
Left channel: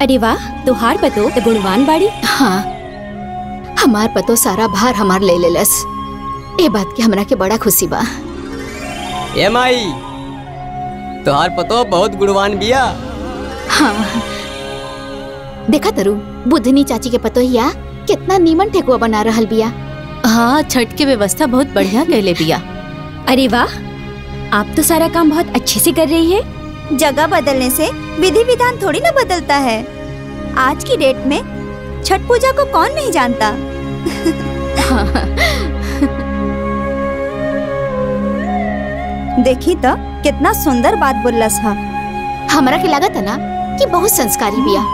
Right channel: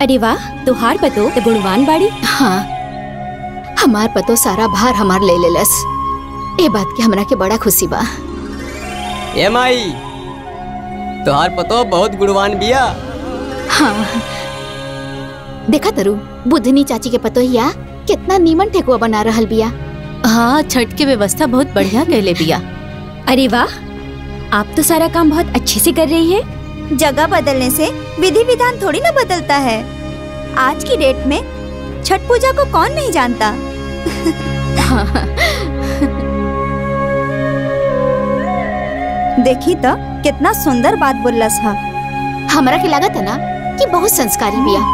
अरे वाह, तुहार पतो तो गुणवान बाड़ी। हाँ, हमार पतो सारा भार हमार ले लेलस। ए बात की हमरा के बड़ा खुशी बा। ए माई, तुहार पतो बहुत गुणवान बिया। हाँ, देखा तरु बुधनी चाची के पतोहिया कितना नीमन ठेकुआ बना रहल बिया। हाँ, छठ के व्यवस्था बहुत बढ़िया कैले बिया। अरे वाह, आप तो सारा काम बहुत अच्छे से कर रही है। जगह बदलने से विधि विधान थोड़ी ना बदलता है। आज की डेट में छठ पूजा को कौन नहीं जानता। देखी तो कितना सुंदर बात बोलस हा। हमरा के लागत है ना कि बहुत संस्कारी बिया।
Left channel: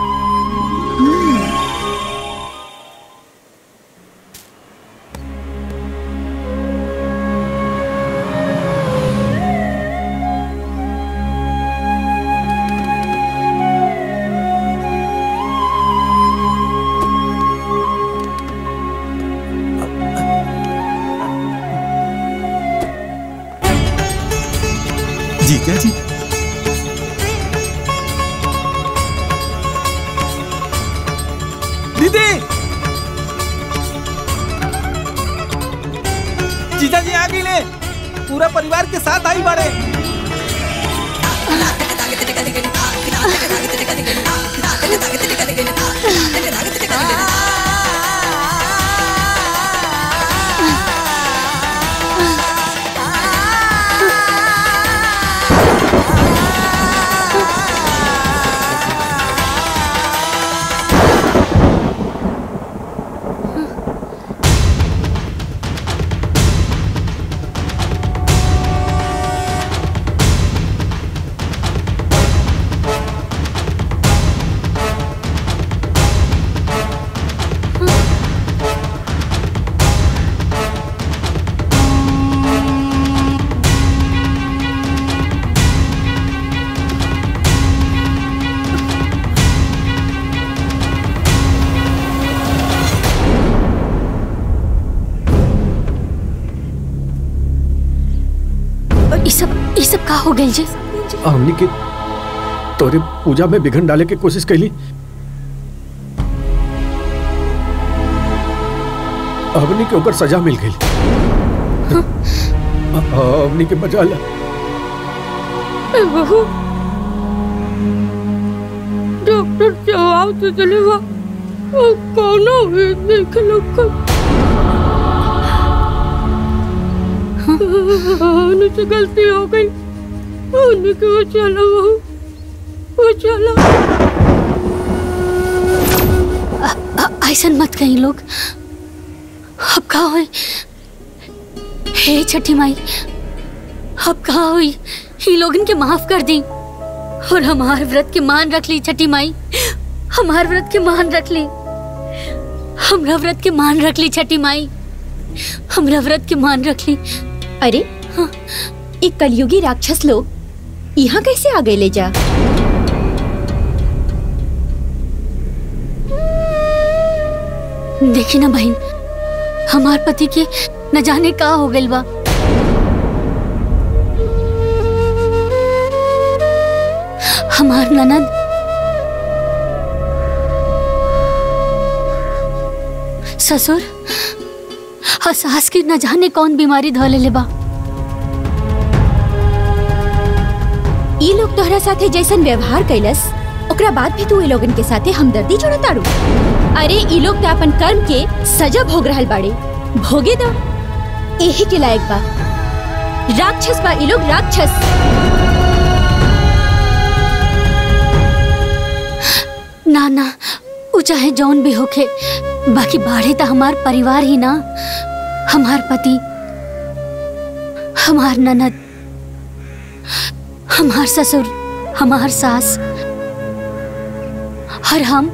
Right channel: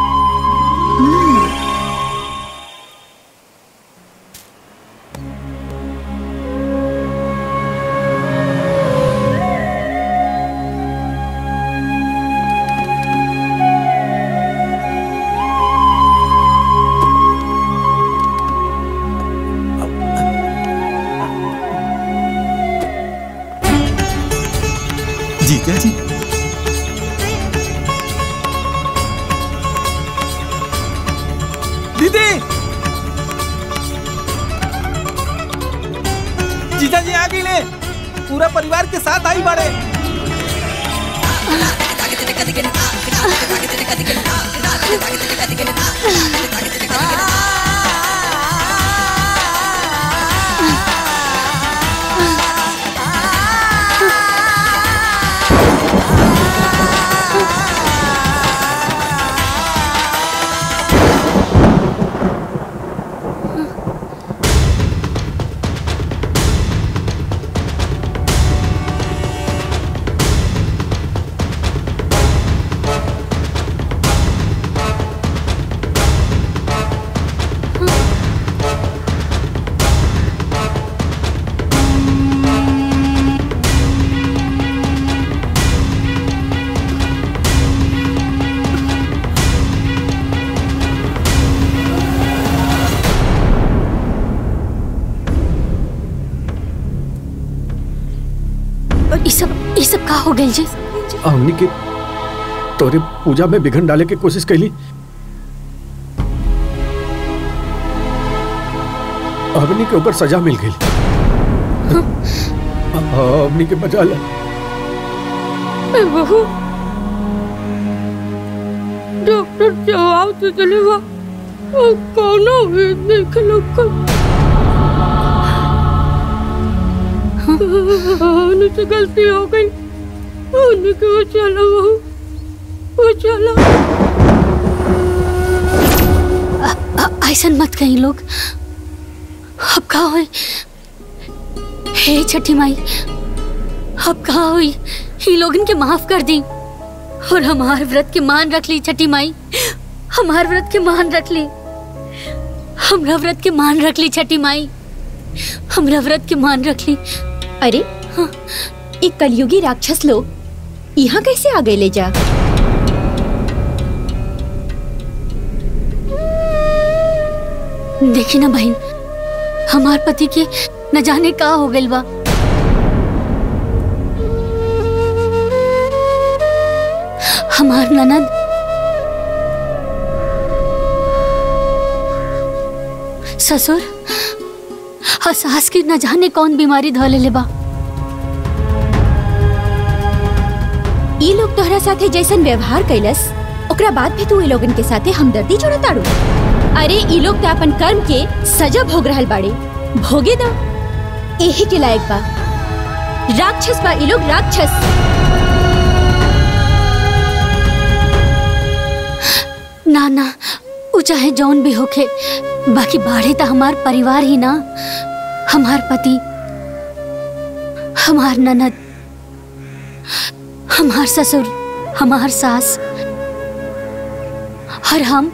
जीजा जी, दीदी, जीजा जी आ गए, पूरा परिवार के साथ आई बाड़े। ये सब का हो गई जी? हमनी के तोरे पूजा में विघन डाले की कोशिश कैली। हमनी के ओकर सजा मिल गई। हमनी के बचा ला। बहू, डॉक्टर जवाब तो चलेगा कौन देख लो। उनसे गलती हो गई, उनके वो चला वो चला। ऐसा मत कहीं लोग। अब कहा हुई हे छठी माई, अब कहा हुई ही लोगन के माफ कर दी और हमार व्रत के मान रख ली। छठी माई, हमार व्रत के मान रख ली। हमरा व्रत के मान रख ली। छठी माई, हमरा व्रत के मान रख ली। अरे हाँ, एक कलयुगी राक्षस लोग यहाँ कैसे आ गए ले जा? देखी ना बहन, हमार पति के न जाने का हो गइल बा। हमार ननद ससुर और सास की न जाने कौन बीमारी धले ले बा। ई लोग तोहरा साथे जैसन व्यवहार कैलस, ओकरा बाद भी तू ई लोगन के साथे हमदर्दी जोड़ताड़ू। अरे ई लोग तो अपन कर्म के सजा भोग रहल बाड़े, भोगे दो। यही के लायक बा। राक्षस बा ई लोग, राक्षस। ना ना, वो चाहे जौन भी होके, बाकी बाढ़े तो हमार परिवार ही ना। हमार पति, हमार ननद, हमार ससुर, हमार सास और हम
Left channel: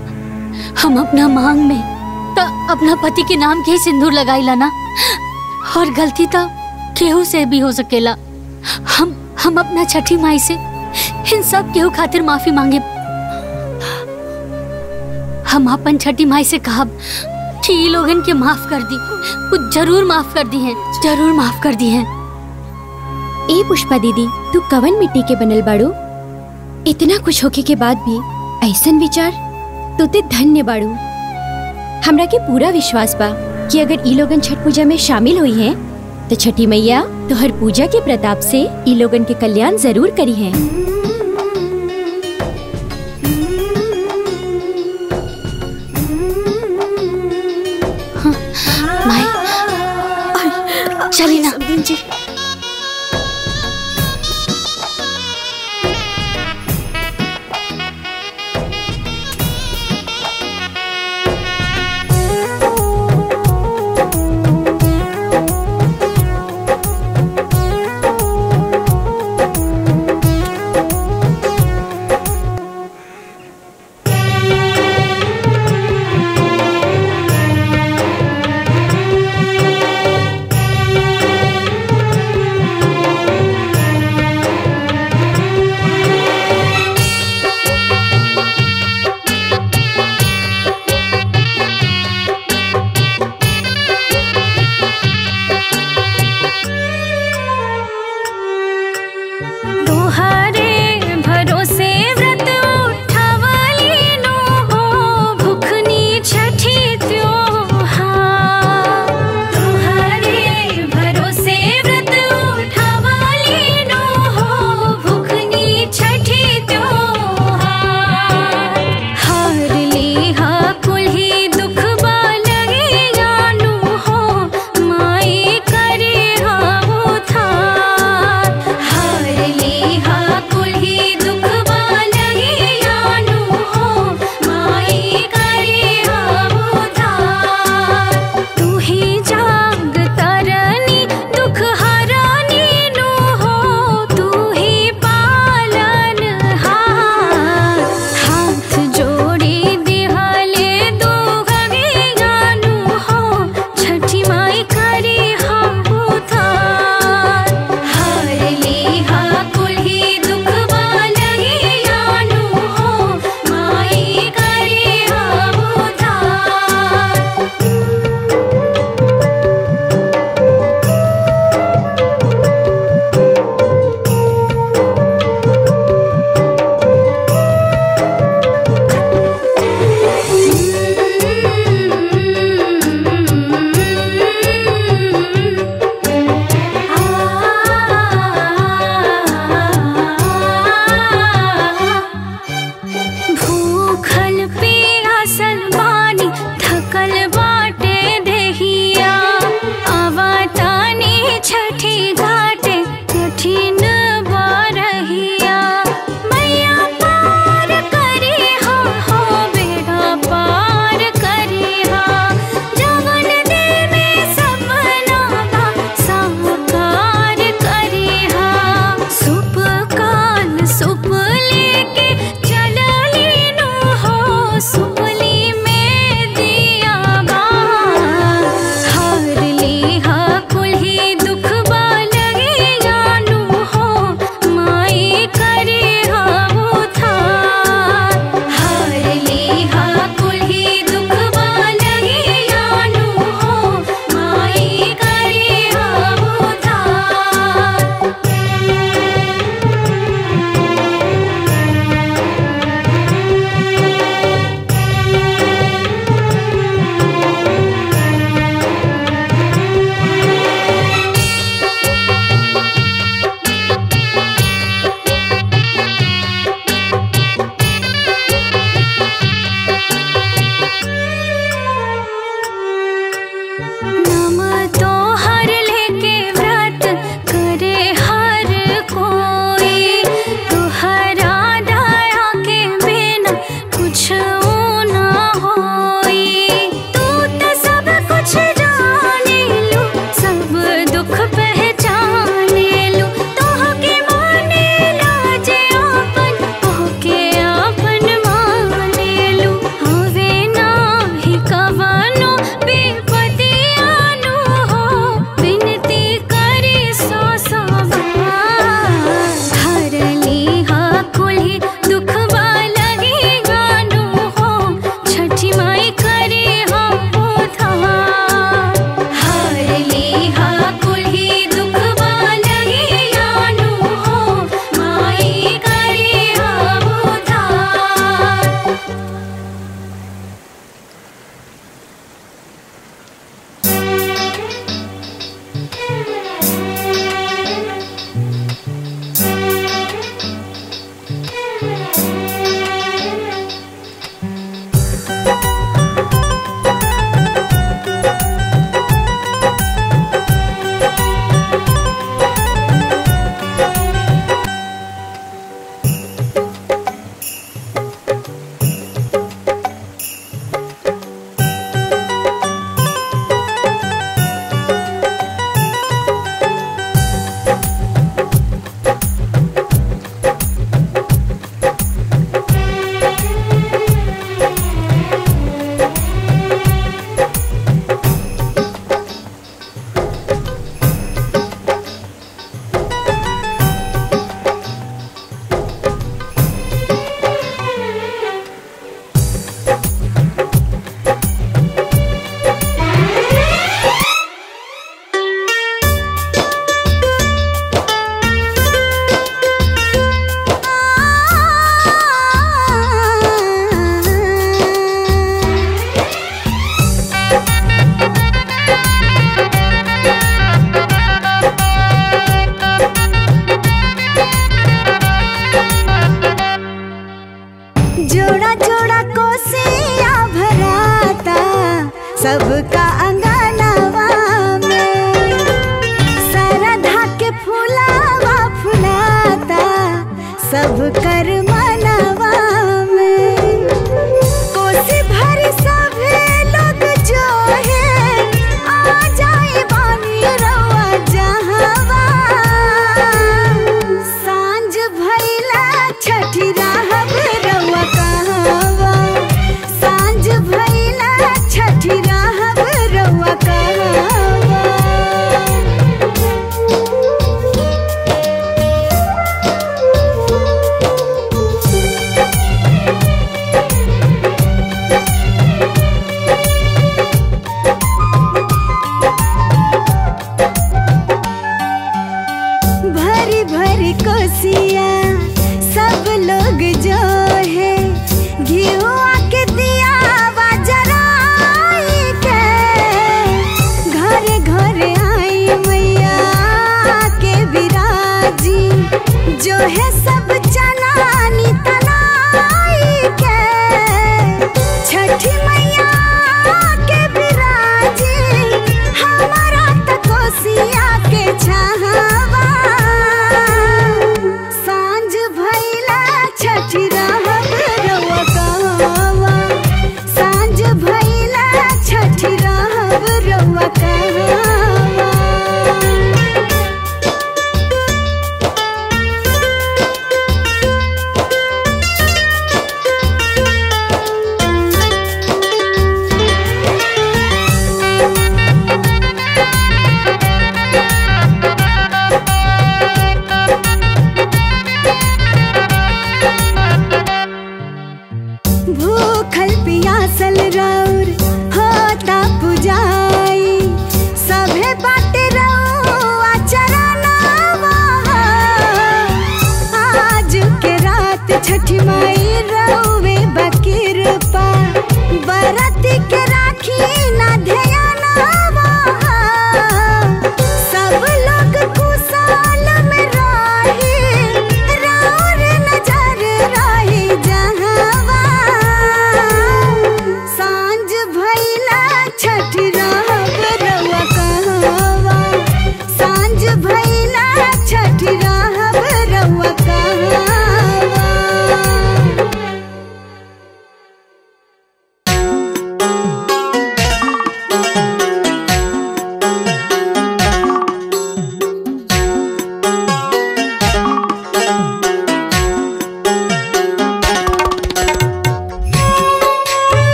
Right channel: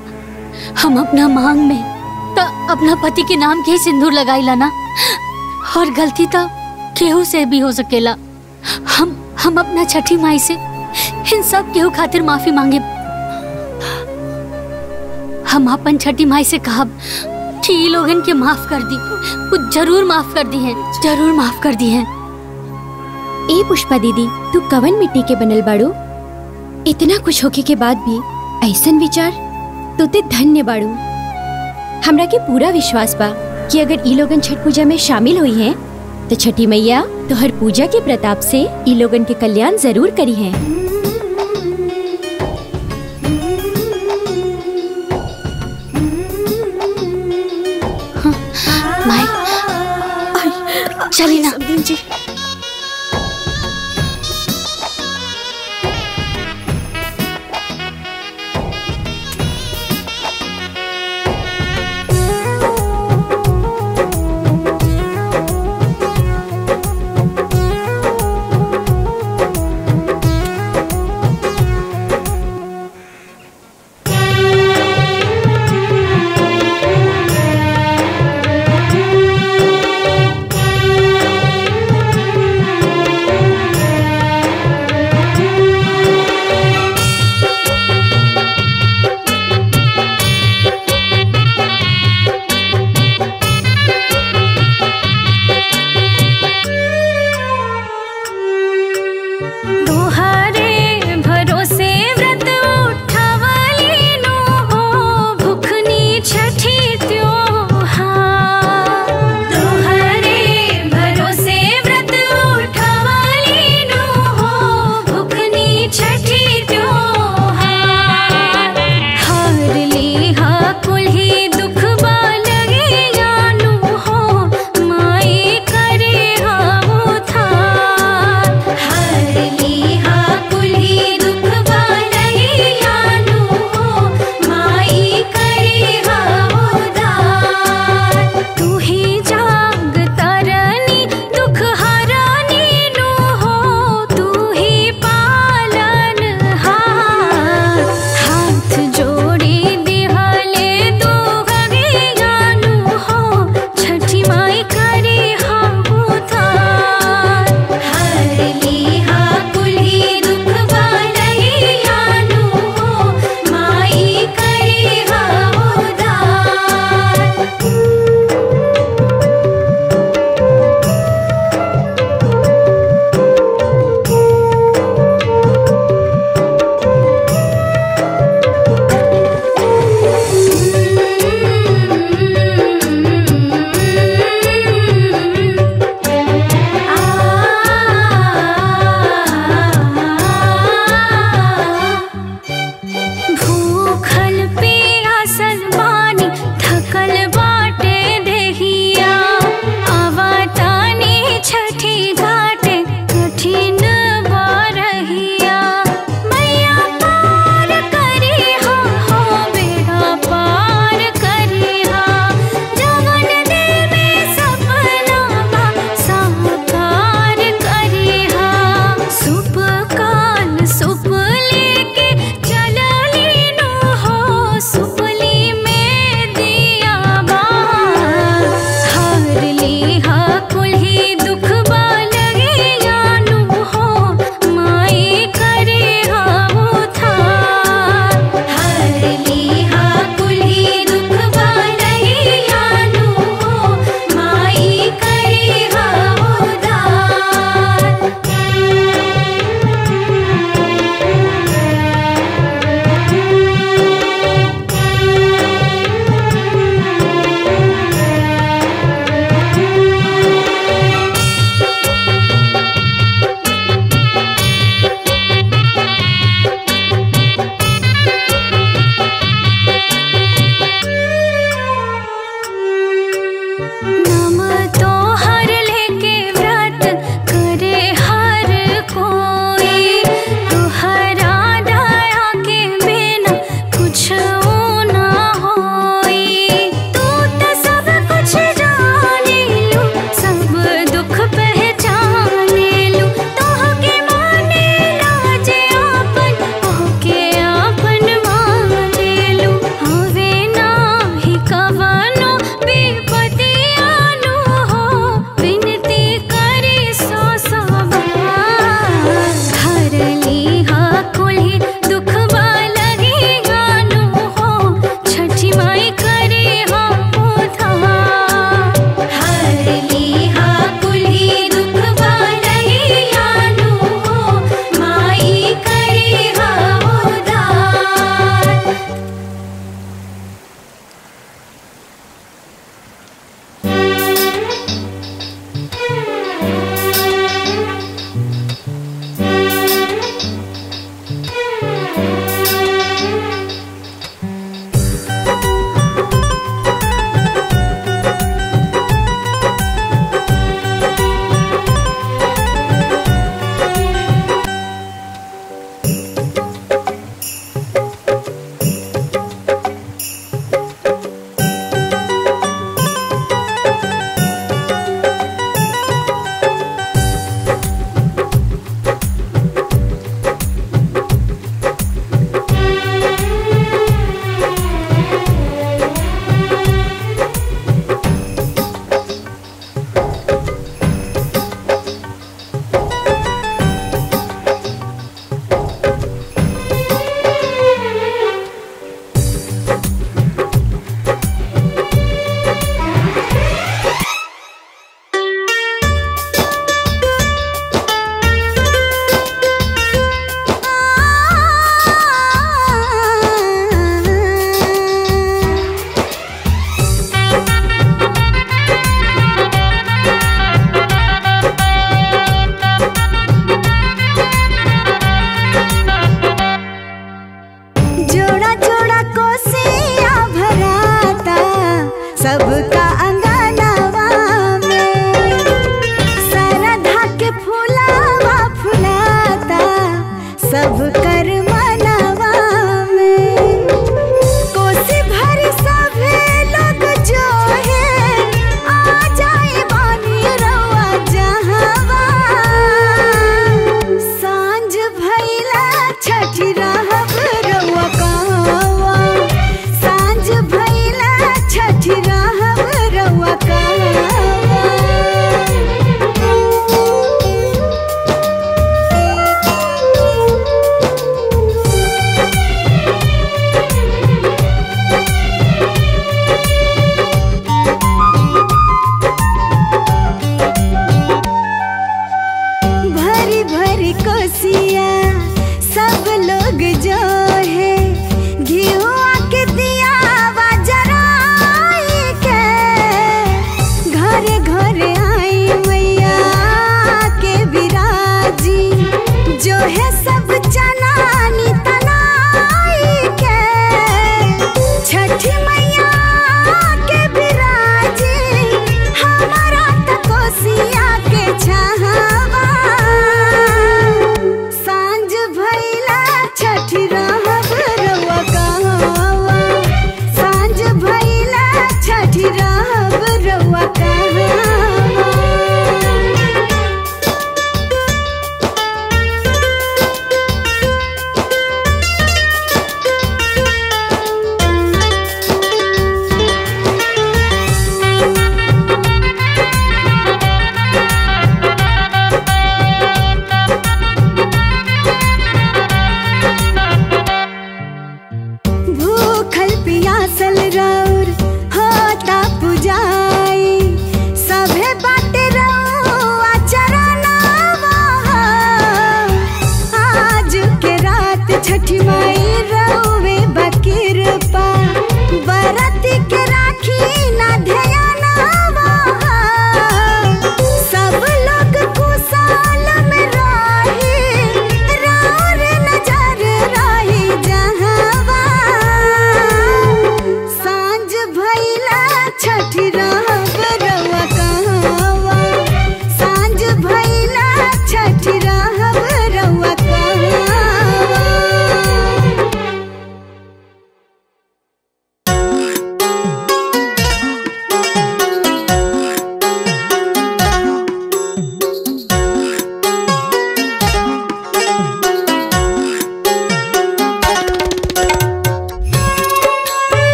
अपना मांग में तो अपना पति के नाम के सिंदूर लगाई लाना। और गलती तो केहू से भी हो सकेला। हम अपना छठी माई से इन सब केहू खातिर माफी मांगे। हम अपन छठी माई से कहब कि ये लोगन के माफ कर दी। वो जरूर माफ कर दी हैं, जरूर माफ कर दी हैं। ए पुष्पा दीदी, तू कवन मिट्टी के बनल बाड़ू? इतना कुछ होके के बाद भी ऐसन विचार? तू ते धन्य बाड़ू। हमरा के पूरा विश्वास बा कि अगर ई लोगन छठ पूजा में शामिल हुई हैं तो छठी मैया तो हर पूजा के प्रताप से ई लोगन के कल्याण जरूर करी हैं। हाँ, माई चली ना जी। कोसिया सब लोग जो है घिउआ के दिया जराई के घरे घरे आई मैया के विराजी जो है सब चनानी तनाई के छठी मैया के विराजी हमारा तकोसिया के छहावा सांझ भइला छठी रहब रोवा सांझ भइला छठी रहब रोवा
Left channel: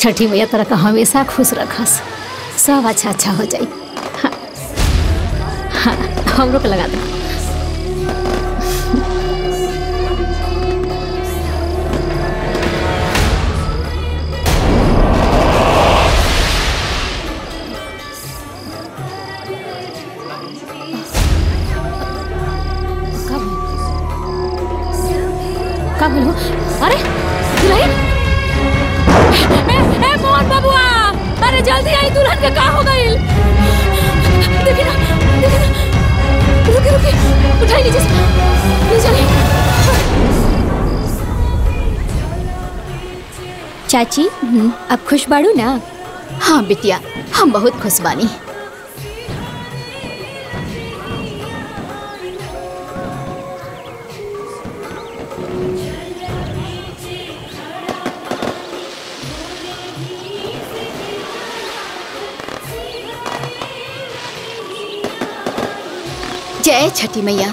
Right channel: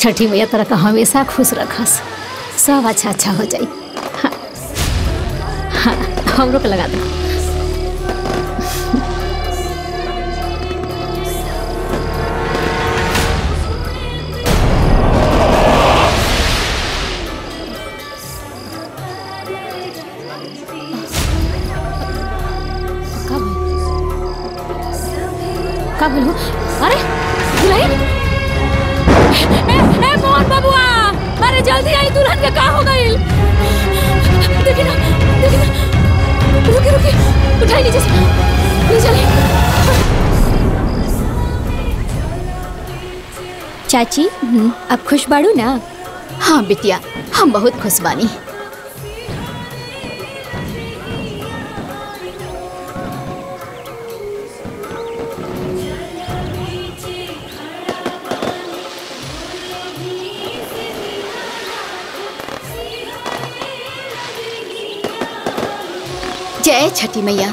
छठी मैया तरह का हमेशा खुश रखस, सब अच्छा अच्छा हो जाई। हाँ, हाँ, हमरो के लगा दो। का बोलो? अरे दुल्हन, ए मोहन बबुआ, अरे जल्दी आई, दुल्हन का हो गई? देखी ना, रुकी रुकी, उठाई नीचे से, ले चले। चाची, अब खुश बाड़ू ना? हाँ बिटिया, हम बहुत खुश बानी। जय छठी मैया।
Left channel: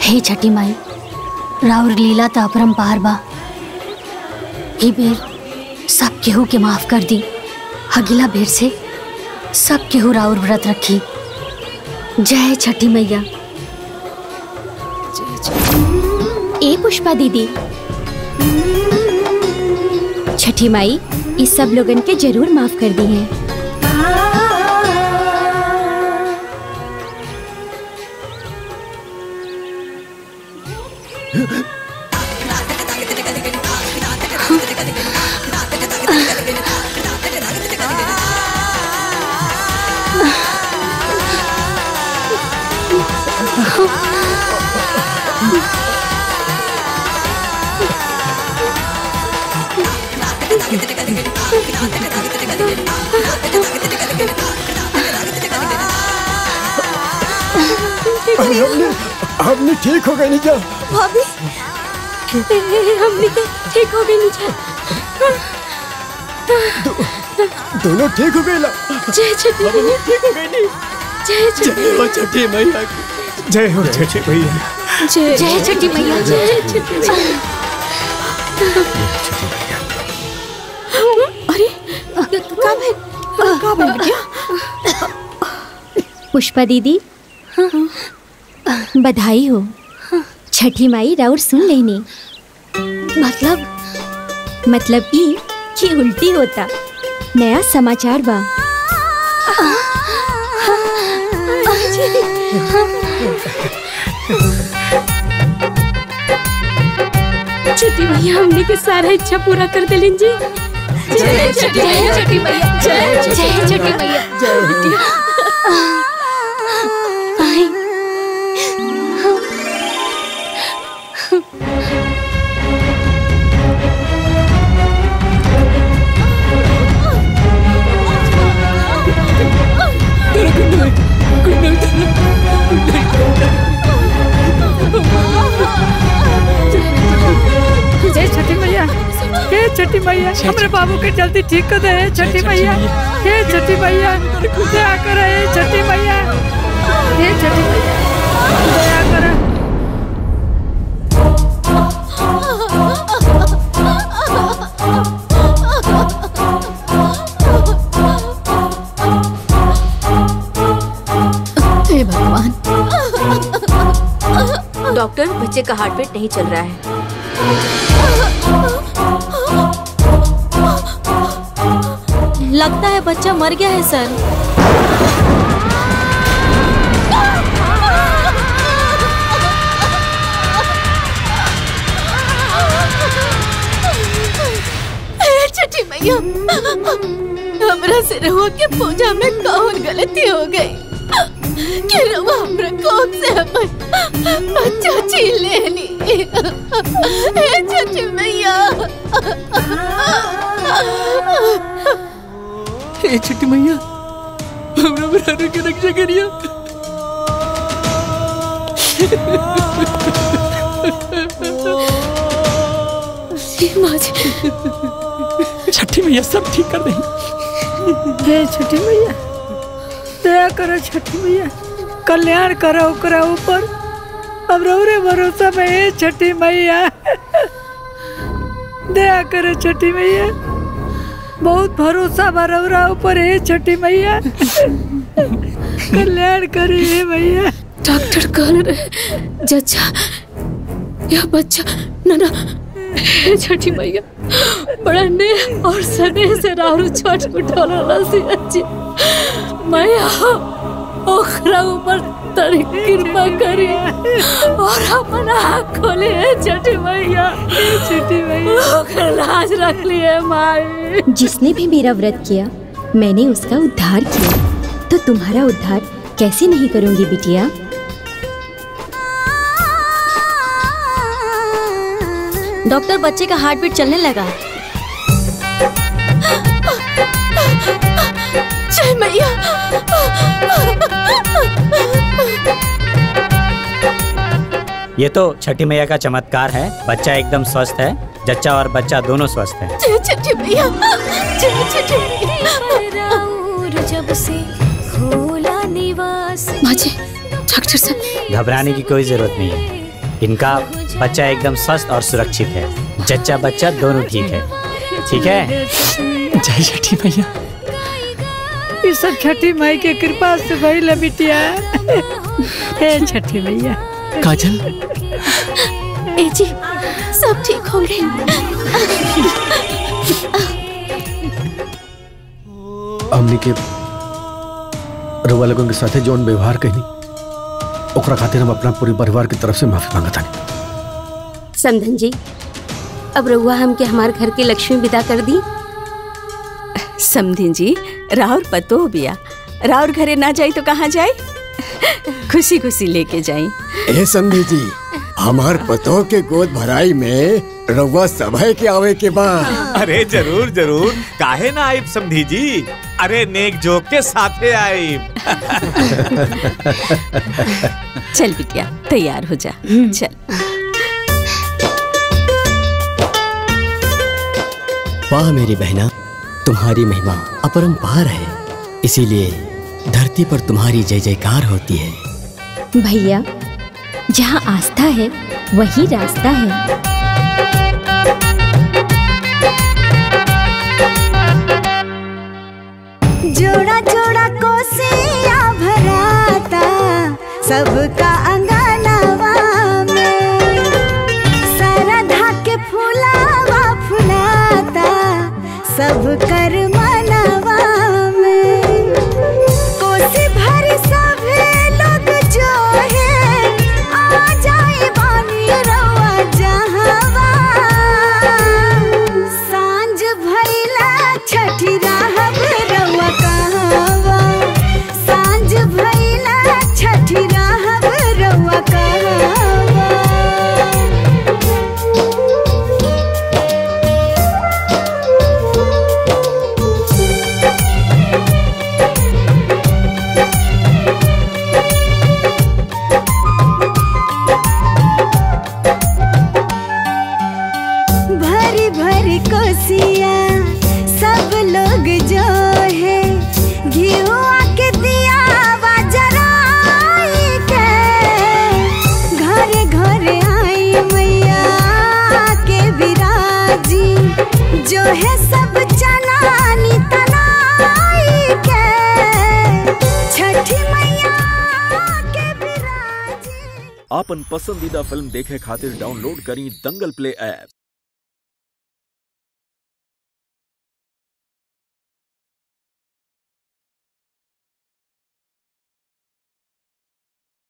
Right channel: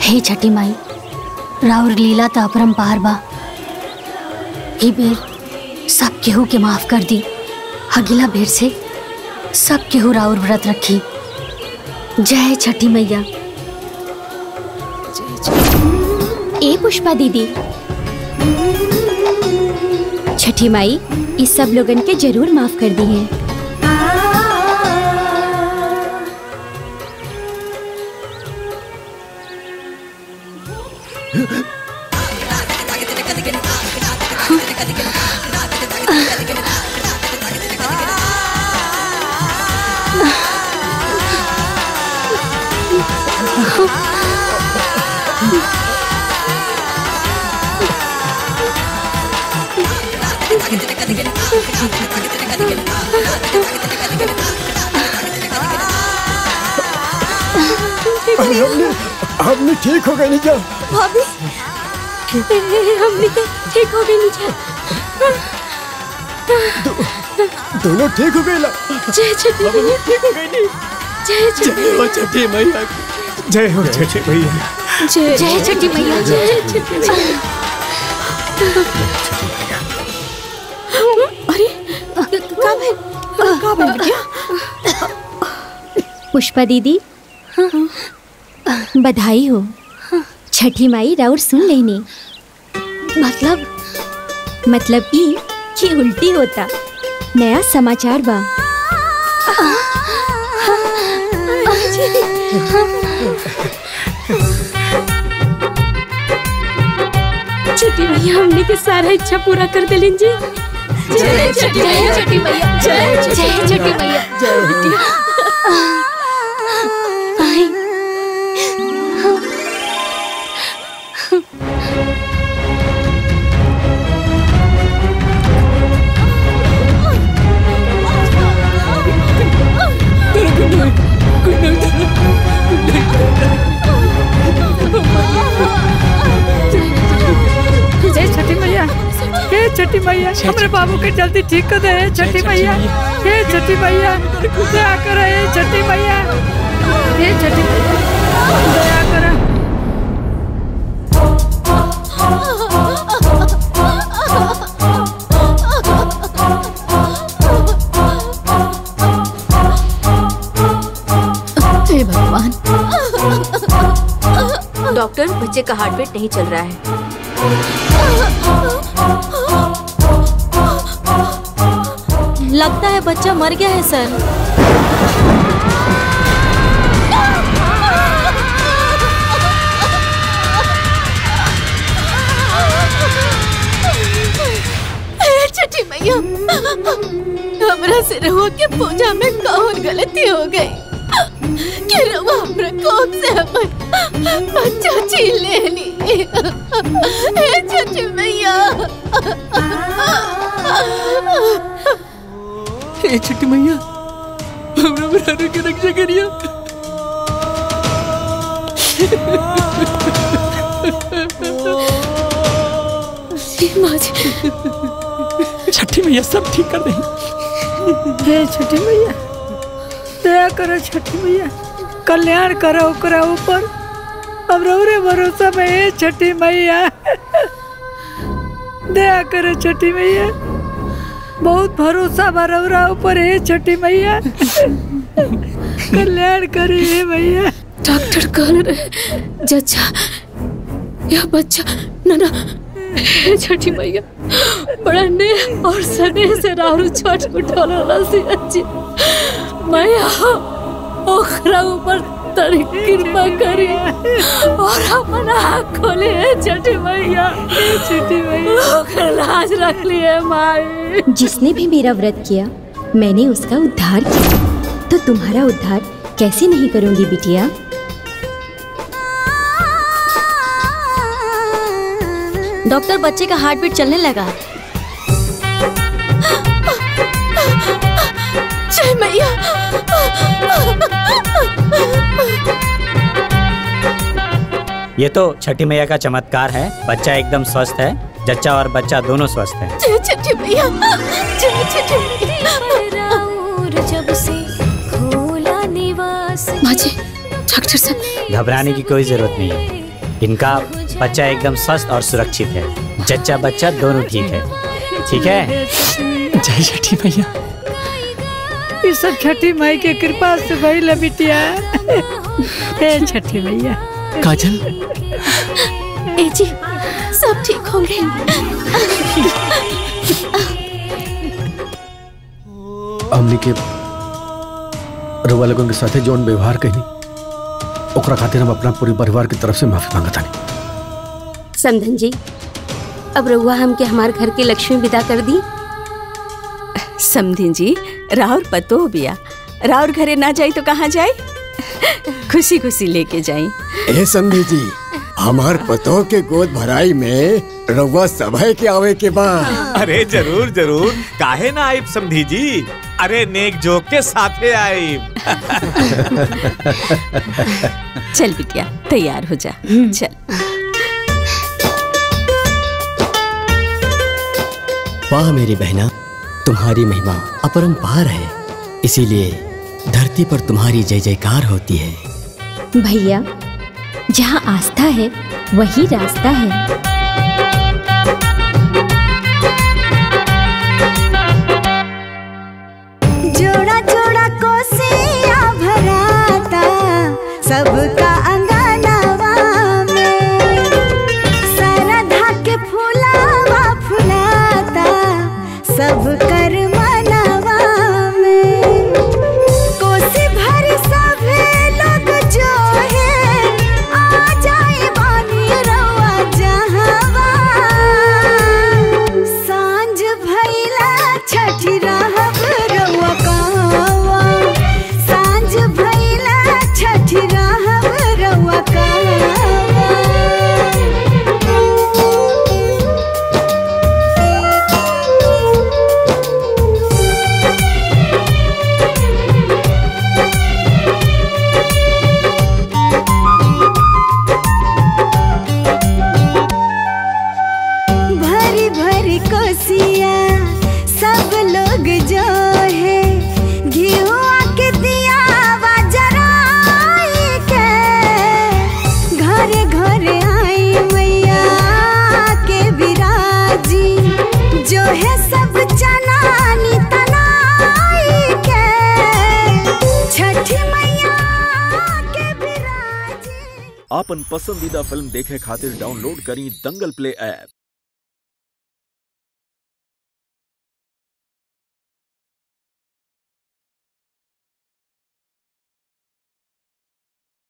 हे छठी माई, राउर लीला तो अपरंपार बा। ई बेर सब केहू के माफ कर दी, अगला बेर से सब केहू राउर व्रत रखी। जय छठी मैया। ए पुष्पा दीदी, छठी माई इस सब लोगन के जरूर माफ कर दी है। हमने ठीक हो गए नहीं क्या? भाभी, हमने ठीक हो गए नहीं क्या? दोनों ठीक हो गए ला? जय छठी मैया। ठीक हो गए नहीं? जय छठी मैया। जय हो छठी मैया। जय छठी मैया। जय छठी मैया। अरे का भइल? पुष्पा दीदी, बधाई हो। छठी माई राउर सुन लेनी। मतलब ई कि उल्टी होता। नया समाचार बा। छठी मैया हमने के सारा इच्छा पूरा कर देलिन जी। जय छठी मैया। छठी मैया। जय छठी मैया। जय। जय छठी मैया। हे छठी मैया, हमारे बाबू के जल्दी ठीक कर दे। छठी मैया, हे छठी मैया, दया कर। हे छठी मैया, हे छठी मैया, दया कर। हे भगवान। डॉक्टर, बच्चे का हार्ट बीट नहीं चल रहा है। लगता है बच्चा मर गया है सर। छठी मैया, हमरा से रहुआ के पूजा में कौन गलती हो गई कि रहुआ हमरा कोख से हमर बच्चा छीन लेनी। हे छठी मैया, हे छठी मैया, हमरा बराबर के रक्षा करिया। माँ जी, छठी मैया सब ठीक कर देंगे। हे छठी मैया, दया करो छठी मैया, कल्याण करो ओकरा ऊपर। अब रौरे भरोसा में हे छठी मैया, दया करो छठी मैया, बहुत भरोसा बा रौरा ऊपर हे छठी मैया, कल्याण करी हे मैया। डॉक्टर कह रहे जच्चा यह बच्चा ना हे छठी मैया बड़ा ने और सने से रारू छठ उठौला सी अच्छी मैया ओकरा ऊपर तरी कृपा करी और अपन आँख खोले है छठी मैया। छठी मैया ओकरा लाज रख ली है माई। जिसने भी मेरा व्रत किया मैंने उसका उद्धार किया, तो तुम्हारा उद्धार कैसे नहीं करूंगी बिटिया। डॉक्टर बच्चे का हार्ट बीट चलने लगा। जय मैया। ये तो छठी मैया का चमत्कार है। बच्चा एकदम स्वस्थ है, जच्चा और बच्चा दोनों स्वस्थ हैं। जय छठी मैया, जय छठी मैया। जब से खोला निवास। माँ जी, डॉक्टर साहब घबराने की कोई जरूरत नहीं है। इनका बच्चा एकदम स्वस्थ और सुरक्षित है। जच्चा बच्चा दोनों ठीक है। ठीक है। जय छठी मैया। ये सब छठी माई के कृपा से भइल बिटिया। हे छठी मैया। काजल, ए जी सब ठीक हो गए। हमनी के रउआ लोगन के साथे जौन व्यवहार कहनी ओकरा खातिर हम अपना पूरे परिवार की तरफ से माफी मांगत हनी। समधन जी, अब रउआ हमके हमारे घर के लक्ष्मी विदा कर दी। समधिन जी, राउर पतो बिया, राउर घरे ना जाई तो कहाँ जाई? खुशी खुशी लेके जाई। ए समधी जी, हमार पतो के गोद भराई में रउआ सभय के आवे के बा। अरे जरूर जरूर, काहे ना आइब समधी जी। अरे नेक जोक के साथे आइब। चल बिटिया तैयार हो जा। चल। वाह मेरी बहना, तुम्हारी महिमा अपरंपार है, इसीलिए धरती पर तुम्हारी जय जयकार होती है। भैया, जहाँ आस्था है वही रास्ता है। जोड़ा जोड़ा कोसिया भराता सबका अंगनवा में, सरधा के फुलावा फुलाता सब कर मनवा में। कोसी भरी सभे लोग जो है आ जाए बानी रवा जहावा। सांझ भइला छठी रहब रवा कहवा, सांझ भइला छठी रहब रवा कहवा। भरी भरी कोसिया सब लोग जो है घिउआ के दिया जराई के, घरे घरे आई मैया के विराजी, जो है सब चनानी तनाई के। छठी मैया के विराजी। आपन पसंदीदा फिल्म देखे खातिर डाउनलोड करी दंगल प्ले ऐप।